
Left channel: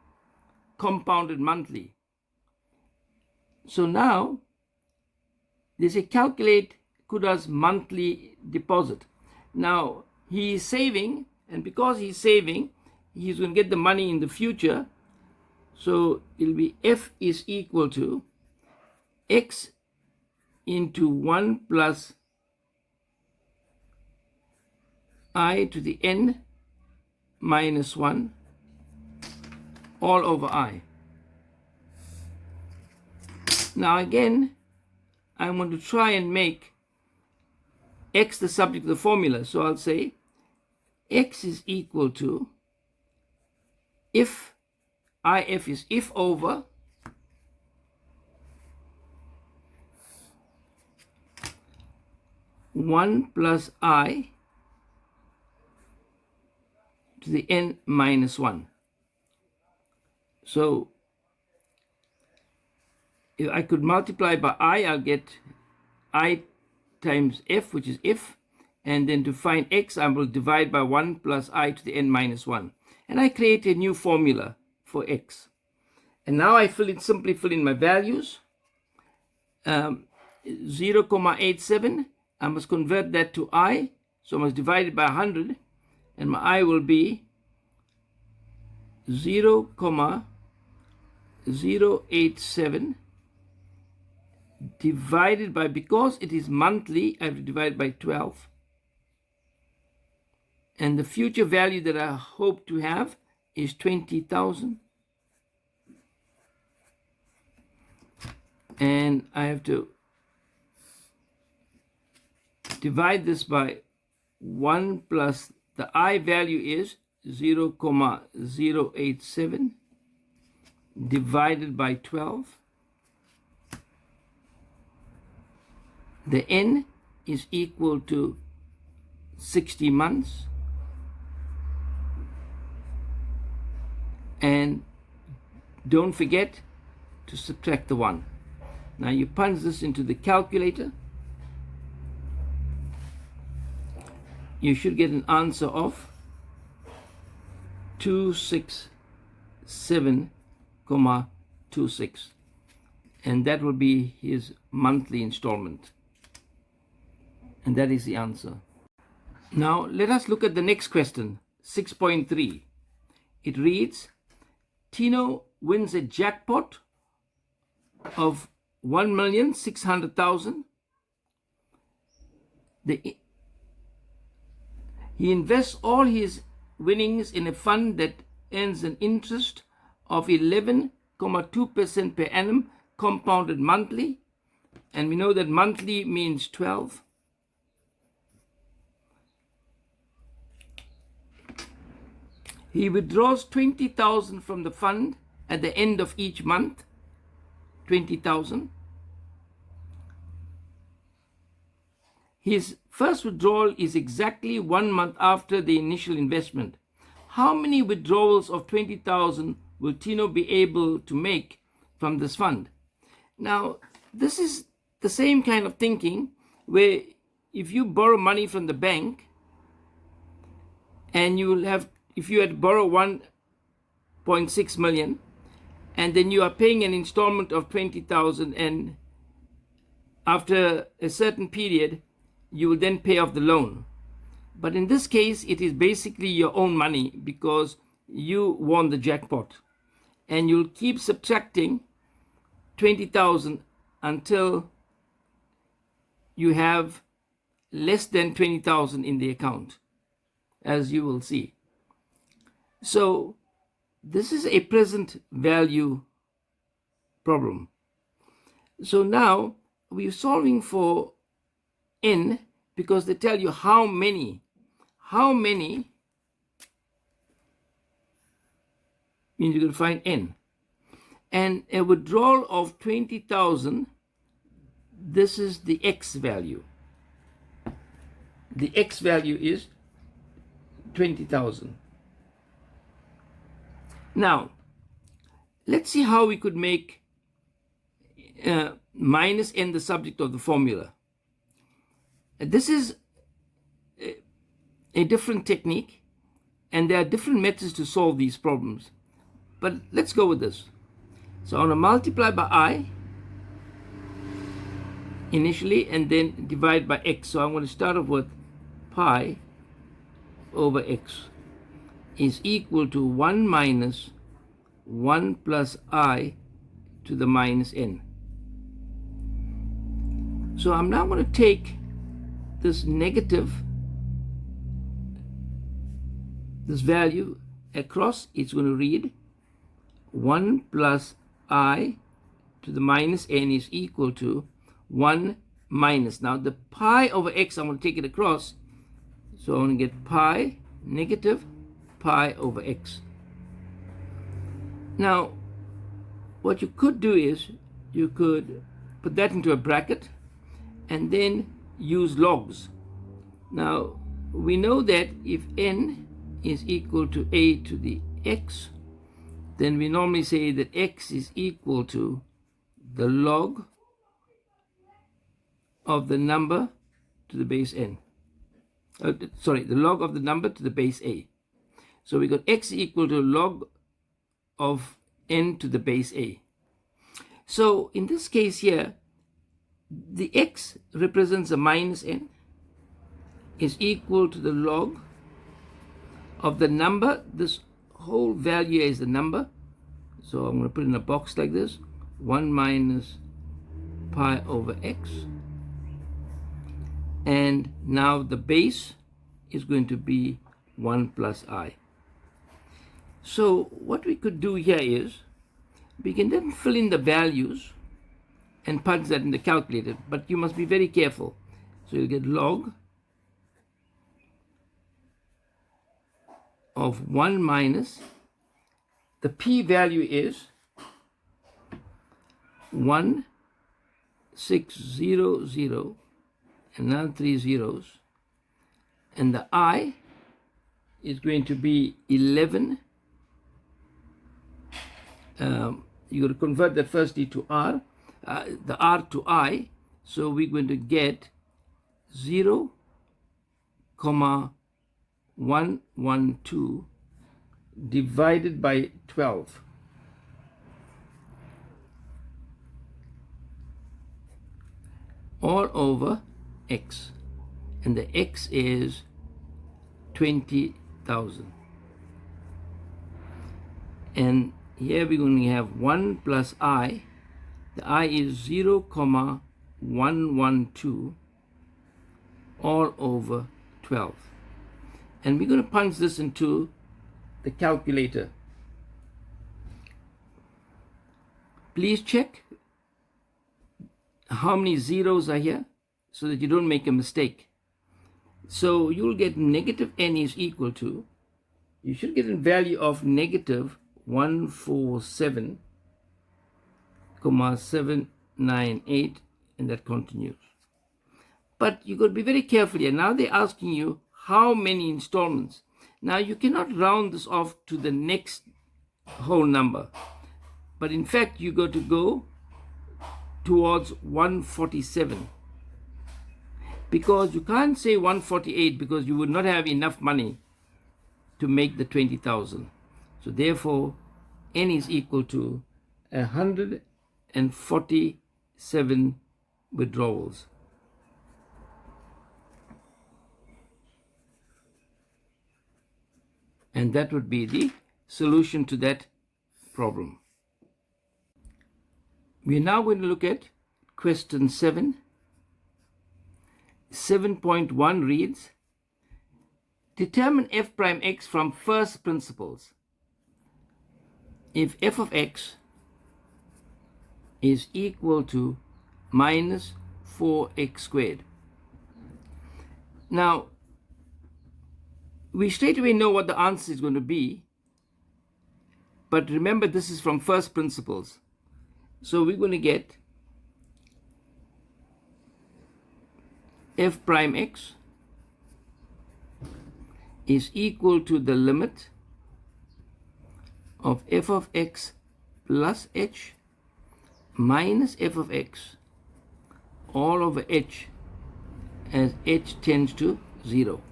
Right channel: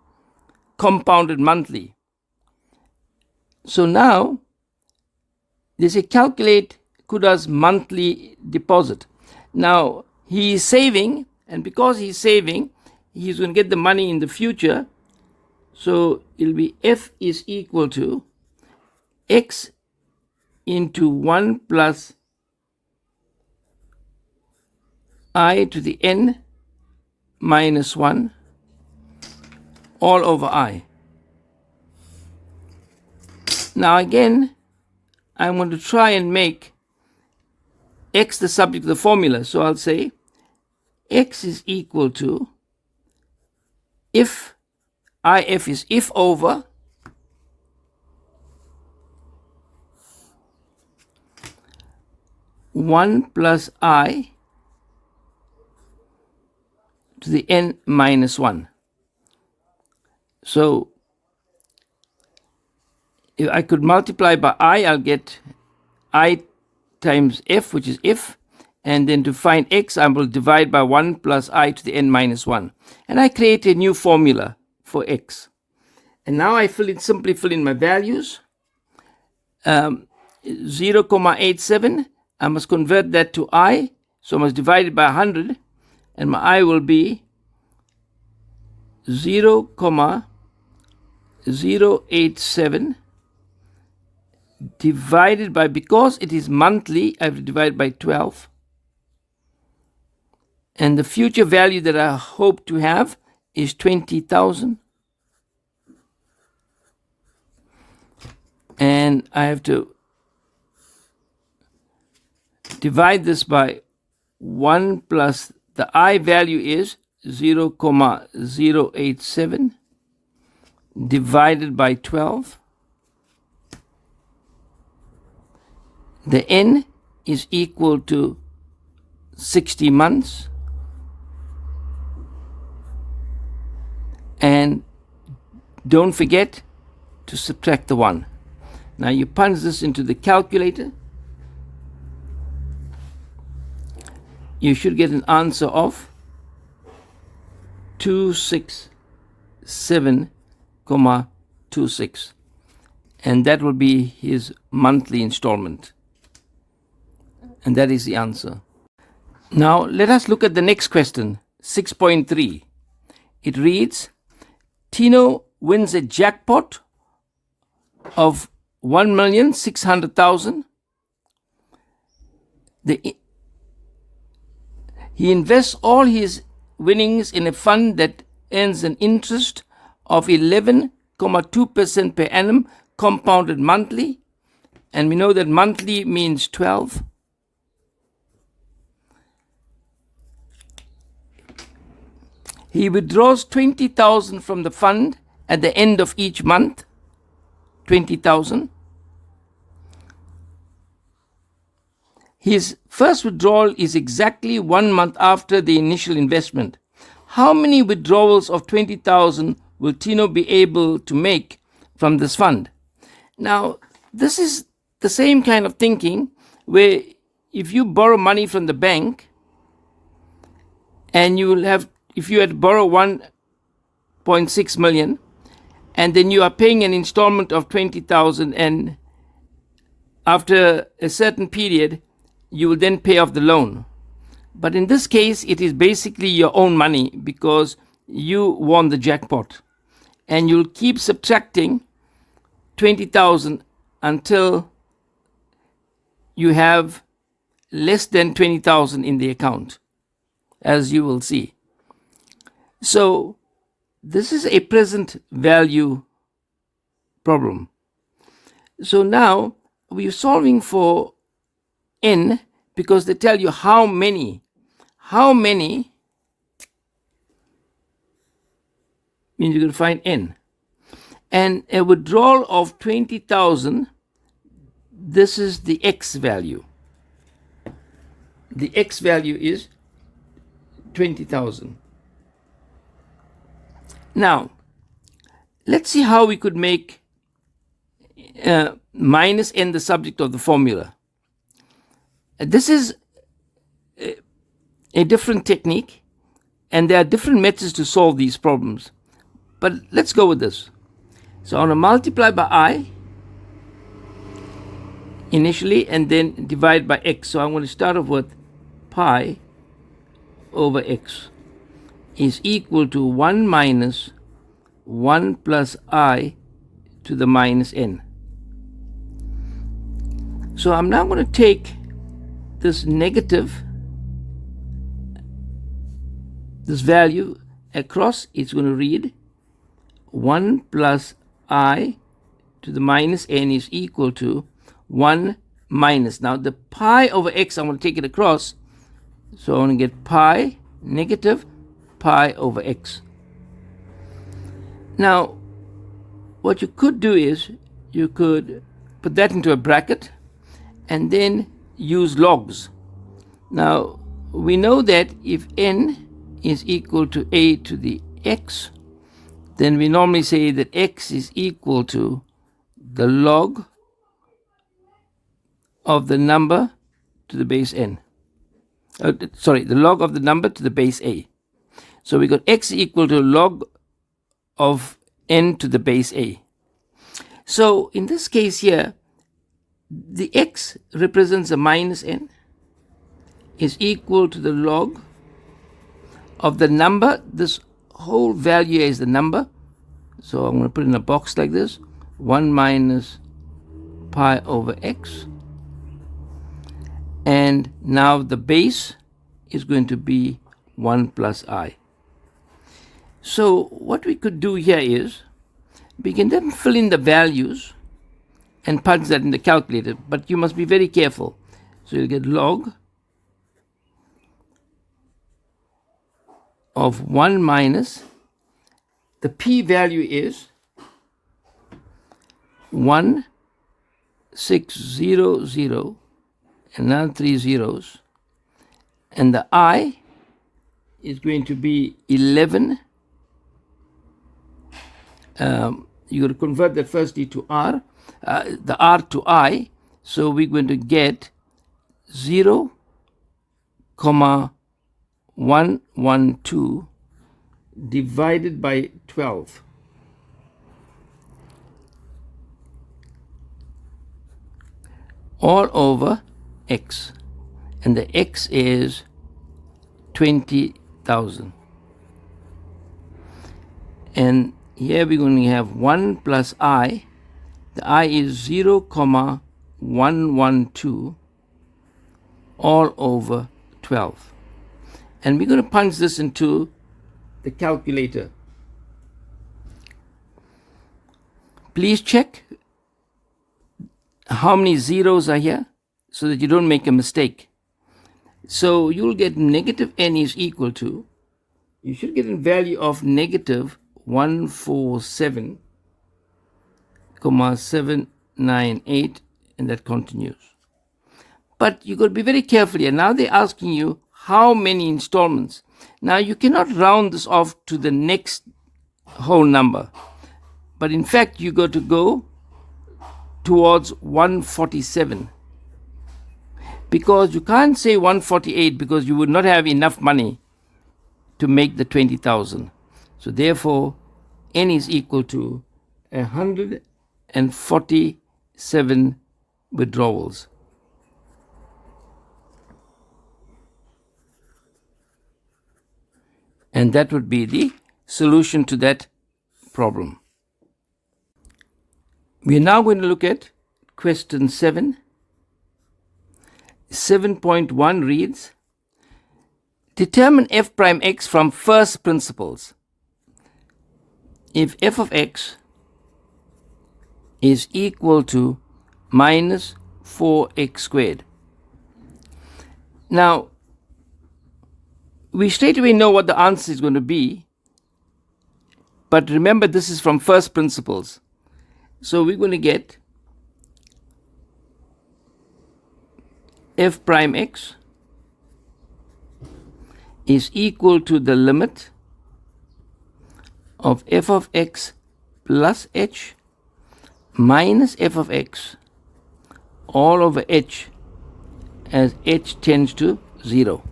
compounded monthly. So now they say calculate Kuda's monthly deposit. Now he is saving, and because he's saving, he's going to get the money in the future. So it'll be F is equal to X into 1 plus I to the n minus 1 all over I. Now again, I'm going to try and make X the subject of the formula. So I'll say X is equal to, if IF is if over one plus I to the n minus 1. So if I could multiply by I, I'll get I times f, which is if, and then to find x, I will divide by 1 plus I to the n minus 1. And I create a new formula for x. And now I simply fill in my values. 0,87, I must convert that to I, so I must divide it by 100, and my I will be 0,087 divided by, because it is monthly, I have to divide by 12. And the future value that I hope to have is 20,000. And I have to divide this by 1 plus the I value is 0,087 divided by 12. The n is equal to 60 months. And don't forget to subtract the 1. Now you punch this into the calculator. You should get an answer of 267.26, and that will be his monthly installment, and that is the answer. Now let us look at the next question, 6.3. It reads, Tino wins a jackpot of 1,600,000. He invests all his winnings in a fund that earns an interest of 11.2% per annum, compounded monthly. And we know that monthly means 12. He withdraws 20,000 from the fund at the end of each month, 20,000. His first withdrawal is exactly 1 month after the initial investment. How many withdrawals of 20,000 will Tino be able to make from this fund? Now, this is the same kind of thinking where if you borrow money from the bank and you will have, if you had to borrow 1.6 million and then you are paying an installment of 20,000, and after a certain period you will then pay off the loan. But in this case, it is basically your own money because you won the jackpot, and you'll keep subtracting 20,000 until you have less than 20,000 in the account, as you will see. So this is a present value problem. So now we're solving for n because they tell you how many means you're going to find n. And a withdrawal of 20,000, this is the x value. The x value is 20,000. Now, let's see how we could make minus n the subject of the formula. This is a different technique, and there are different methods to solve these problems. But let's go with this. So I'm going to multiply by I initially and then divide by x. So I'm going to start off with pi over x is equal to 1 minus 1 plus I to the minus n. So I'm now going to take this negative, this value across. It's going to read 1 plus I to the minus n is equal to 1 minus. Now the pi over x, I'm going to take it across. So I'm going to get pi negative pi over x. Now what you could do is you could put that into a bracket and then use logs. Now we know that if n is equal to a to the x, then we normally say that x is equal to the log of the number to the base n. The log of the number to the base a. So we got x equal to log of n to the base a. So in this case here, the x represents a minus n is equal to the log of the number. This whole value is the number. So I'm going to put it in a box like this. 1 minus pi over x. And now the base is going to be 1 plus I. So what we could do here is we can then fill in the values and punch that in the calculator, but you must be very careful. So you'll get log of 1 minus, the p value is 1600, another 3 zeros, and the I is going to be 11. You got to convert that firstly to R, the R to I, so we're going to get 0,112 divided by 12. All over x, and the x is 20,000. And here we're going to have 1 plus I. The I is 0,112 all over 12. And we're going to punch this into the calculator. Please check how many zeros are here so that you don't make a mistake. So you'll get negative n is equal to you should get a value of negative 147,798, and that continues. But you've got to be very careful here. Now they're asking you how many installments. Now you cannot round this off to the next whole number. But in fact, you got to go towards 147. Because you can't say 148 because you would not have enough money to make the 20,000. So therefore, n is equal to 147 withdrawals. And that would be the solution to that problem. We are now going to look at question 7. 7.1 reads, determine f prime x from first principles. If f of x is equal to minus 4x squared. Now, we straight away know what the answer is going to be, but remember this is from first principles. So we're going to get f prime x is equal to the limit of f of x plus h minus f of x all over h as h tends to 0.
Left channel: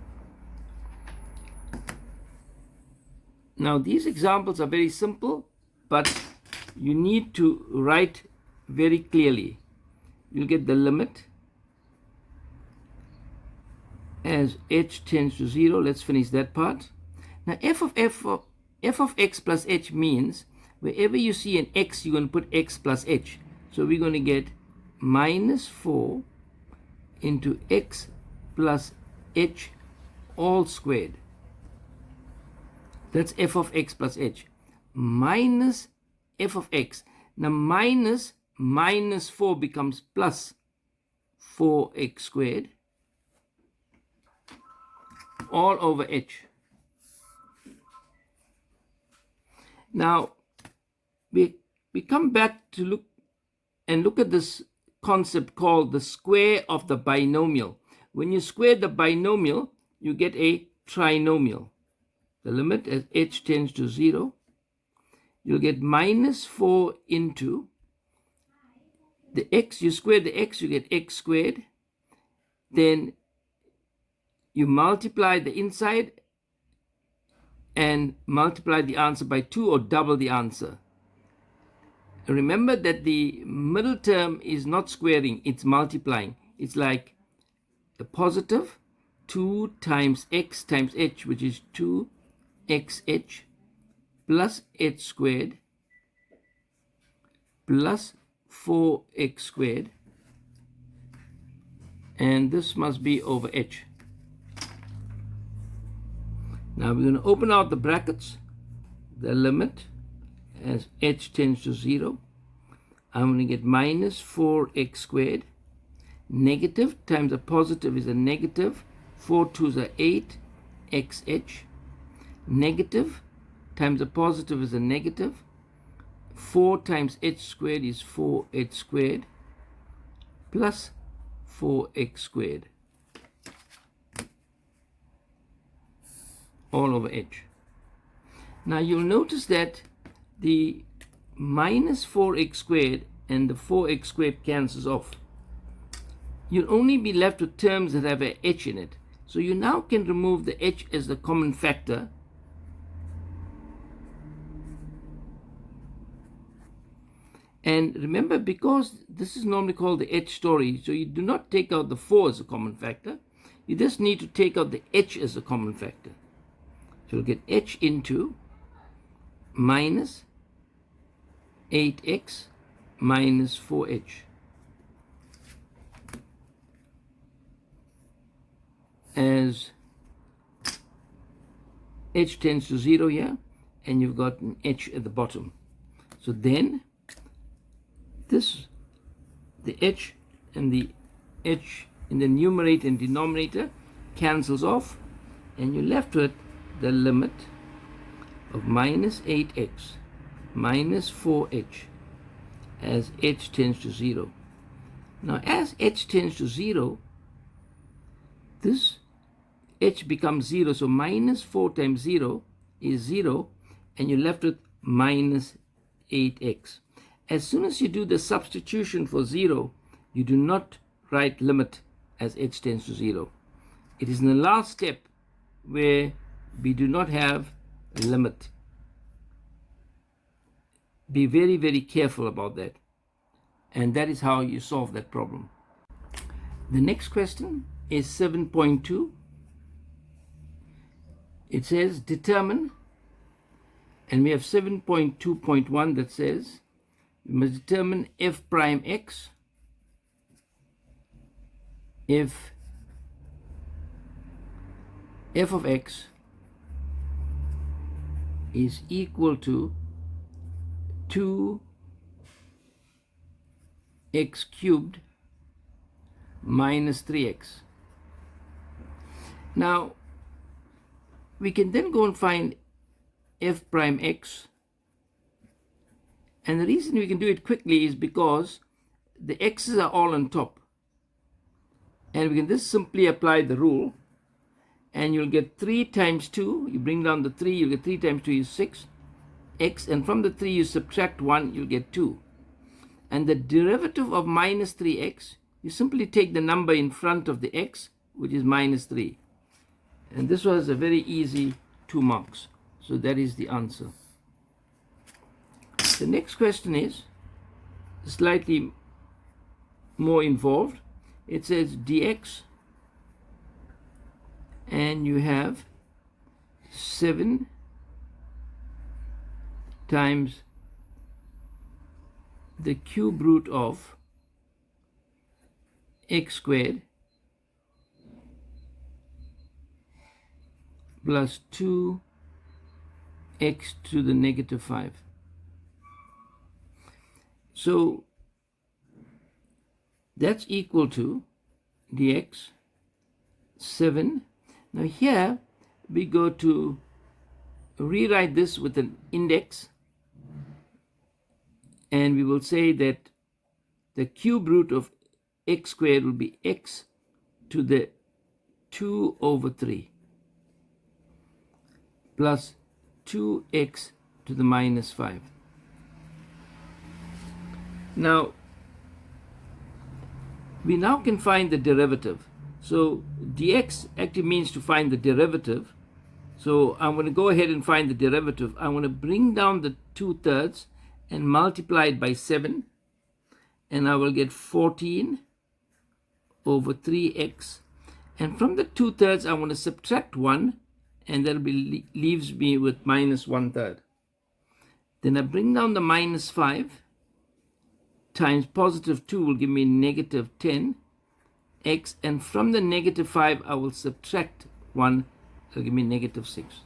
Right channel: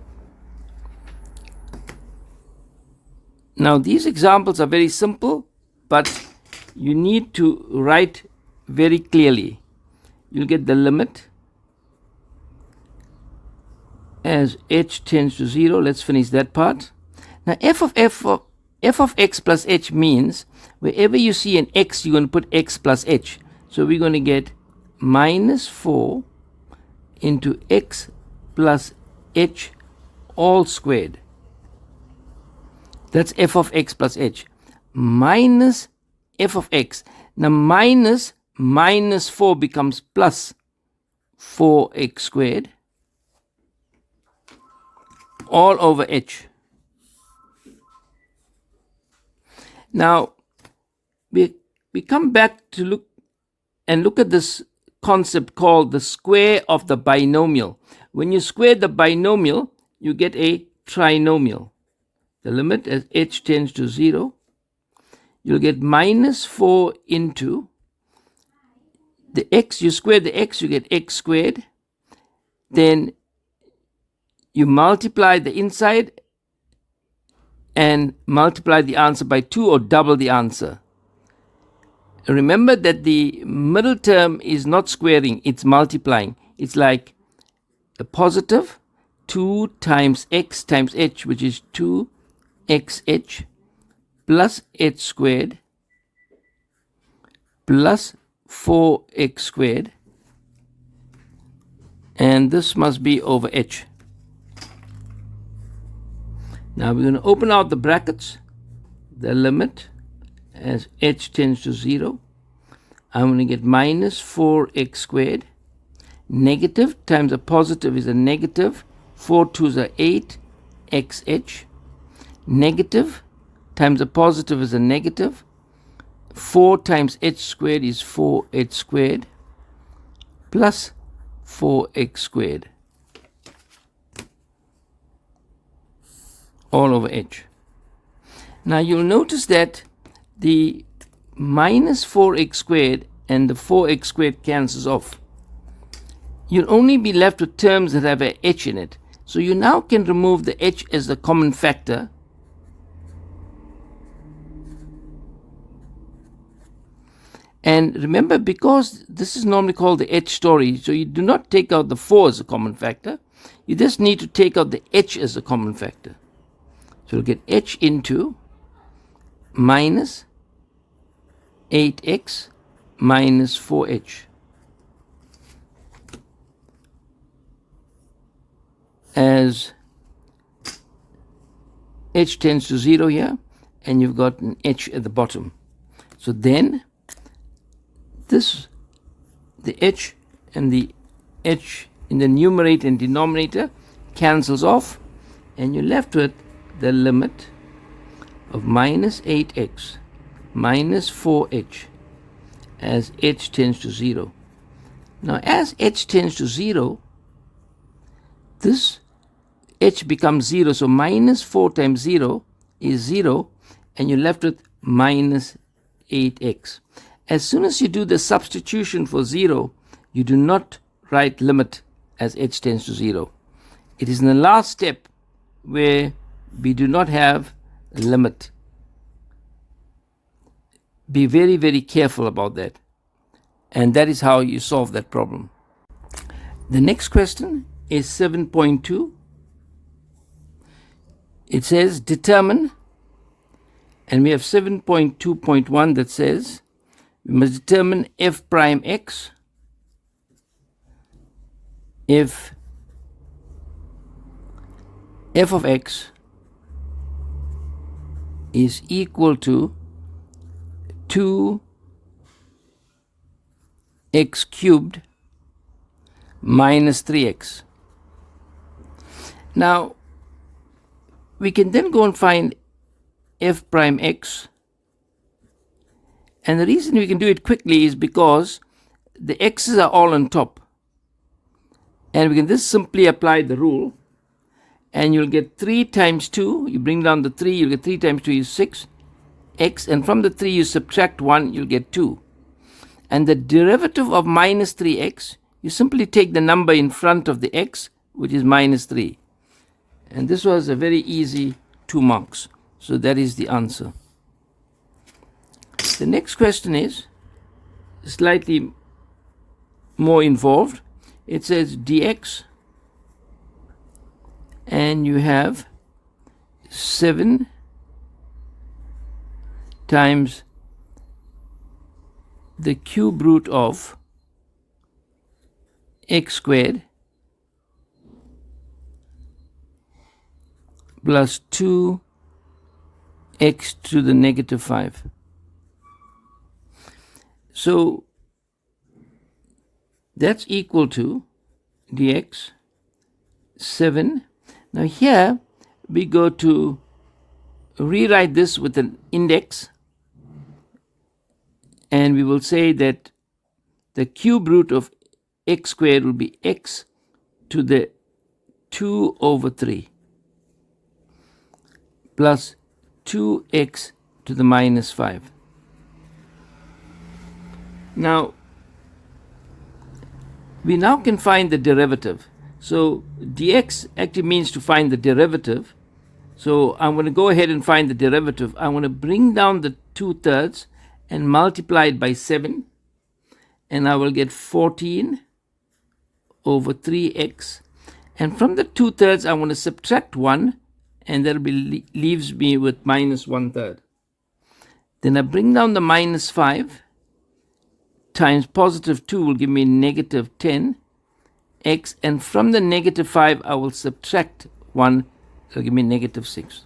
Now these examples are very simple, but you need to write very clearly. You'll get the limit as h tends to 0. Let's finish that part. Now f of x plus h means wherever you see an x, you're going to put x plus h. So we're going to get minus 4 into x plus h all squared. That's f of x plus h. Minus f of x. Now minus 4 becomes plus 4x squared all over h. Now we come back to look at this concept called the square of the binomial. When you square the binomial, you get a trinomial. The limit as h tends to 0, you'll get minus 4 into the x. You square the x, you get x squared. Then you multiply the inside and multiply the answer by 2 or double the answer. Remember that the middle term is not squaring, it's multiplying. It's like a positive 2 times x times h, which is 2xh plus h squared plus 4x squared, and this must be over h. Now we're going to open out the brackets, the limit as h tends to 0. I'm going to get minus 4x squared. Negative times a positive is a negative. 4 2s are 8xh. Negative times a positive is a negative. 4 times h squared is 4h squared plus 4x squared all over h. Now you'll notice that the minus 4x squared and the 4x squared cancels off. You'll only be left with terms that have a h in it. So you now can remove the h as the common factor. And remember, because this is normally called the h story, so you do not take out the 4 as a common factor. You just need to take out the h as a common factor. So you'll get h into minus 8x minus 4h as h tends to 0 here, and you've got an h at the bottom. So then this, the h and the h in the numerator and denominator cancels off, and you're left with the limit of minus 8x minus 4h as h tends to 0. Now, as h tends to 0, this h becomes 0. So minus 4 times 0 is 0, and you're left with minus 8x. As soon as you do the substitution for 0, you do not write limit as h tends to 0. It is in the last step where we do not have a limit. Be very, very careful about that. And that is how you solve that problem. The next question is 7.2. It says determine, and we have 7.2.1 that says we must determine f prime x if f of x is equal to 2x cubed minus 3x. Now, we can then go and find f prime x. And the reason we can do it quickly is because the x's are all on top. And we can just simply apply the rule. And you'll get 3 times 2. You bring down the 3, you'll get 3 times 2 is 6. X, and from the 3 you subtract 1, you'll get 2. And the derivative of minus 3x, you simply take the number in front of the x, which is minus 3. And this was a very easy 2 marks. So that is the answer. The next question is slightly more involved. It says dx, and you have 7 times the cube root of x squared plus 2x to the negative 5. So that's equal to dx 7. Now here we go to rewrite this with an index, and we will say that the cube root of x squared will be x to the 2 over 3 plus 2x to the minus 5. Now, we now can find the derivative. So dx actually means to find the derivative. So I'm going to go ahead and find the derivative. I'm going to bring down the 2/3 and multiply it by 7. And I will get 14 over 3x. And from the 2/3, I want to subtract 1. And that leaves me with minus 1/3. Then I bring down the minus 5 times positive 2 will give me negative 10x. And from the negative 5, I will subtract 1. So give me negative 6.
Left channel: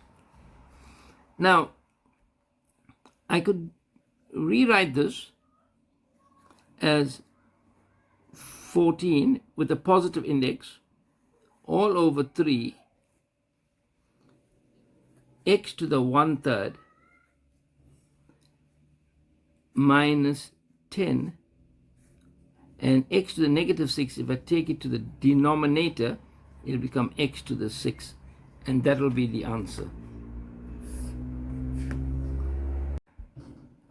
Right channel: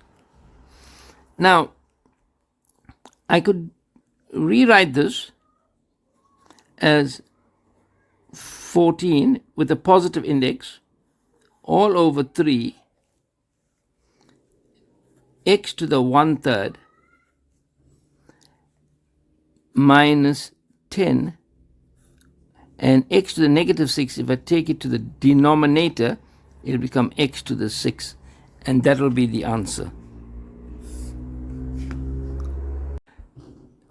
Now, I could rewrite this as 14 with a positive index all over 3 x to the 1/3 minus 10, and x to the negative 6, if I take it to the denominator, it will become x to the 6, and that will be the answer.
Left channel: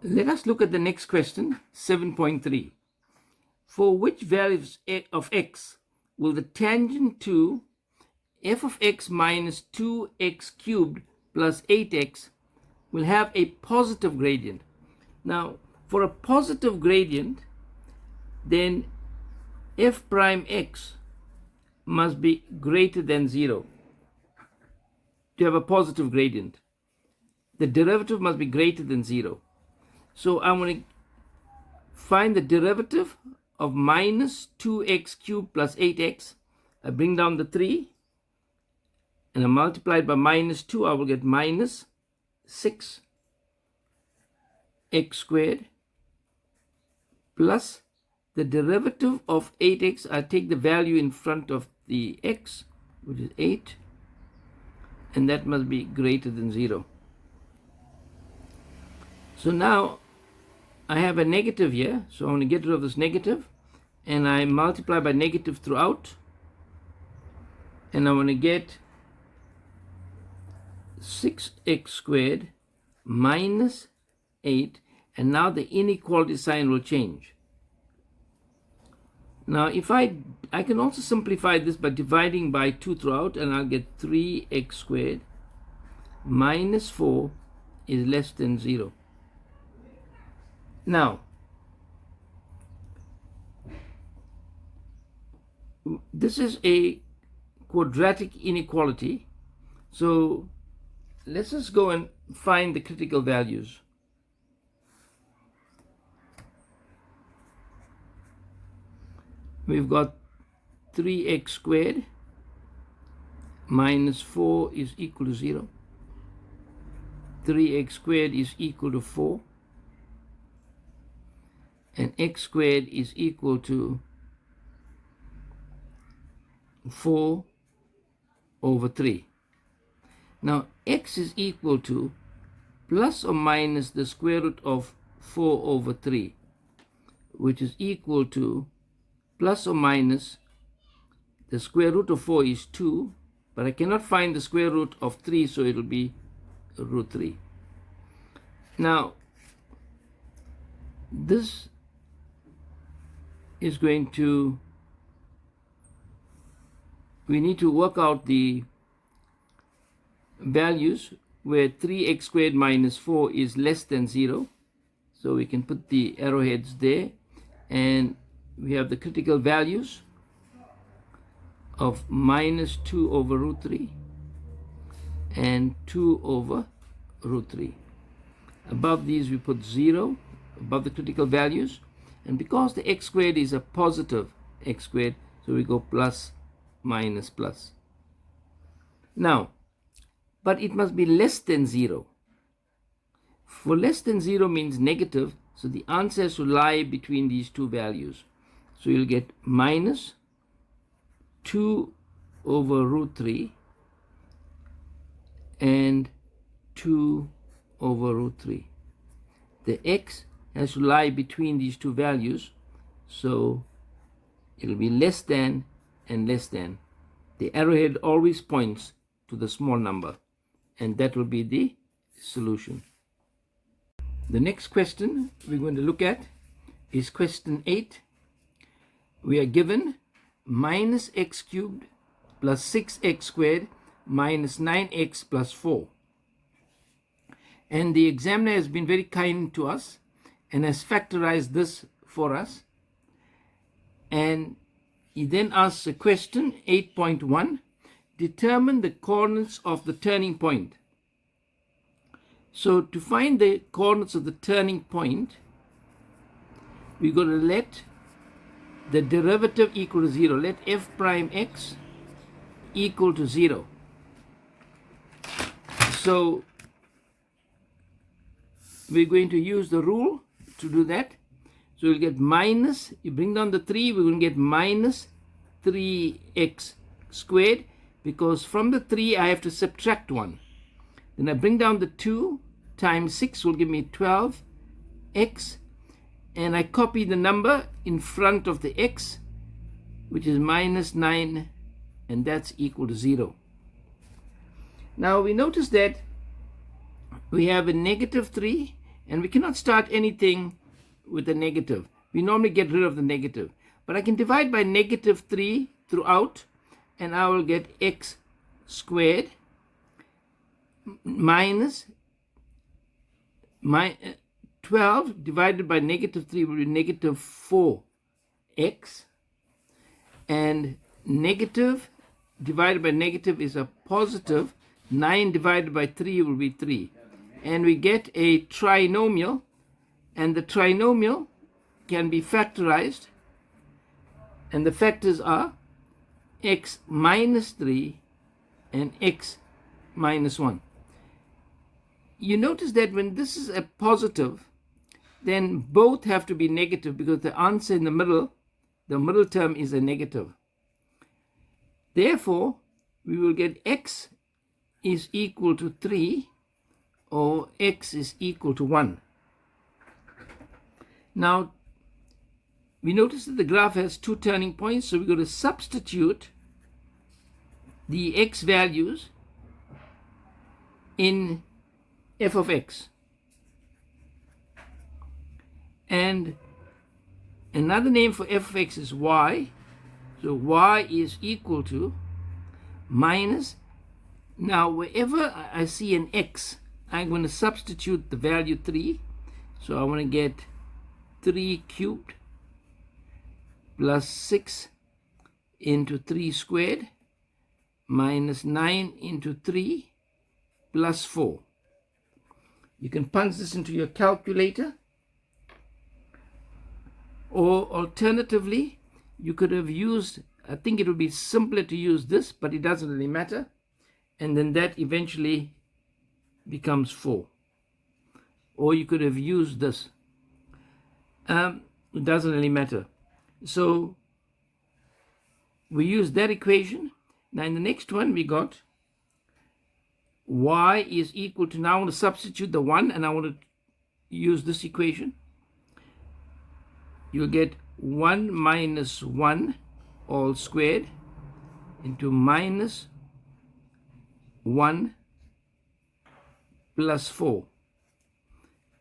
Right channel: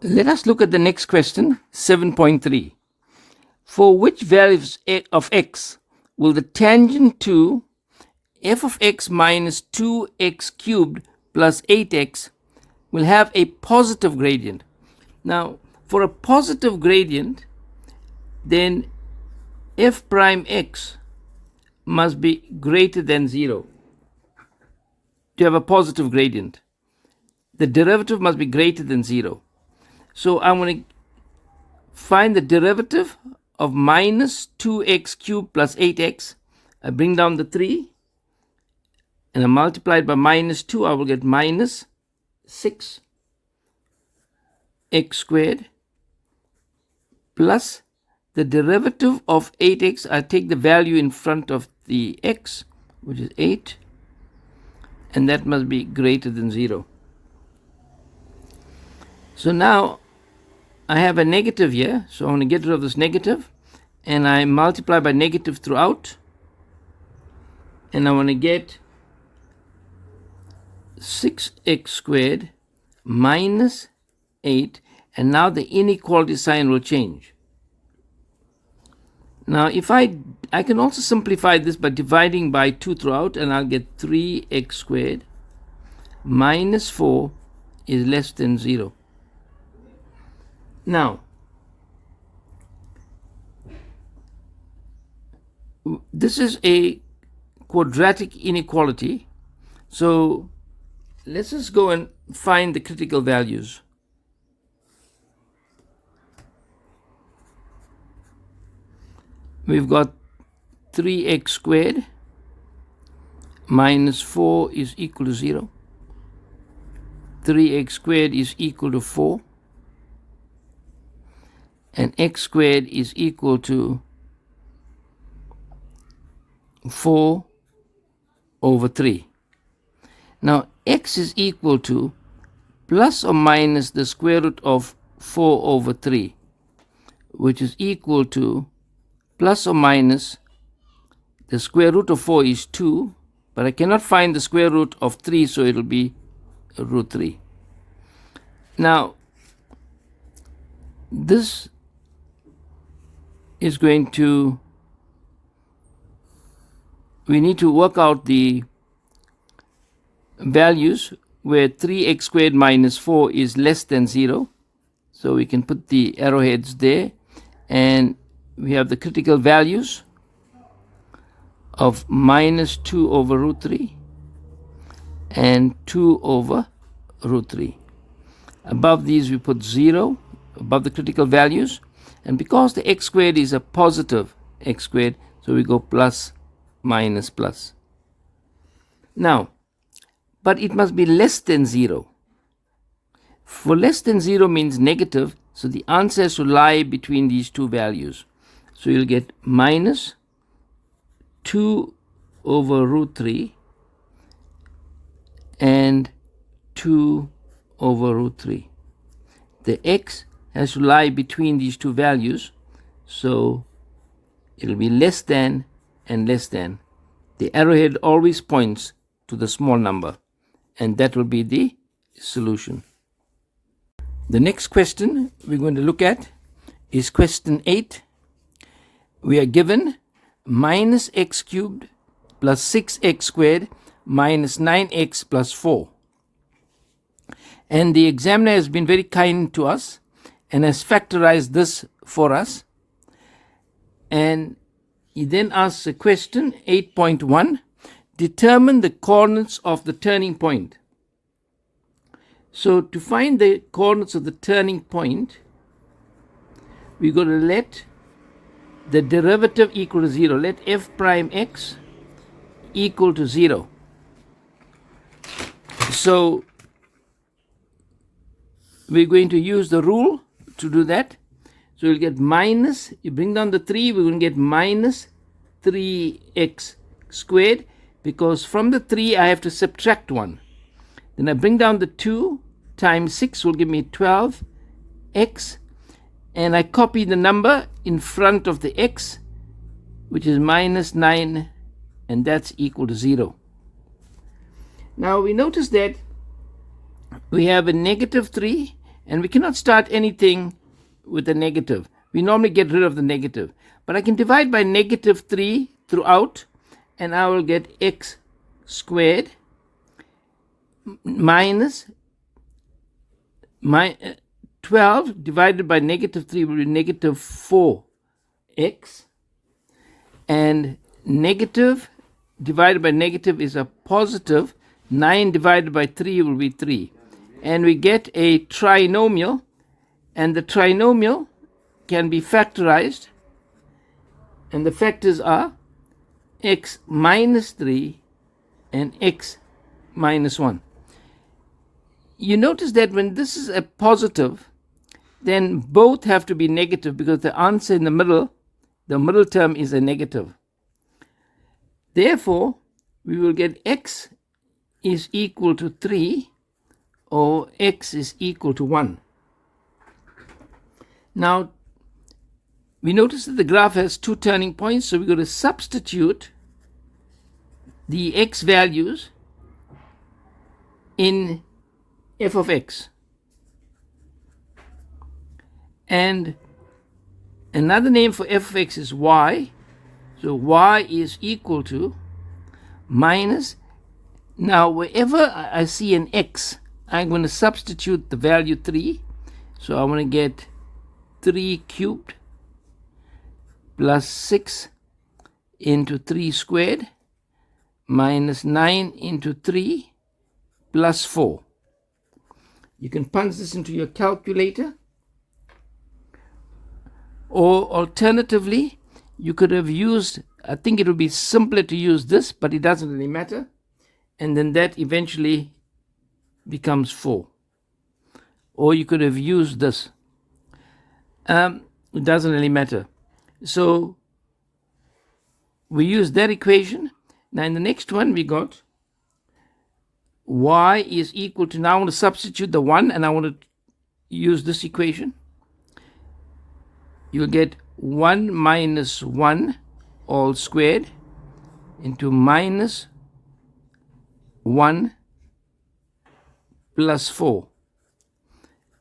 Let us look at the next question, 7.3. For which values of x will the tangent to f of x minus 2x cubed plus 8x will have a positive gradient? Now, for a positive gradient, then f prime x must be greater than 0 to have a positive gradient. The derivative must be greater than 0. So I'm going to find the derivative of minus 2x cubed plus 8x. I bring down the 3 and I multiply it by minus 2. I will get minus 6x squared plus the derivative of 8x. I take the value in front of the x, which is 8, and that must be greater than 0. So now I have a negative here, so I'm going to get rid of this negative, and I multiply by negative throughout, and I want to get 6x squared minus 8, and now the inequality sign will change. Now if I can also simplify this by dividing by 2 throughout, and I'll get 3x squared minus 4 is less than 0. Now this is a quadratic inequality, so let's just go and find the critical values. We've got 3x squared minus 4 is equal to 0. 3x squared is equal to 4. And x squared is equal to 4 over 3. Now x is equal to plus or minus the square root of 4 over 3, which is equal to plus or minus the square root of 4 is 2, but I cannot find the square root of 3, so it will be root 3. Now this is going to, we need to work out the values where 3x squared minus 4 is less than 0. So we can put the arrowheads there, and we have the critical values of minus 2 over root 3 and 2 over root 3. Above these we put 0, above the critical values, and because the x squared is a positive x squared, so we go plus, minus, plus. Now, but it must be less than 0. For less than 0 means negative, so the answer has to lie between these two values. So you'll get minus 2 over root 3 and 2 over root 3. The x has to lie between these two values, so it'll be less than and less than. The arrowhead always points to the small number, and that will be the solution. The next question we're going to look at is question 8. We are given minus x cubed plus 6x squared minus 9x plus 4. And the examiner has been very kind to us and has factorized this for us. And he then asks a question, 8.1, determine the coordinates of the turning point. So to find the coordinates of the turning point, we're going to let the derivative equal to 0. Let f prime x equal to 0. So we're going to use the rule to do that. So we'll get minus, you bring down the 3, we're going to get minus 3x squared, because from the 3 I have to subtract 1. Then I bring down the 2 times 6 will give me 12x, and I copy the number in front of the x, which is minus 9, and that's equal to 0. Now we notice that we have a negative 3, and we cannot start anything with a negative. We normally get rid of the negative. But I can divide by negative 3 throughout, and I will get x squared minus 12 divided by negative 3 will be negative 4x, and negative divided by negative is a positive. 9 divided by 3 will be 3. And we get a trinomial, and the trinomial can be factorized, and the factors are x minus 3 and x minus 1. You notice that when this is a positive, then both have to be negative, because the answer in the middle term is a negative. Therefore, we will get x is equal to 3 or x is equal to 1. Now, we notice that the graph has two turning points, so we're going to substitute the x values in f of x. And another name for f of x is y. So y is equal to minus. Now, wherever I see an x, I'm going to substitute the value 3. So I want to get 3 cubed plus 6 into 3 squared minus 9 into 3 plus 4. You can punch this into your calculator, or alternatively, you could have used, I think it would be simpler to use this, but it doesn't really matter. And then that eventually becomes 4. Or you could have used this. It doesn't really matter. So we use that equation. Now in the next one we got y is equal to, now I want to substitute the 1 and I want to use this equation. You'll get 1 minus 1 all squared into minus 1 plus 4.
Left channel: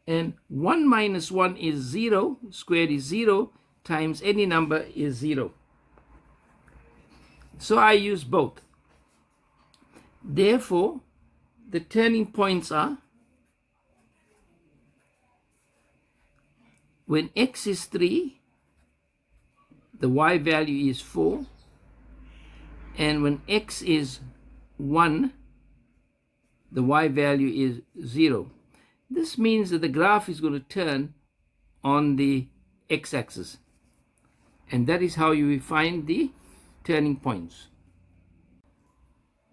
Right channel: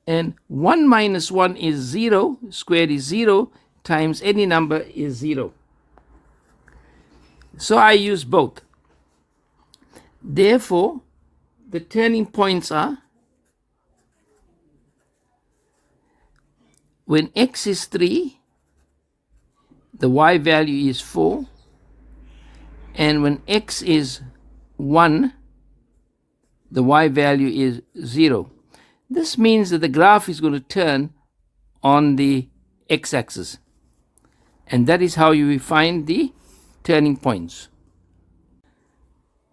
And 1 minus 1 is 0, squared is 0, times any number is 0. So I use both. Therefore, the turning points are when x is 3, the y value is 4, and when x is 1, the y value is 0. This means that the graph is going to turn on the x-axis. And that is how you find the turning points.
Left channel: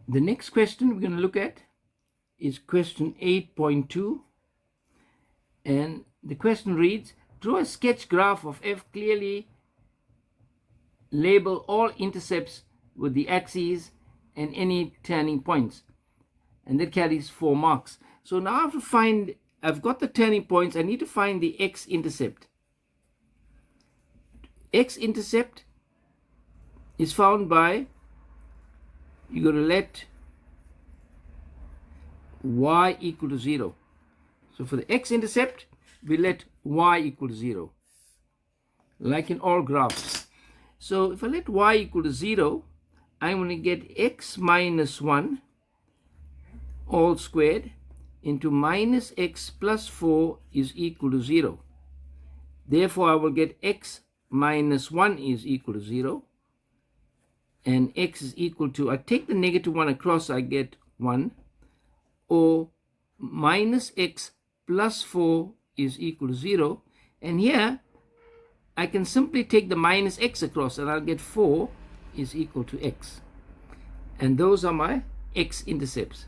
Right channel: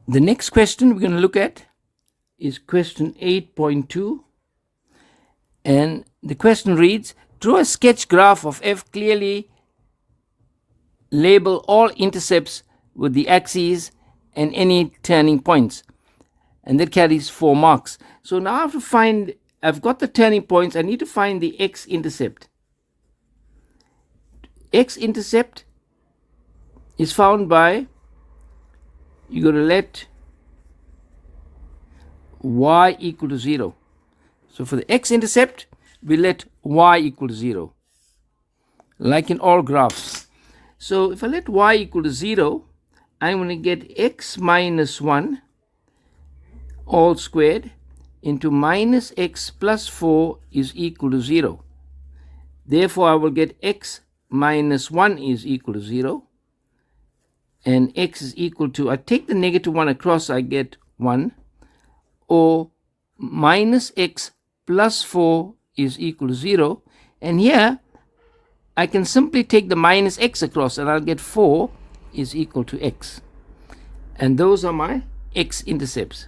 The next question we're going to look at is question 8.2. And the question reads, draw a sketch graph of f, clearly label all intercepts with the axes and any turning points. And that carries 4 marks. So now I have to find, I've got the turning points, I need to find the x-intercept. X-intercept is found by, you're going to let y equal to 0. So for the x-intercept, we let y equal to 0, like in all graphs. So if I let y equal to 0, I'm going to get x minus 1 all squared into minus x plus 4 is equal to 0. Therefore, I will get x minus 1 is equal to 0. And x is equal to, I take the negative 1 across, I get 1. Or minus x plus 4 is equal to 0. And here, I can simply take the minus x across and I'll get 4 is equal to x. And those are my x-intercepts.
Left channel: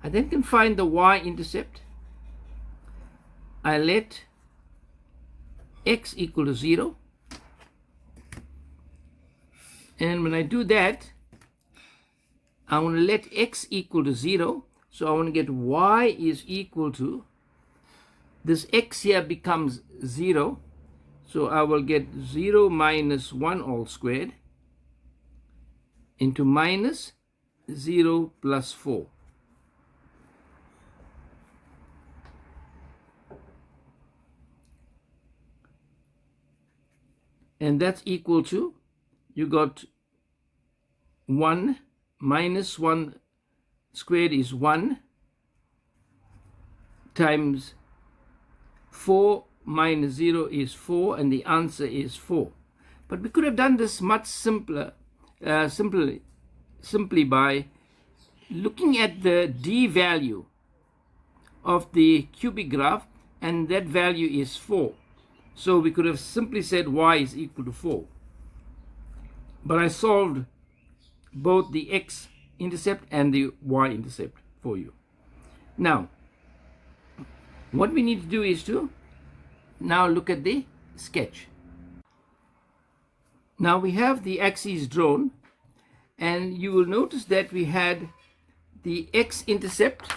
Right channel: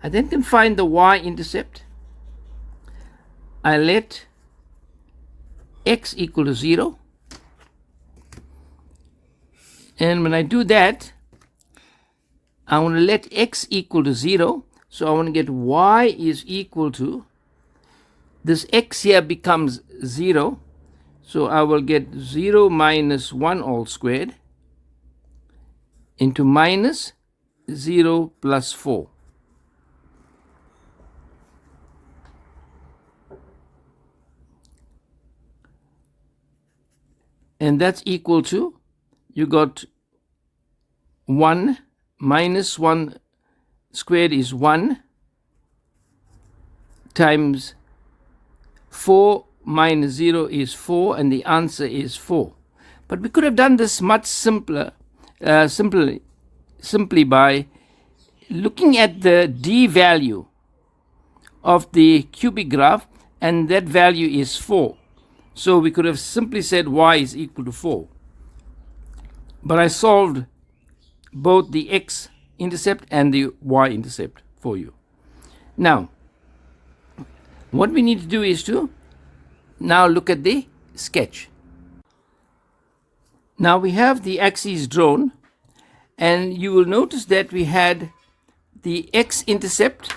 I then can find the y-intercept. I let x equal to 0. And when I do that, I want to let x equal to 0. So I want to get y is equal to, this x here becomes 0. So I will get 0 minus 1 all squared into minus 0 plus 4. And that's equal to, you got 1 minus 1 squared is 1 times 4 minus 0 is 4, and the answer is 4. But we could have done this much simpler, simply by looking at the d value of the cubic graph, and that value is 4. So we could have simply said y is equal to 4. But I solved both the x-intercept and the y-intercept for you. Now, what we need to do is to now look at the sketch. Now we have the axes drawn, and you will notice that we had the x-intercept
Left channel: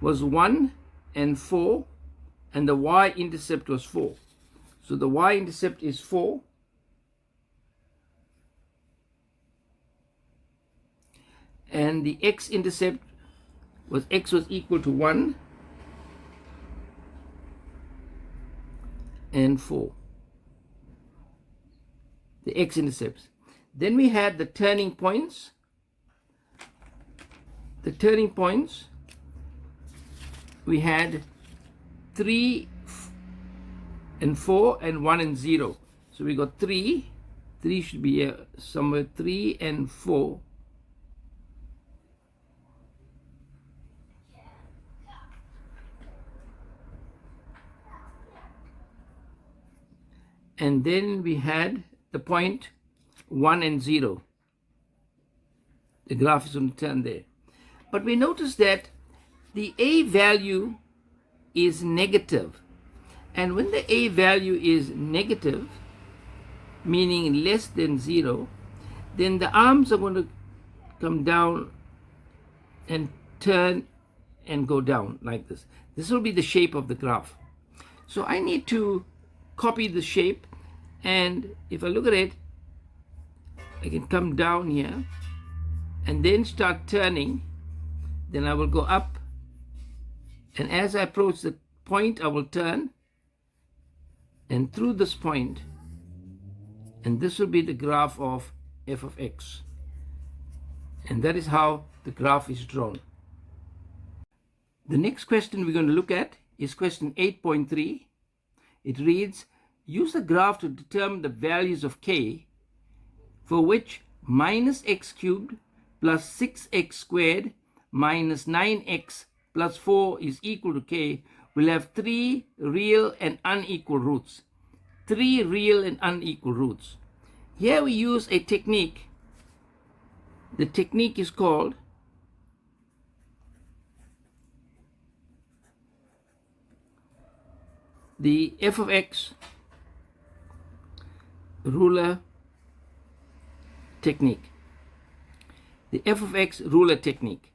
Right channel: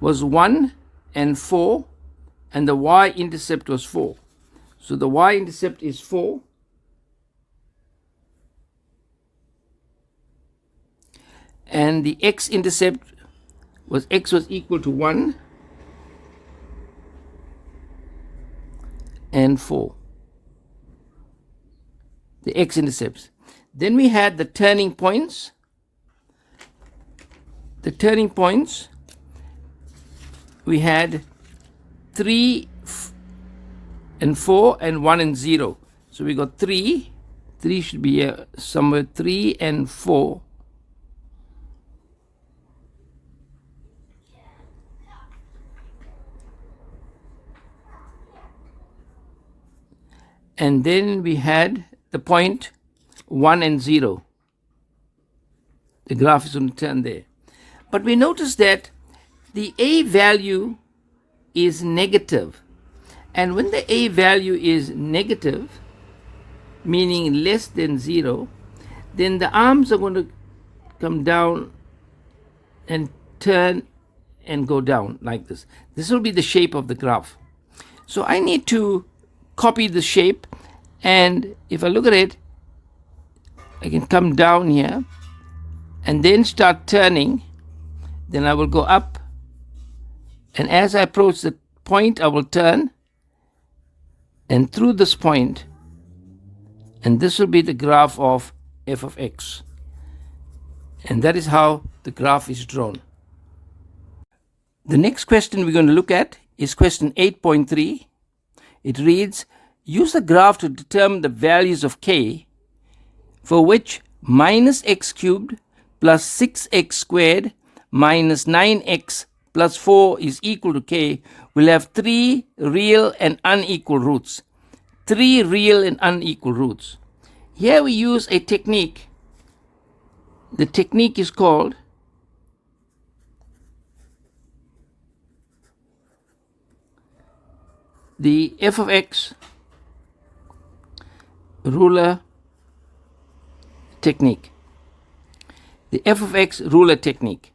was 1 and 4, and the y-intercept was 4. So the y-intercept is 4. And the x-intercept was x was equal to 1 and 4. The x-intercepts. Then we had the turning points. The turning points, we had 3 and 4 and 1 and 0. So we got 3. 3 should be here somewhere. 3 and 4. And then we had the point 1 and 0. The graph is going to turn there. But we notice that the A value is negative. And when the A value is negative, meaning less than 0, then the arms are going to come down and turn and go down like this. This will be the shape of the graph. So I need to copy the shape, and if I look at it, I can come down here and then start turning. Then I will go up, and as I approach the point, I will turn and through this point, and this will be the graph of f of x. And that is how the graph is drawn. The next question we're going to look at is question 8.3. It reads, use the graph to determine the values of k for which minus x cubed plus 6x squared minus 9x plus 4 is equal to k will have 3 real and unequal roots. 3 real and unequal roots. Here we use a technique. The technique is called the f of x ruler technique. The f of x ruler technique.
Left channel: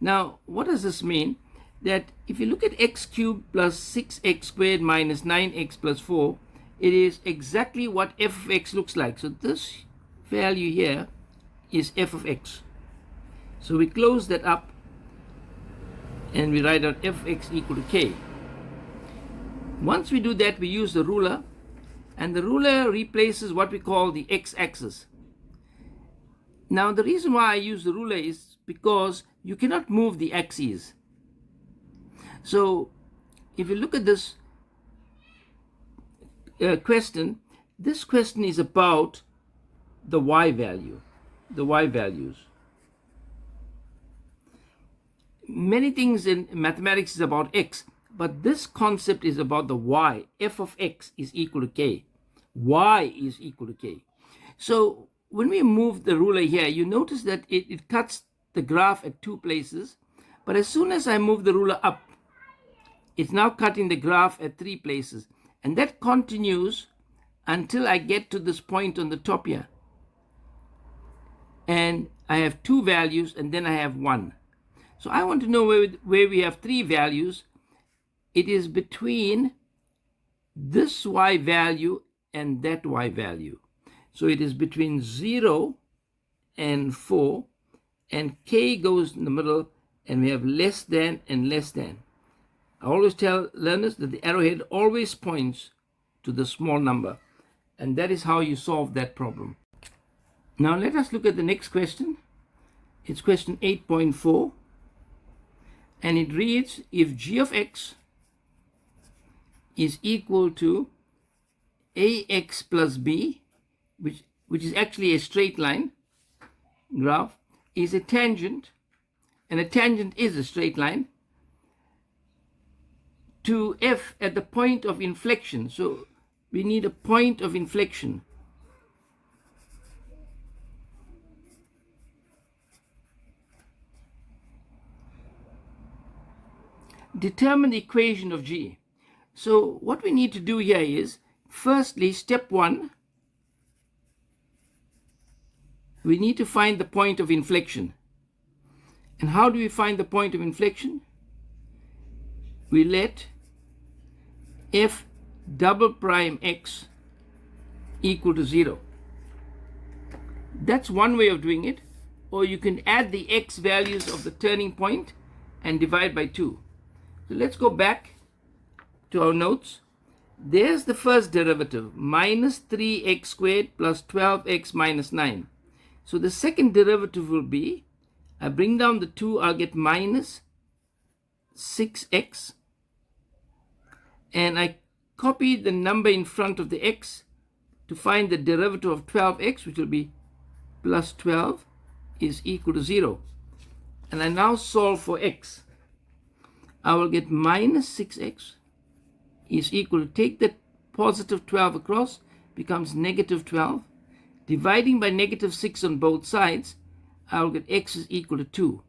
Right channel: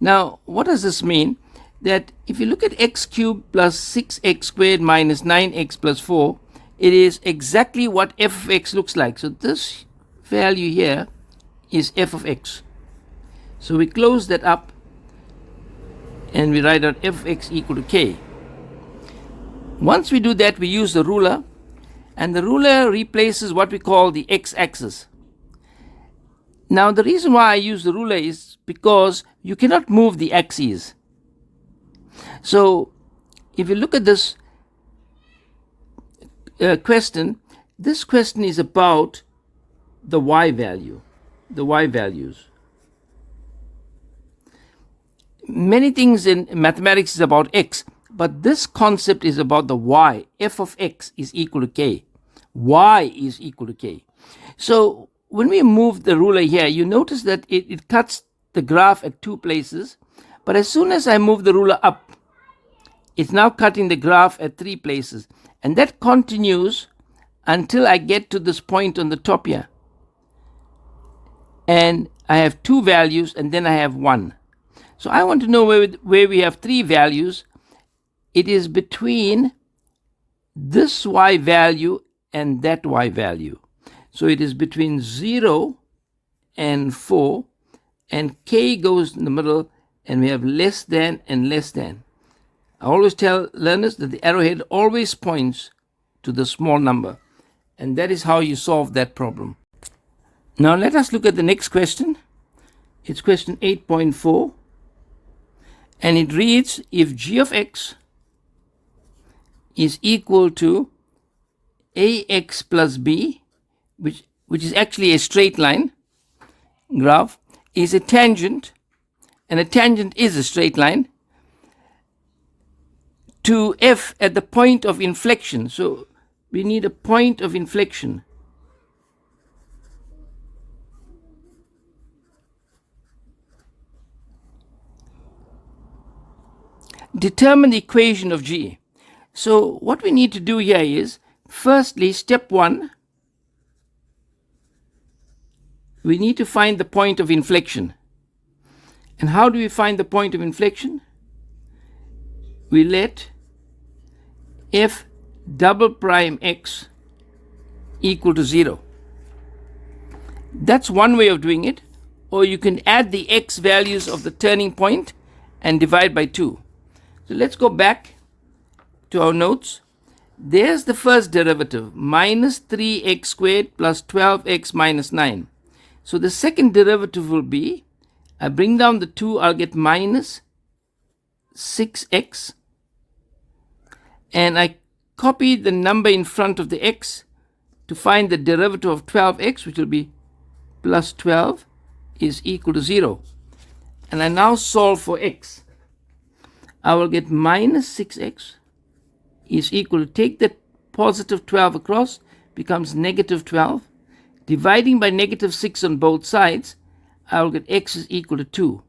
Now, what does this mean? That if you look at x cubed plus 6x squared minus 9x plus 4, it is exactly what f of x looks like. So this value here is f of x. So we close that up and we write out f of x equal to k. Once we do that, we use the ruler, and the ruler replaces what we call the x-axis. Now, the reason why I use the ruler is because you cannot move the axes. So, if you look at this question, this question is about the y value, the y values. Many things in mathematics is about x, but this concept is about the y. F of x is equal to k. Y is equal to k. So, when we move the ruler here, you notice that it cuts the graph at 2 places. But as soon as I move the ruler up, it's now cutting the graph at 3 places. And that continues until I get to this point on the top here. And I have 2 values, and then I have 1. So I want to know where we have 3 values. It is between this y value and that y value. So it is between 0 and 4, and k goes in the middle, and we have less than and less than. I always tell learners that the arrowhead always points to the small number, and that is how you solve that problem. Now let us look at the next question. It's question 8.4, and it reads, if g of x is equal to ax plus b, which is actually a straight line graph, is a tangent, and a tangent is a straight line, to f at the point of inflection. So we need a point of inflection. Determine the equation of g. So what we need to do here is, firstly, step 1, we need to find the point of inflection. And how do we find the point of inflection? We let f double prime x equal to 0. That's one way of doing it. Or you can add the x values of the turning point and divide by 2. So let's go back to our notes. There's the first derivative, minus 3x squared plus 12x minus 9. So the second derivative will be, I bring down the 2, I'll get minus 6x. And I copy the number in front of the x to find the derivative of 12x, which will be plus 12 is equal to 0. And I now solve for x. I will get minus 6x is equal to, take the positive 12 across, becomes negative 12. Dividing by negative 6 on both sides, I will get x is equal to 2.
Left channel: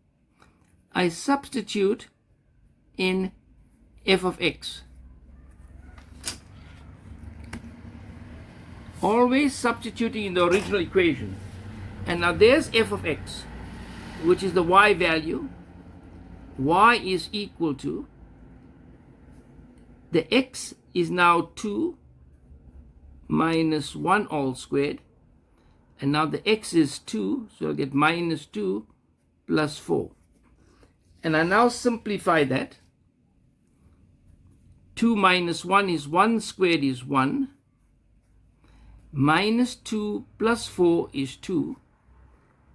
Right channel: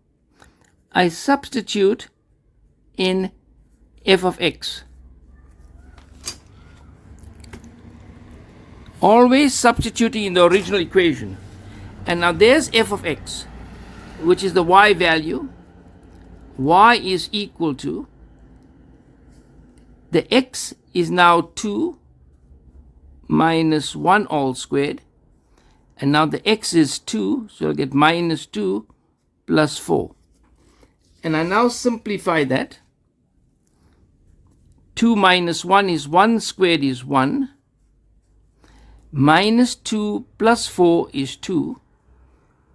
I substitute in f of x. Always substituting in the original equation. And now there's f of x, which is the y value. Y is equal to, the x is now 2 minus 1 all squared. And now the x is 2, so I'll get minus 2 plus 4. And I now simplify that. 2 minus 1 is 1 squared is 1. Minus 2 plus 4 is 2.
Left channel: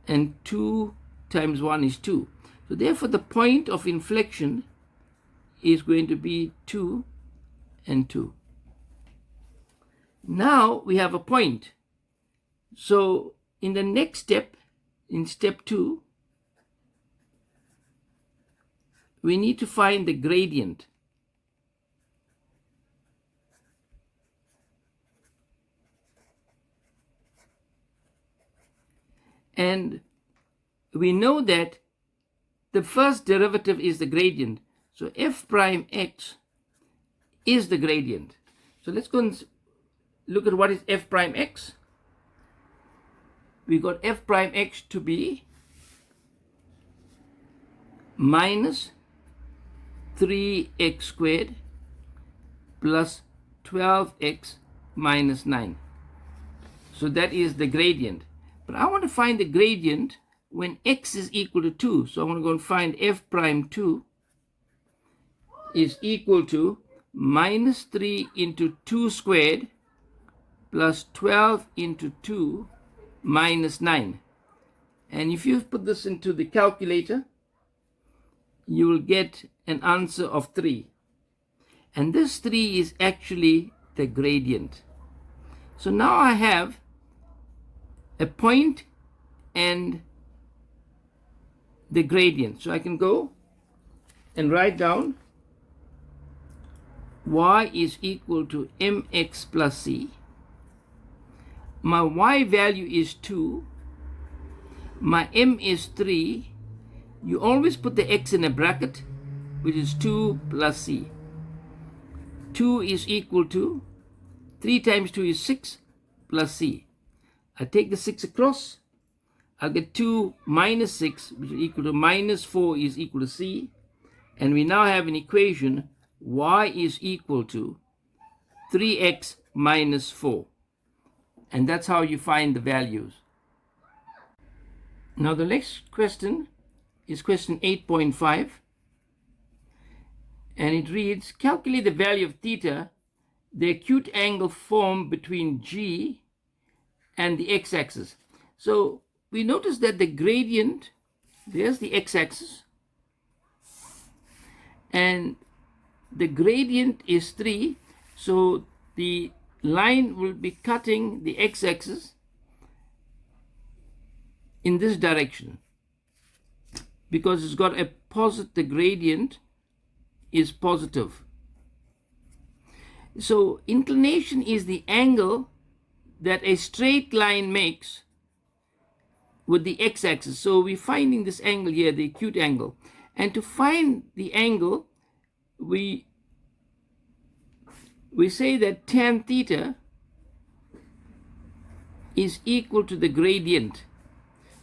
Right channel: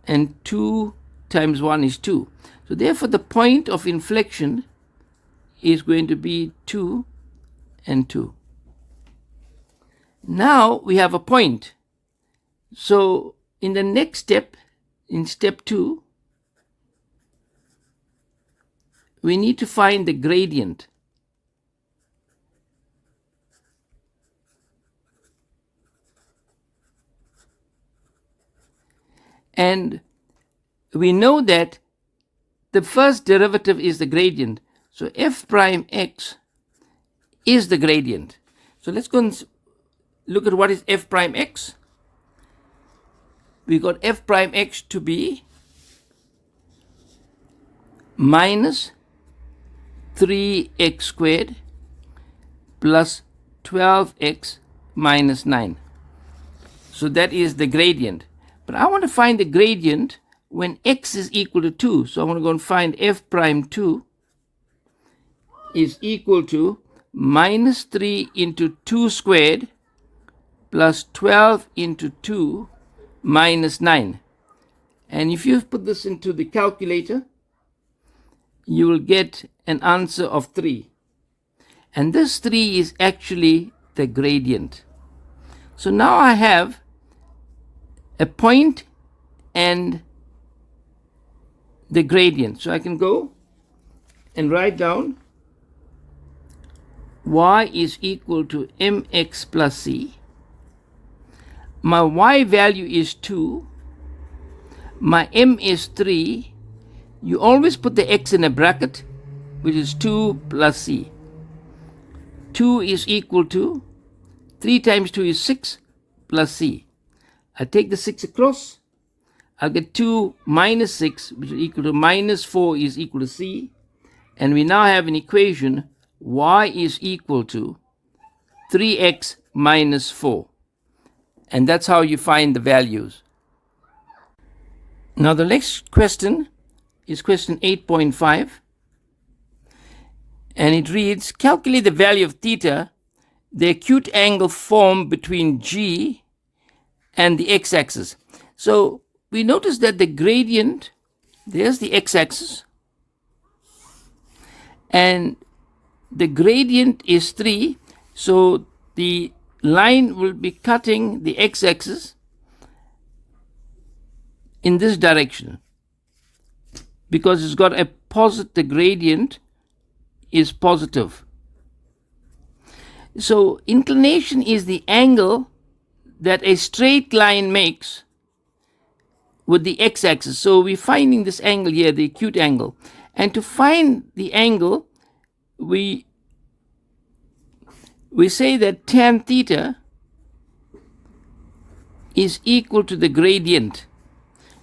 And 2 times 1 is 2. So therefore the point of inflection is going to be 2 and 2. Now we have a point. So in the next step, in step 2, we need to find the gradient. And we know that the first derivative is the gradient. So f prime x is the gradient. So let's go and look at what is f prime x. We got f prime x to be minus 3x squared plus 12x minus 9. So that is the gradient. But I want to find the gradient when x is equal to 2. So I want to go and find f prime 2 is equal to minus 3 into 2 squared plus 12 into 2 minus 9. And if you put this into the calculator, you will get an answer of 3. And this 3 is actually the gradient. So now I have a point and the gradient. So I can go and write down y is equal to mx plus c. My y value is 2. My m is 3. You always put the x in a bracket, which is 2 plus c. 2 is equal to 3 times 2 is 6 plus c. I take the 6 across. I'll get 2 minus 6, which is equal to minus 4 is equal to c. And we now have an equation, y is equal to 3x minus 4. And that's how you find the values. Now the next question is question 8.5. And it reads, calculate the value of theta, the acute angle formed between G and the x-axis. So we notice that the gradient, there's the x-axis, and the gradient is 3. So the line will be cutting the x-axis in this direction because it's got a positive, the gradient is positive. So inclination is the angle that a straight line makes with the x-axis. So we're finding this angle here, the acute angle. And to find the angle, we say that tan theta is equal to the gradient.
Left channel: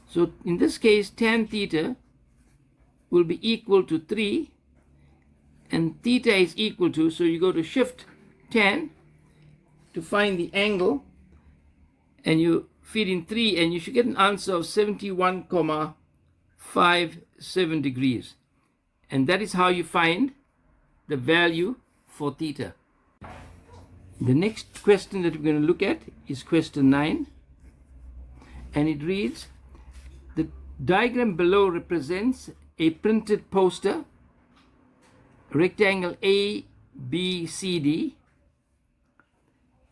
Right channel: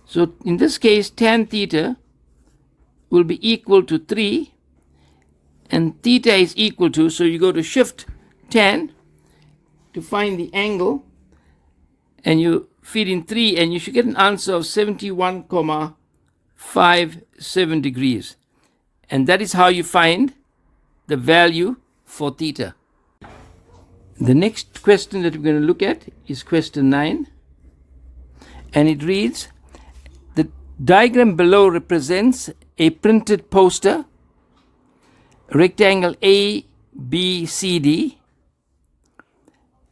So in this case, tan theta will be equal to 3, and theta is equal to, so you go to shift tan, to find the angle, and you feed in 3, and you should get an answer of 71,57 degrees. And that is how you find the value for theta. The next question that we're going to look at is question 9. And it reads, the diagram below represents a printed poster, rectangle ABCD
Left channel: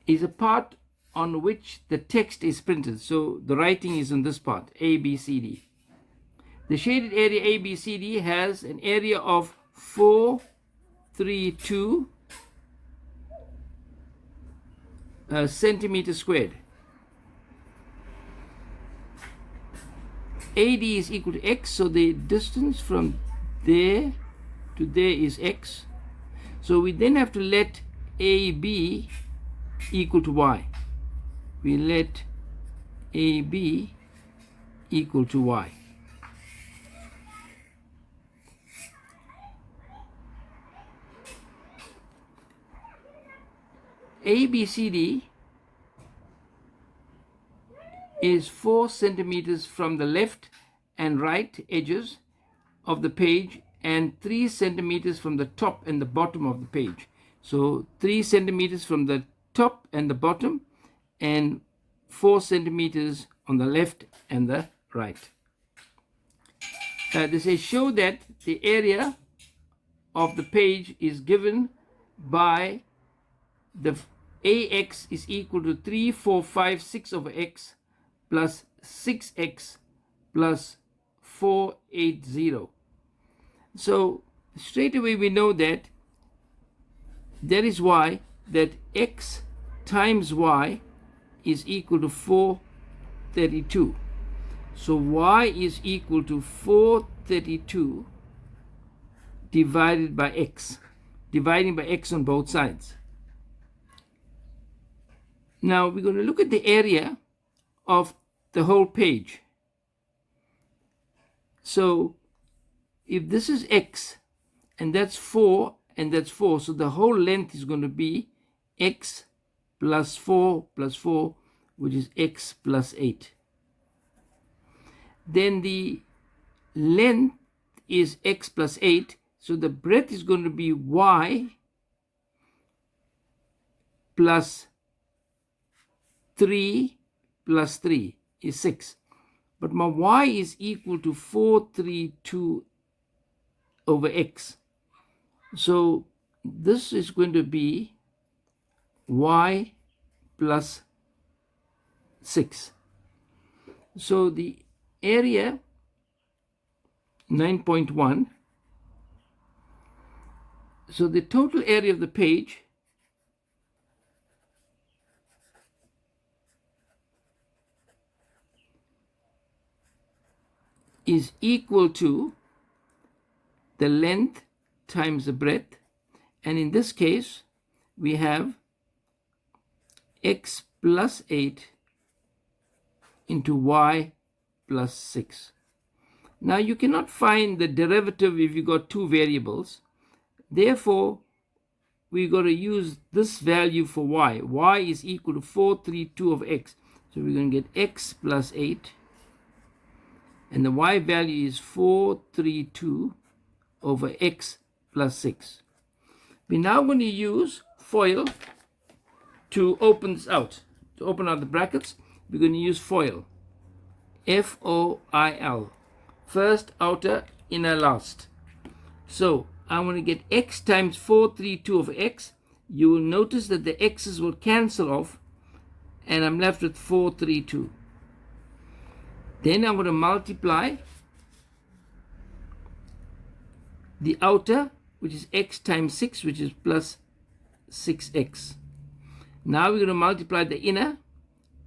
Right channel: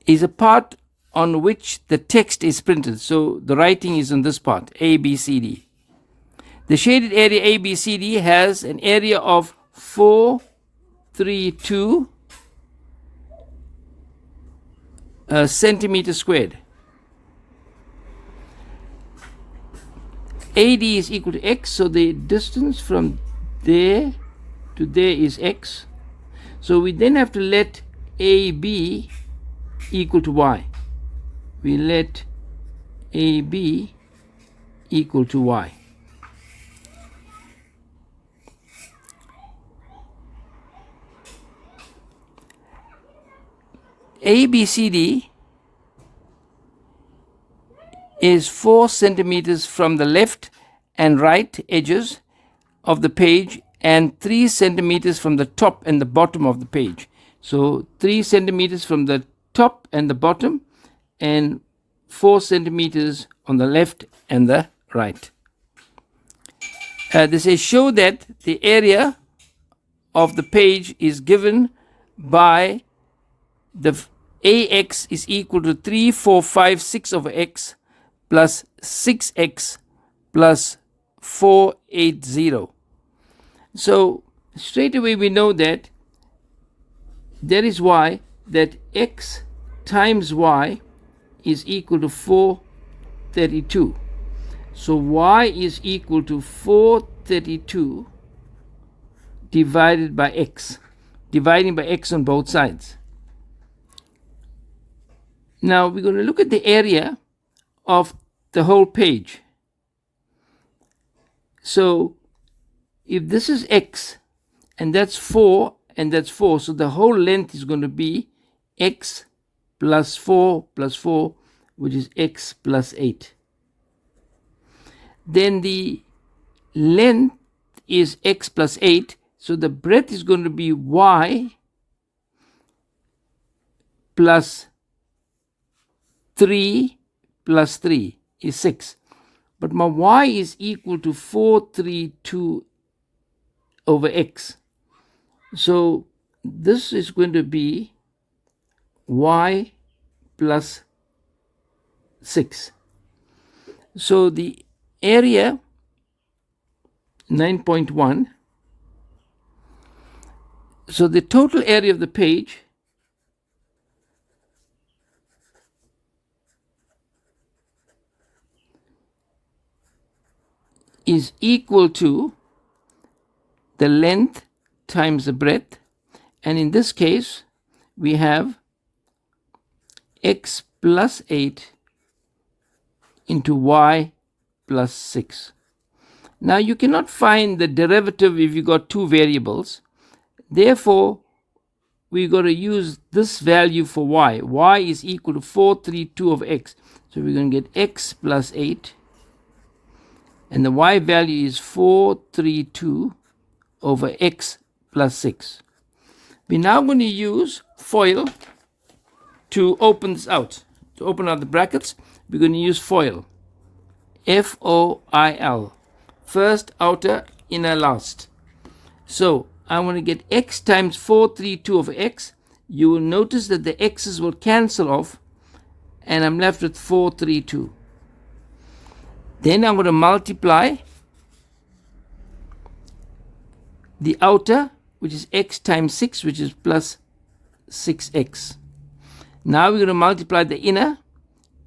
is a part on which the text is printed. So the writing is on this part, ABCD. The shaded area ABCD has an area of 432 centimeters squared. AD is equal to x, so the distance from there to there is x. So we then have to let AB equal to y. We let AB equal to y. ABCD is 4 centimeters from the left and right edges of the page and 3 centimeters from the top and the bottom of the page. So 3 centimeters from the top and the bottom and 4 centimeters on the left and the right. They say show that the area of the page is given by the AX is equal to 3456 over x plus 6x plus 480. So straight away we know that that is why that x times y is equal to 432. So y is equal to 432 divided by x, dividing by x on both sides. Now we're going to look at the area of the whole page. So if this is x and that's 4 and that's 4, so the whole length is going to be x plus 4, which is x plus 8. Then the length is x plus 8, so the breadth is going to be y plus 3 plus 3 is 6. But my y is equal to 432 over x. So this is going to be y plus 6. So the area 9.1. So the total area of the page is equal to the length times the breadth, and in this case we have x plus 8 into y plus 6. Now you cannot find the derivative if you got two variables. Therefore we got to use this value for y. Y is equal to 432 of x. So we're going to get x plus 8, and the y value is 432 over x plus 6. We're now going to use FOIL to open this out. To open out the brackets, we're going to use FOIL. F-O-I-L. First, outer, inner, last. So I want to get x times 432 over x. You will notice that the x's will cancel off, and I'm left with 432. Then I'm going to multiply the outer, which is x times 6, which is plus 6x. Now we're going to multiply the inner.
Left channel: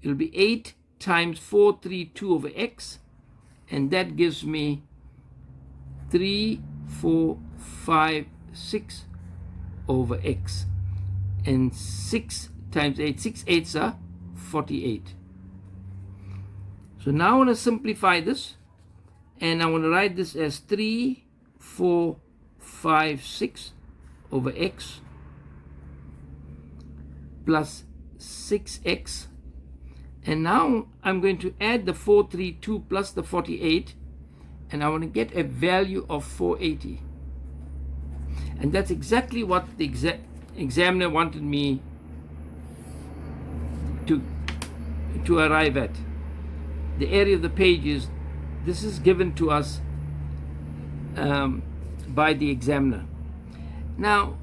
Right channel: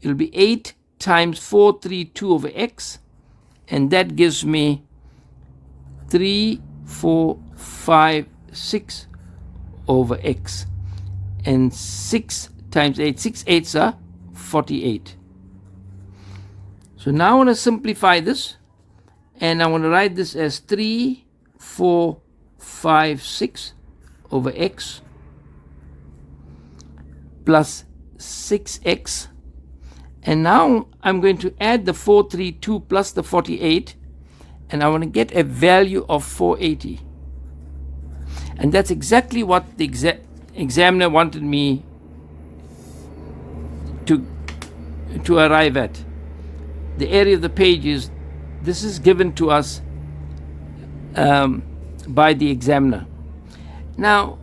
It will be 8 times 432 over x, and that gives me 3456 over x. And 6 times 8, 6 8s are 48. So now I want to simplify this, and I want to write this as 3456 over x plus 6x. And now I'm going to add the 432 plus the 48, and I want to get a value of 480. And that's exactly what the examiner wanted me to arrive at. The area of the page is, this is given to us by the examiner. Now,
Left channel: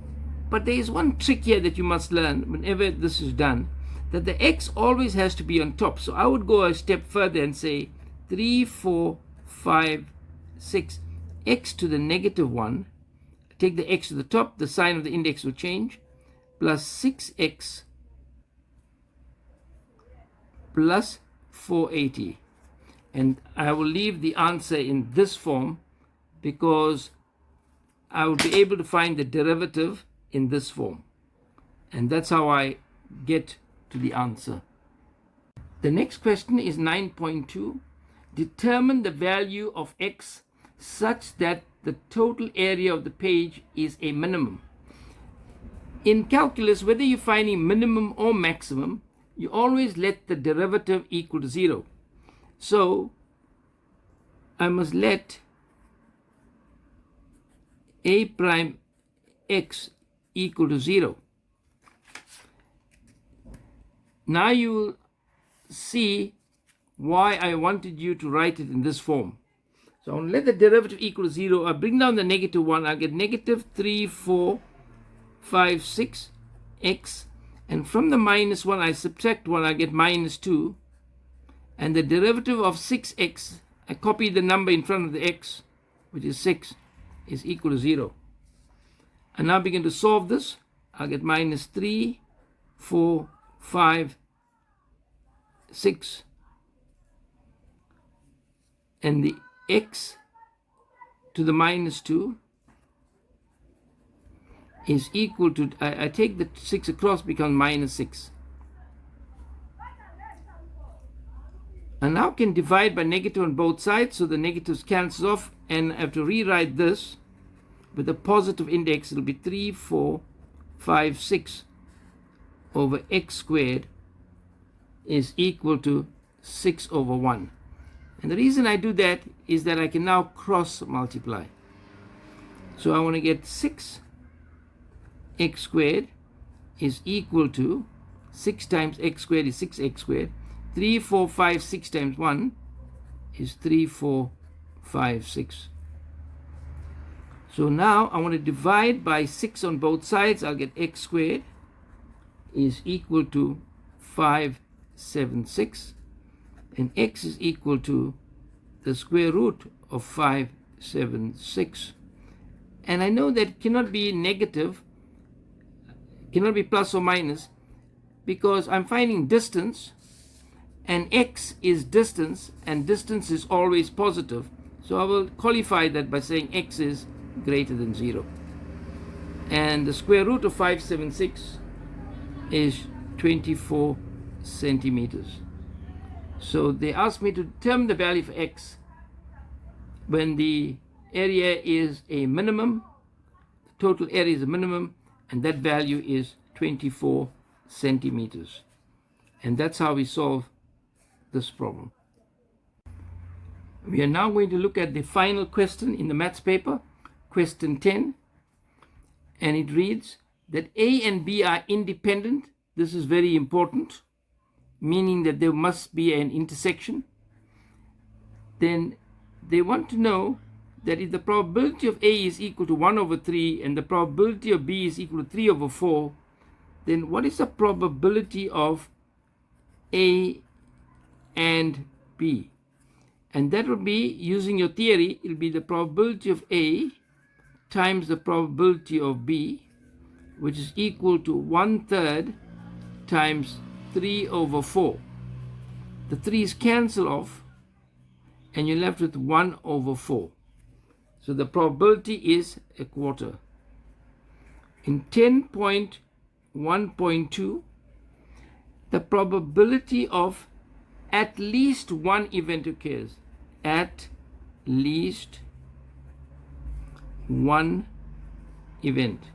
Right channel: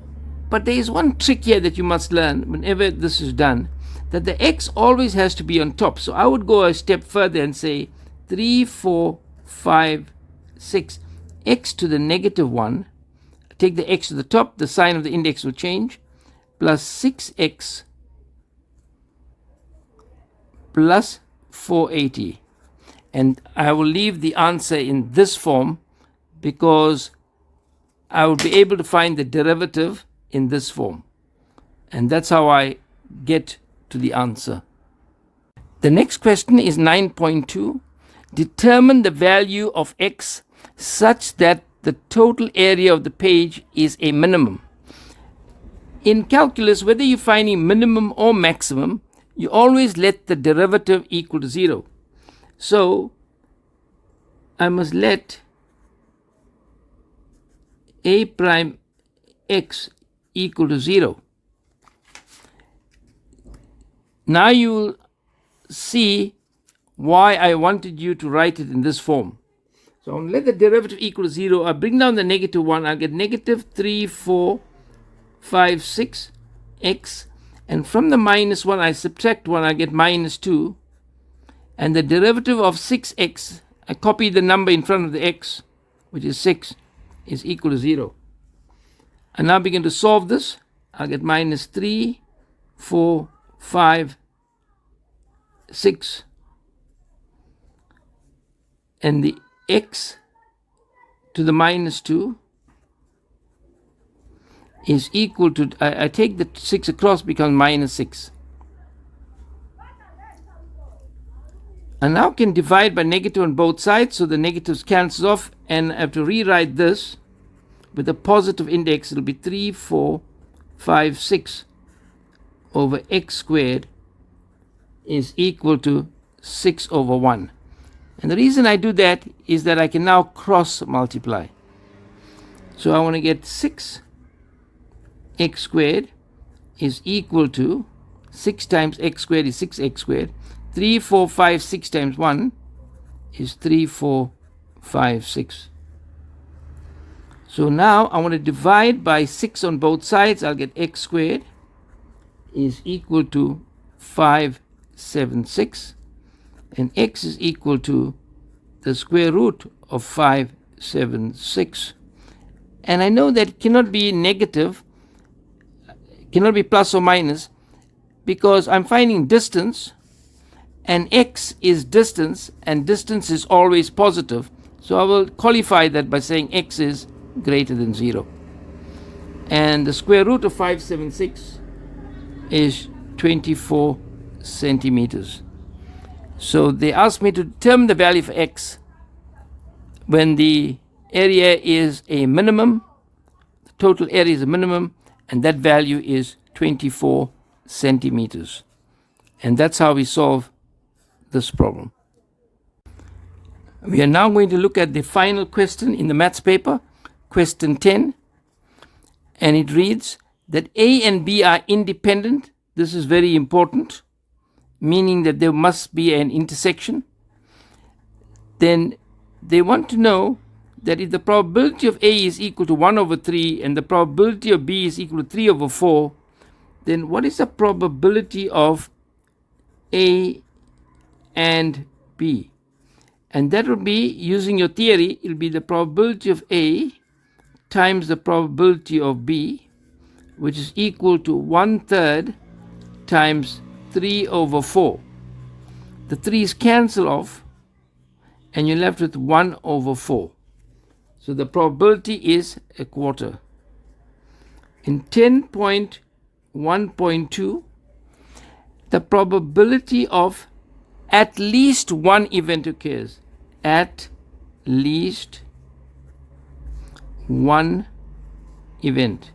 but there is one trick here that you must learn whenever this is done, that the x always has to be on top. So I would go a step further and say 3, 4, 5, 6, x to the -1. Take the x to the top, the sign of the index will change, plus 6x plus 480. And I will leave the answer in this form because I will be able to find the derivative in this form. And that's how I get to the answer. The next question is 9.2. Determine the value of x such that the total area of the page is a minimum. In calculus, whether you're finding minimum or maximum, you always let the derivative equal to 0. So I must let a prime x equal to 0. Now you will see why I wanted you to write it in this form. So I'll let the derivative equal to 0. I'll bring down the -1. I'll get -3, 4, 5, 6 x. And from the -1, I subtract 1. I get -2. And the derivative of 6x, I copy the number in front of the x, which is 6, is equal to 0. And now begin to solve this. I'll get -3, 4, 5, 6. And the x to the -2 is equal to, I take the 6 across, becomes -6. And now can divide by negative on both sides, so the negatives cancel off, and I have to rewrite this with a positive index. It'll be 3, 4, 5, 6 over x squared is equal to 6 over 1. And the reason I do that is that I can now cross multiply. So I want to get 6x squared is equal to 6 times x squared is 6x squared. 3, 4, 5, 6 times 1 is 3, 4, 5, 6. So now I want to divide by 6 on both sides. I'll get x squared is equal to 576. And x is equal to the square root of 576. And I know that it cannot be negative, cannot be plus or minus, because I'm finding distance, and x is distance, and distance is always positive. So I will qualify that by saying x is greater than 0. And the square root of 576 is 24 centimeters. So they asked me to determine the value for x when the area is a minimum, the total area is a minimum, and that value is 24 centimeters. And that's how we solve this problem. We are now going to look at the final question in the maths paper, question 10. And it reads that A and B are independent. This is very important, meaning that there must be an intersection. Then they want to know that if the probability of A is equal to 1 over 3 and the probability of B is equal to 3 over 4, then what is the probability of A and B? And that will be, using your theory, it will be the probability of A times the probability of B, which is equal to 1/3 times 3 over 4. The 3's cancel off, and you're left with 1 over 4. So the probability is a quarter. In 10.1.2, the probability of at least one event occurs. At least one event.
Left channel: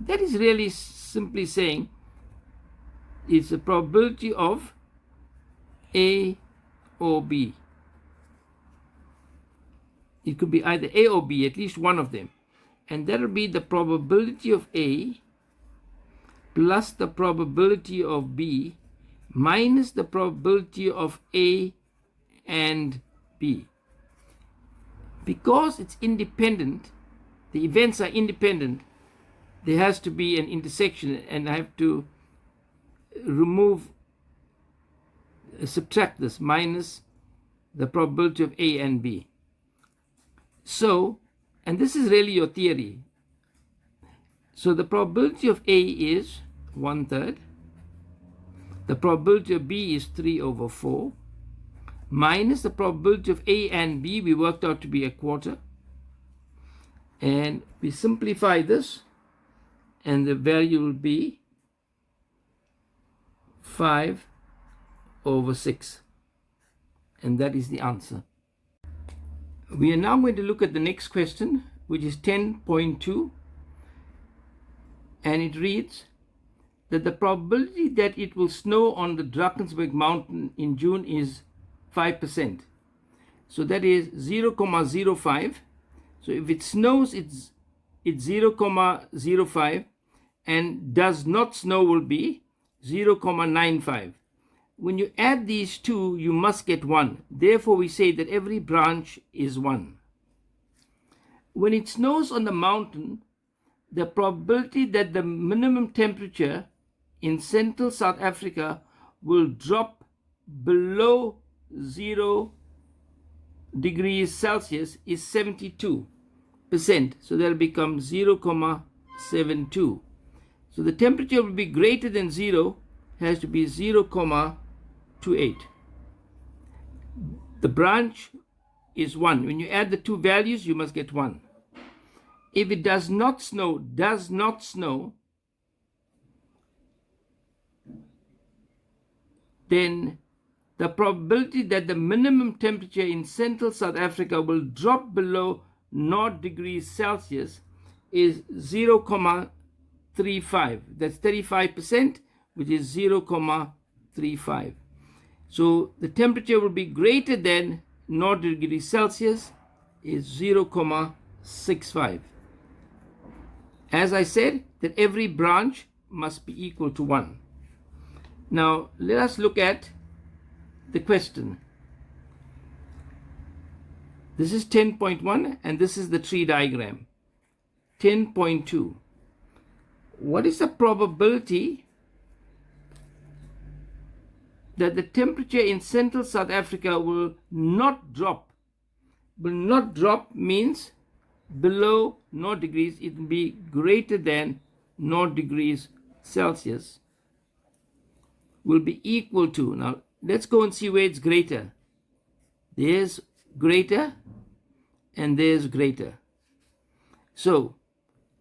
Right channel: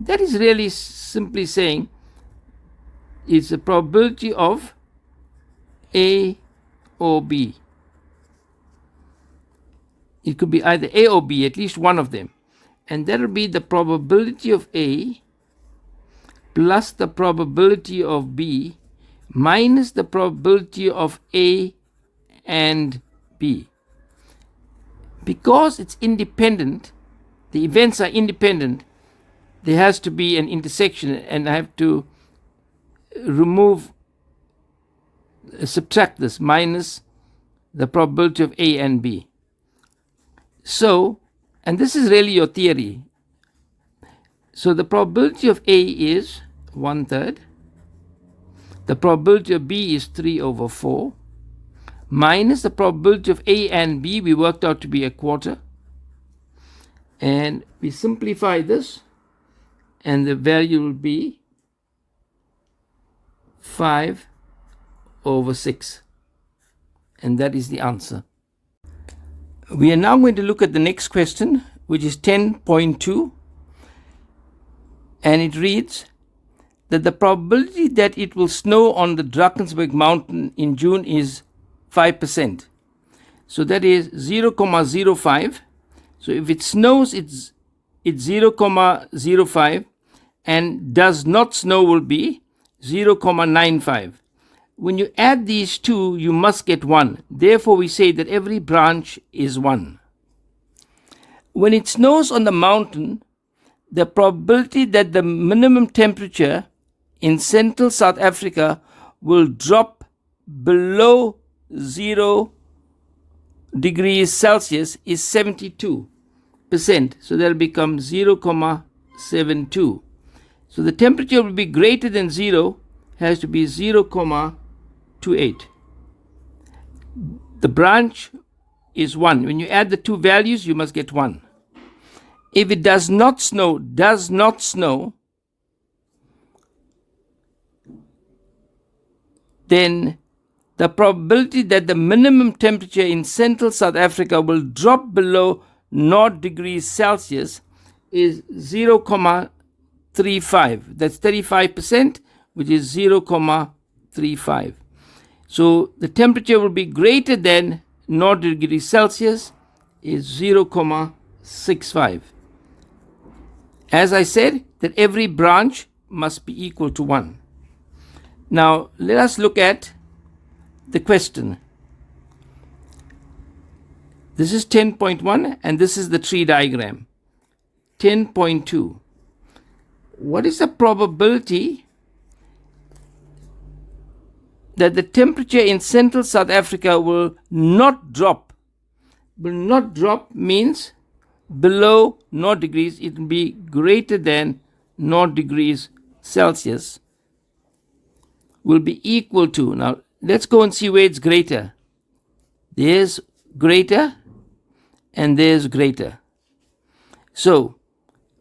That is really simply saying is the probability of A or B. It could be either A or B, at least one of them. And that will be the probability of A plus the probability of B minus the probability of A and B. Because it's independent, the events are independent, there has to be an intersection, and I have to subtract this, minus the probability of A and B. So, and this is really your theory. So the probability of A is 1/3. The probability of B is 3/4. Minus the probability of A and B, we worked out to be 1/4. And we simplify this, and the value will be 5/6. And that is the answer. We are now going to look at the next question, which is 10.2. And it reads that the probability that it will snow on the Drakensberg mountain in June is 5%. So that is 0,05. So if it snows, it's 0,05, and does not snow will be 0,95. When you add these two, you must get 1. Therefore, we say that every branch is 1. When it snows on the mountain, the probability that the minimum temperature in central South Africa will drop below 0 degrees Celsius is 72%. So that will become 0,72. So the temperature will be greater than 0, has to be 0,28. The branch is 1. When you add the two values, you must get 1. If it does not snow, then the probability that the minimum temperature in central South Africa will drop below 0 degrees Celsius is 0,35. That's 35%, which is 0,35. So the temperature will be greater than 0 degrees Celsius is 0,65. As I said, that every branch must be equal to 1. Now, let us look at the question. This is 10.1, and this is the tree diagram. 10.2. What is the probability that the temperature in central South Africa will not drop? Will not drop means below 0 degrees. It will be greater than 0 degrees Celsius. Will be equal to. Now, let's go and see where it's greater. There's greater, and there's greater. So,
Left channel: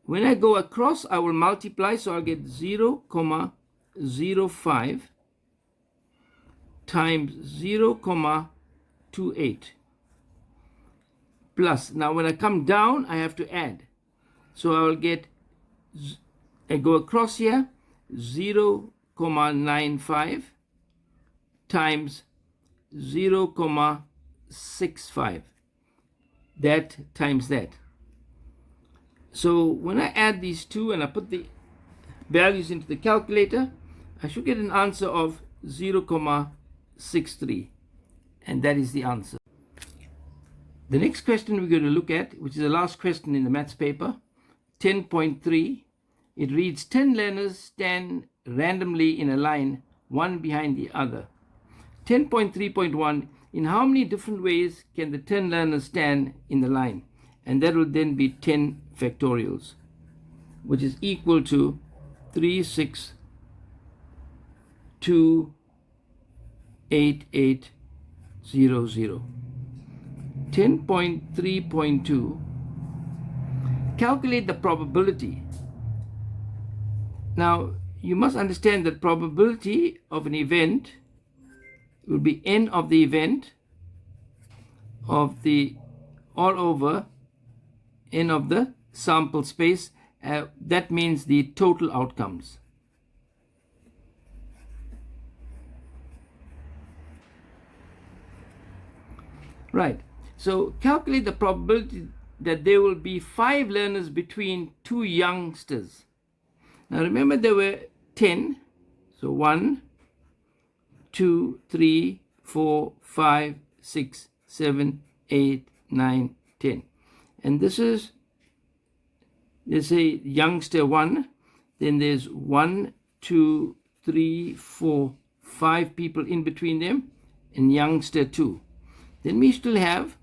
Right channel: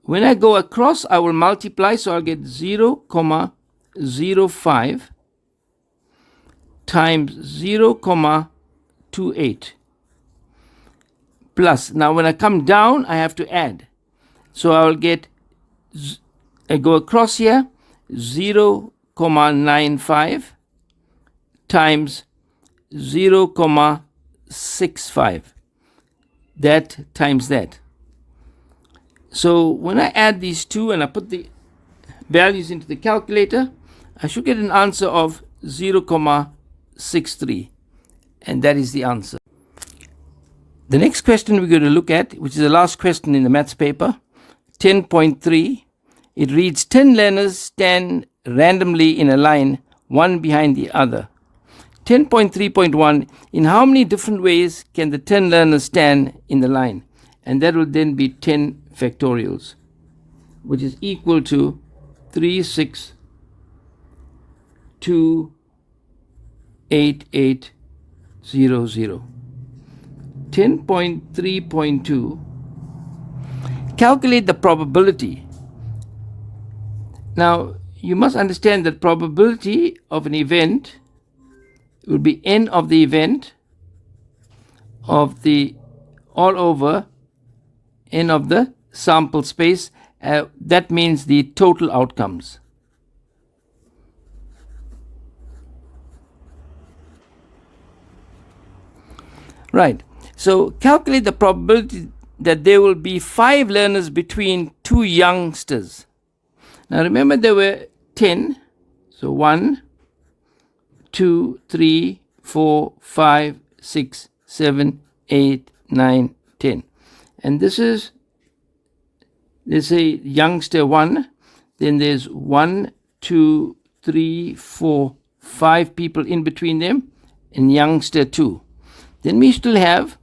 when I go across, I will multiply, so I'll get 0,05 times 0,28. Plus, now when I come down, I have to add. So I will get, I go across here, 0,95 times 0,65. That times that. So when I add these two and I put the values into the calculator, I should get an answer of 0,63. And that is the answer. The next question we're going to look at, which is the last question in the maths paper, 10.3, it reads 10 learners stand randomly in a line, one behind the other. 10.3.1, in how many different ways can the 10 learners stand in the line? And that will then be 10 factorials, which is equal to 3628,800. 10.3.2, calculate the probability. Now, you must understand that probability of an event will be n of the event of the all over n of the sample space. That means the total outcomes. Right. So calculate the probability that there will be 5 learners between 2 youngsters. Now remember there were 10. So 1, 2, 3, 4, 5, 6, 7, 8, 9, 10. And this is, let's say, youngster 1. Then there's 1, 2, 3, 4, 5 people in between them, and youngster 2. Then we still have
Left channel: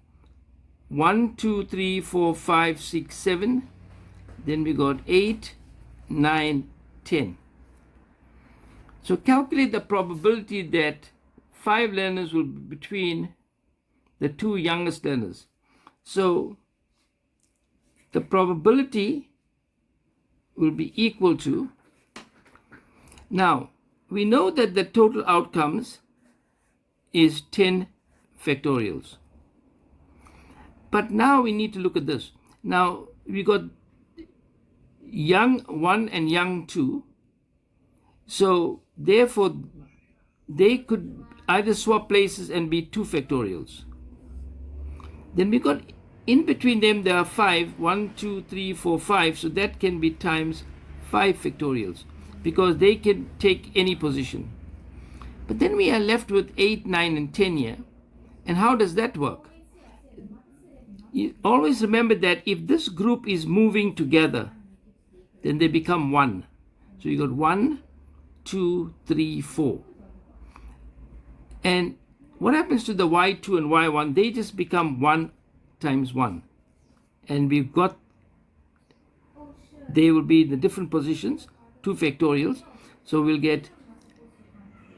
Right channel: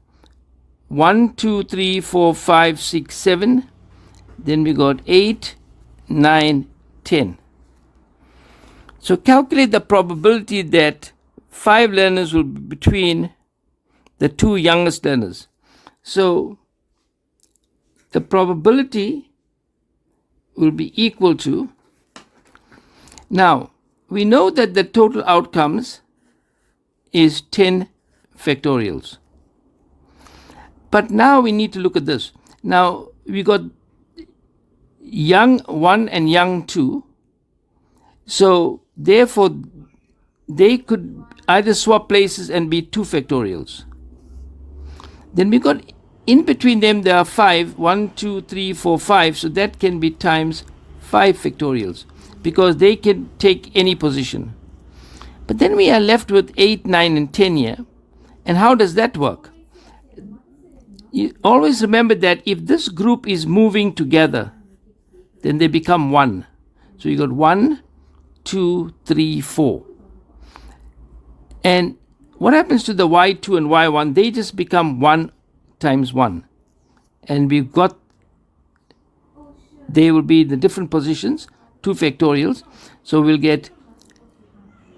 1, 2, 3, 4, 5, 6, 7. Then we got 8, 9, 10. So calculate the probability that 5 learners will be between the 2 youngest learners. So the probability will be equal to, now we know that the total outcomes is 10 factorials. But now we need to look at this. Now we got young 1 and young 2. So therefore they could either swap places and be 2 factorials. Then we got in between them there are 5, 1, 2, 3, 4, 5. So that can be times 5 factorials because they can take any position. But then we are left with 8, 9, and 10 here. And how does that work? You always remember that if this group is moving together, then they become 1. So you got 1, 2, 3, 4. And what happens to the y2 and y1? They just become 1 times 1. And we've got, they will be the different positions, 2 factorials. So we'll get,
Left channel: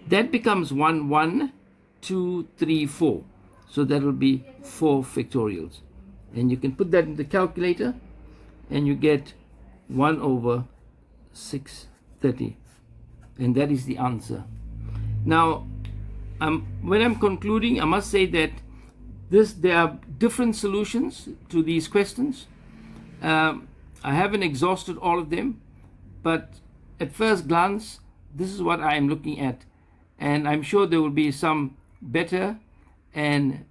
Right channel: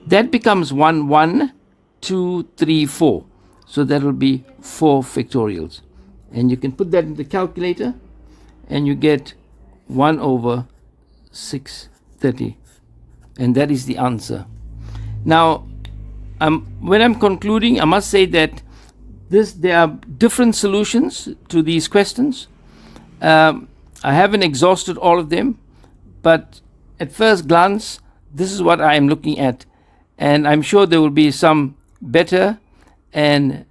that becomes 1, 1, 2, 3, 4. So that will be 4 factorials. And you can put that in the calculator and you get 1 over 630. And that is the answer. Now, when I'm concluding, I must say that there are different solutions to these questions. I haven't exhausted all of them, but at first glance, this is what I am looking at. And I'm sure there will be some better and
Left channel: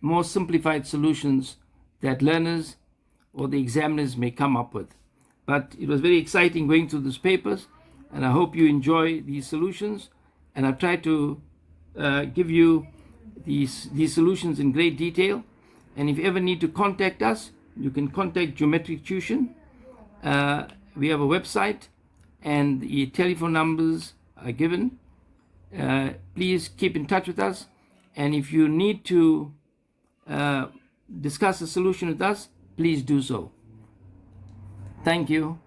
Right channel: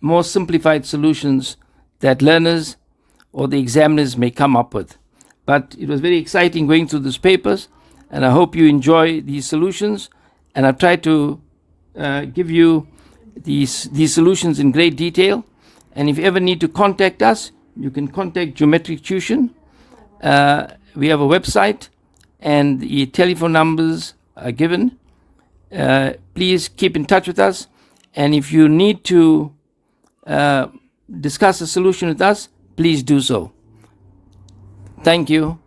more simplified solutions that learners or the examiners may come up with. But it was very exciting going through these papers, and I hope you enjoy these solutions. And I've tried to give you these solutions in great detail. And if you ever need to contact us, you can contact Geomatrix Tuition. We have a website, and the telephone numbers are given. Please keep in touch with us. And if you need to discuss a solution with us, please do so. Thank you.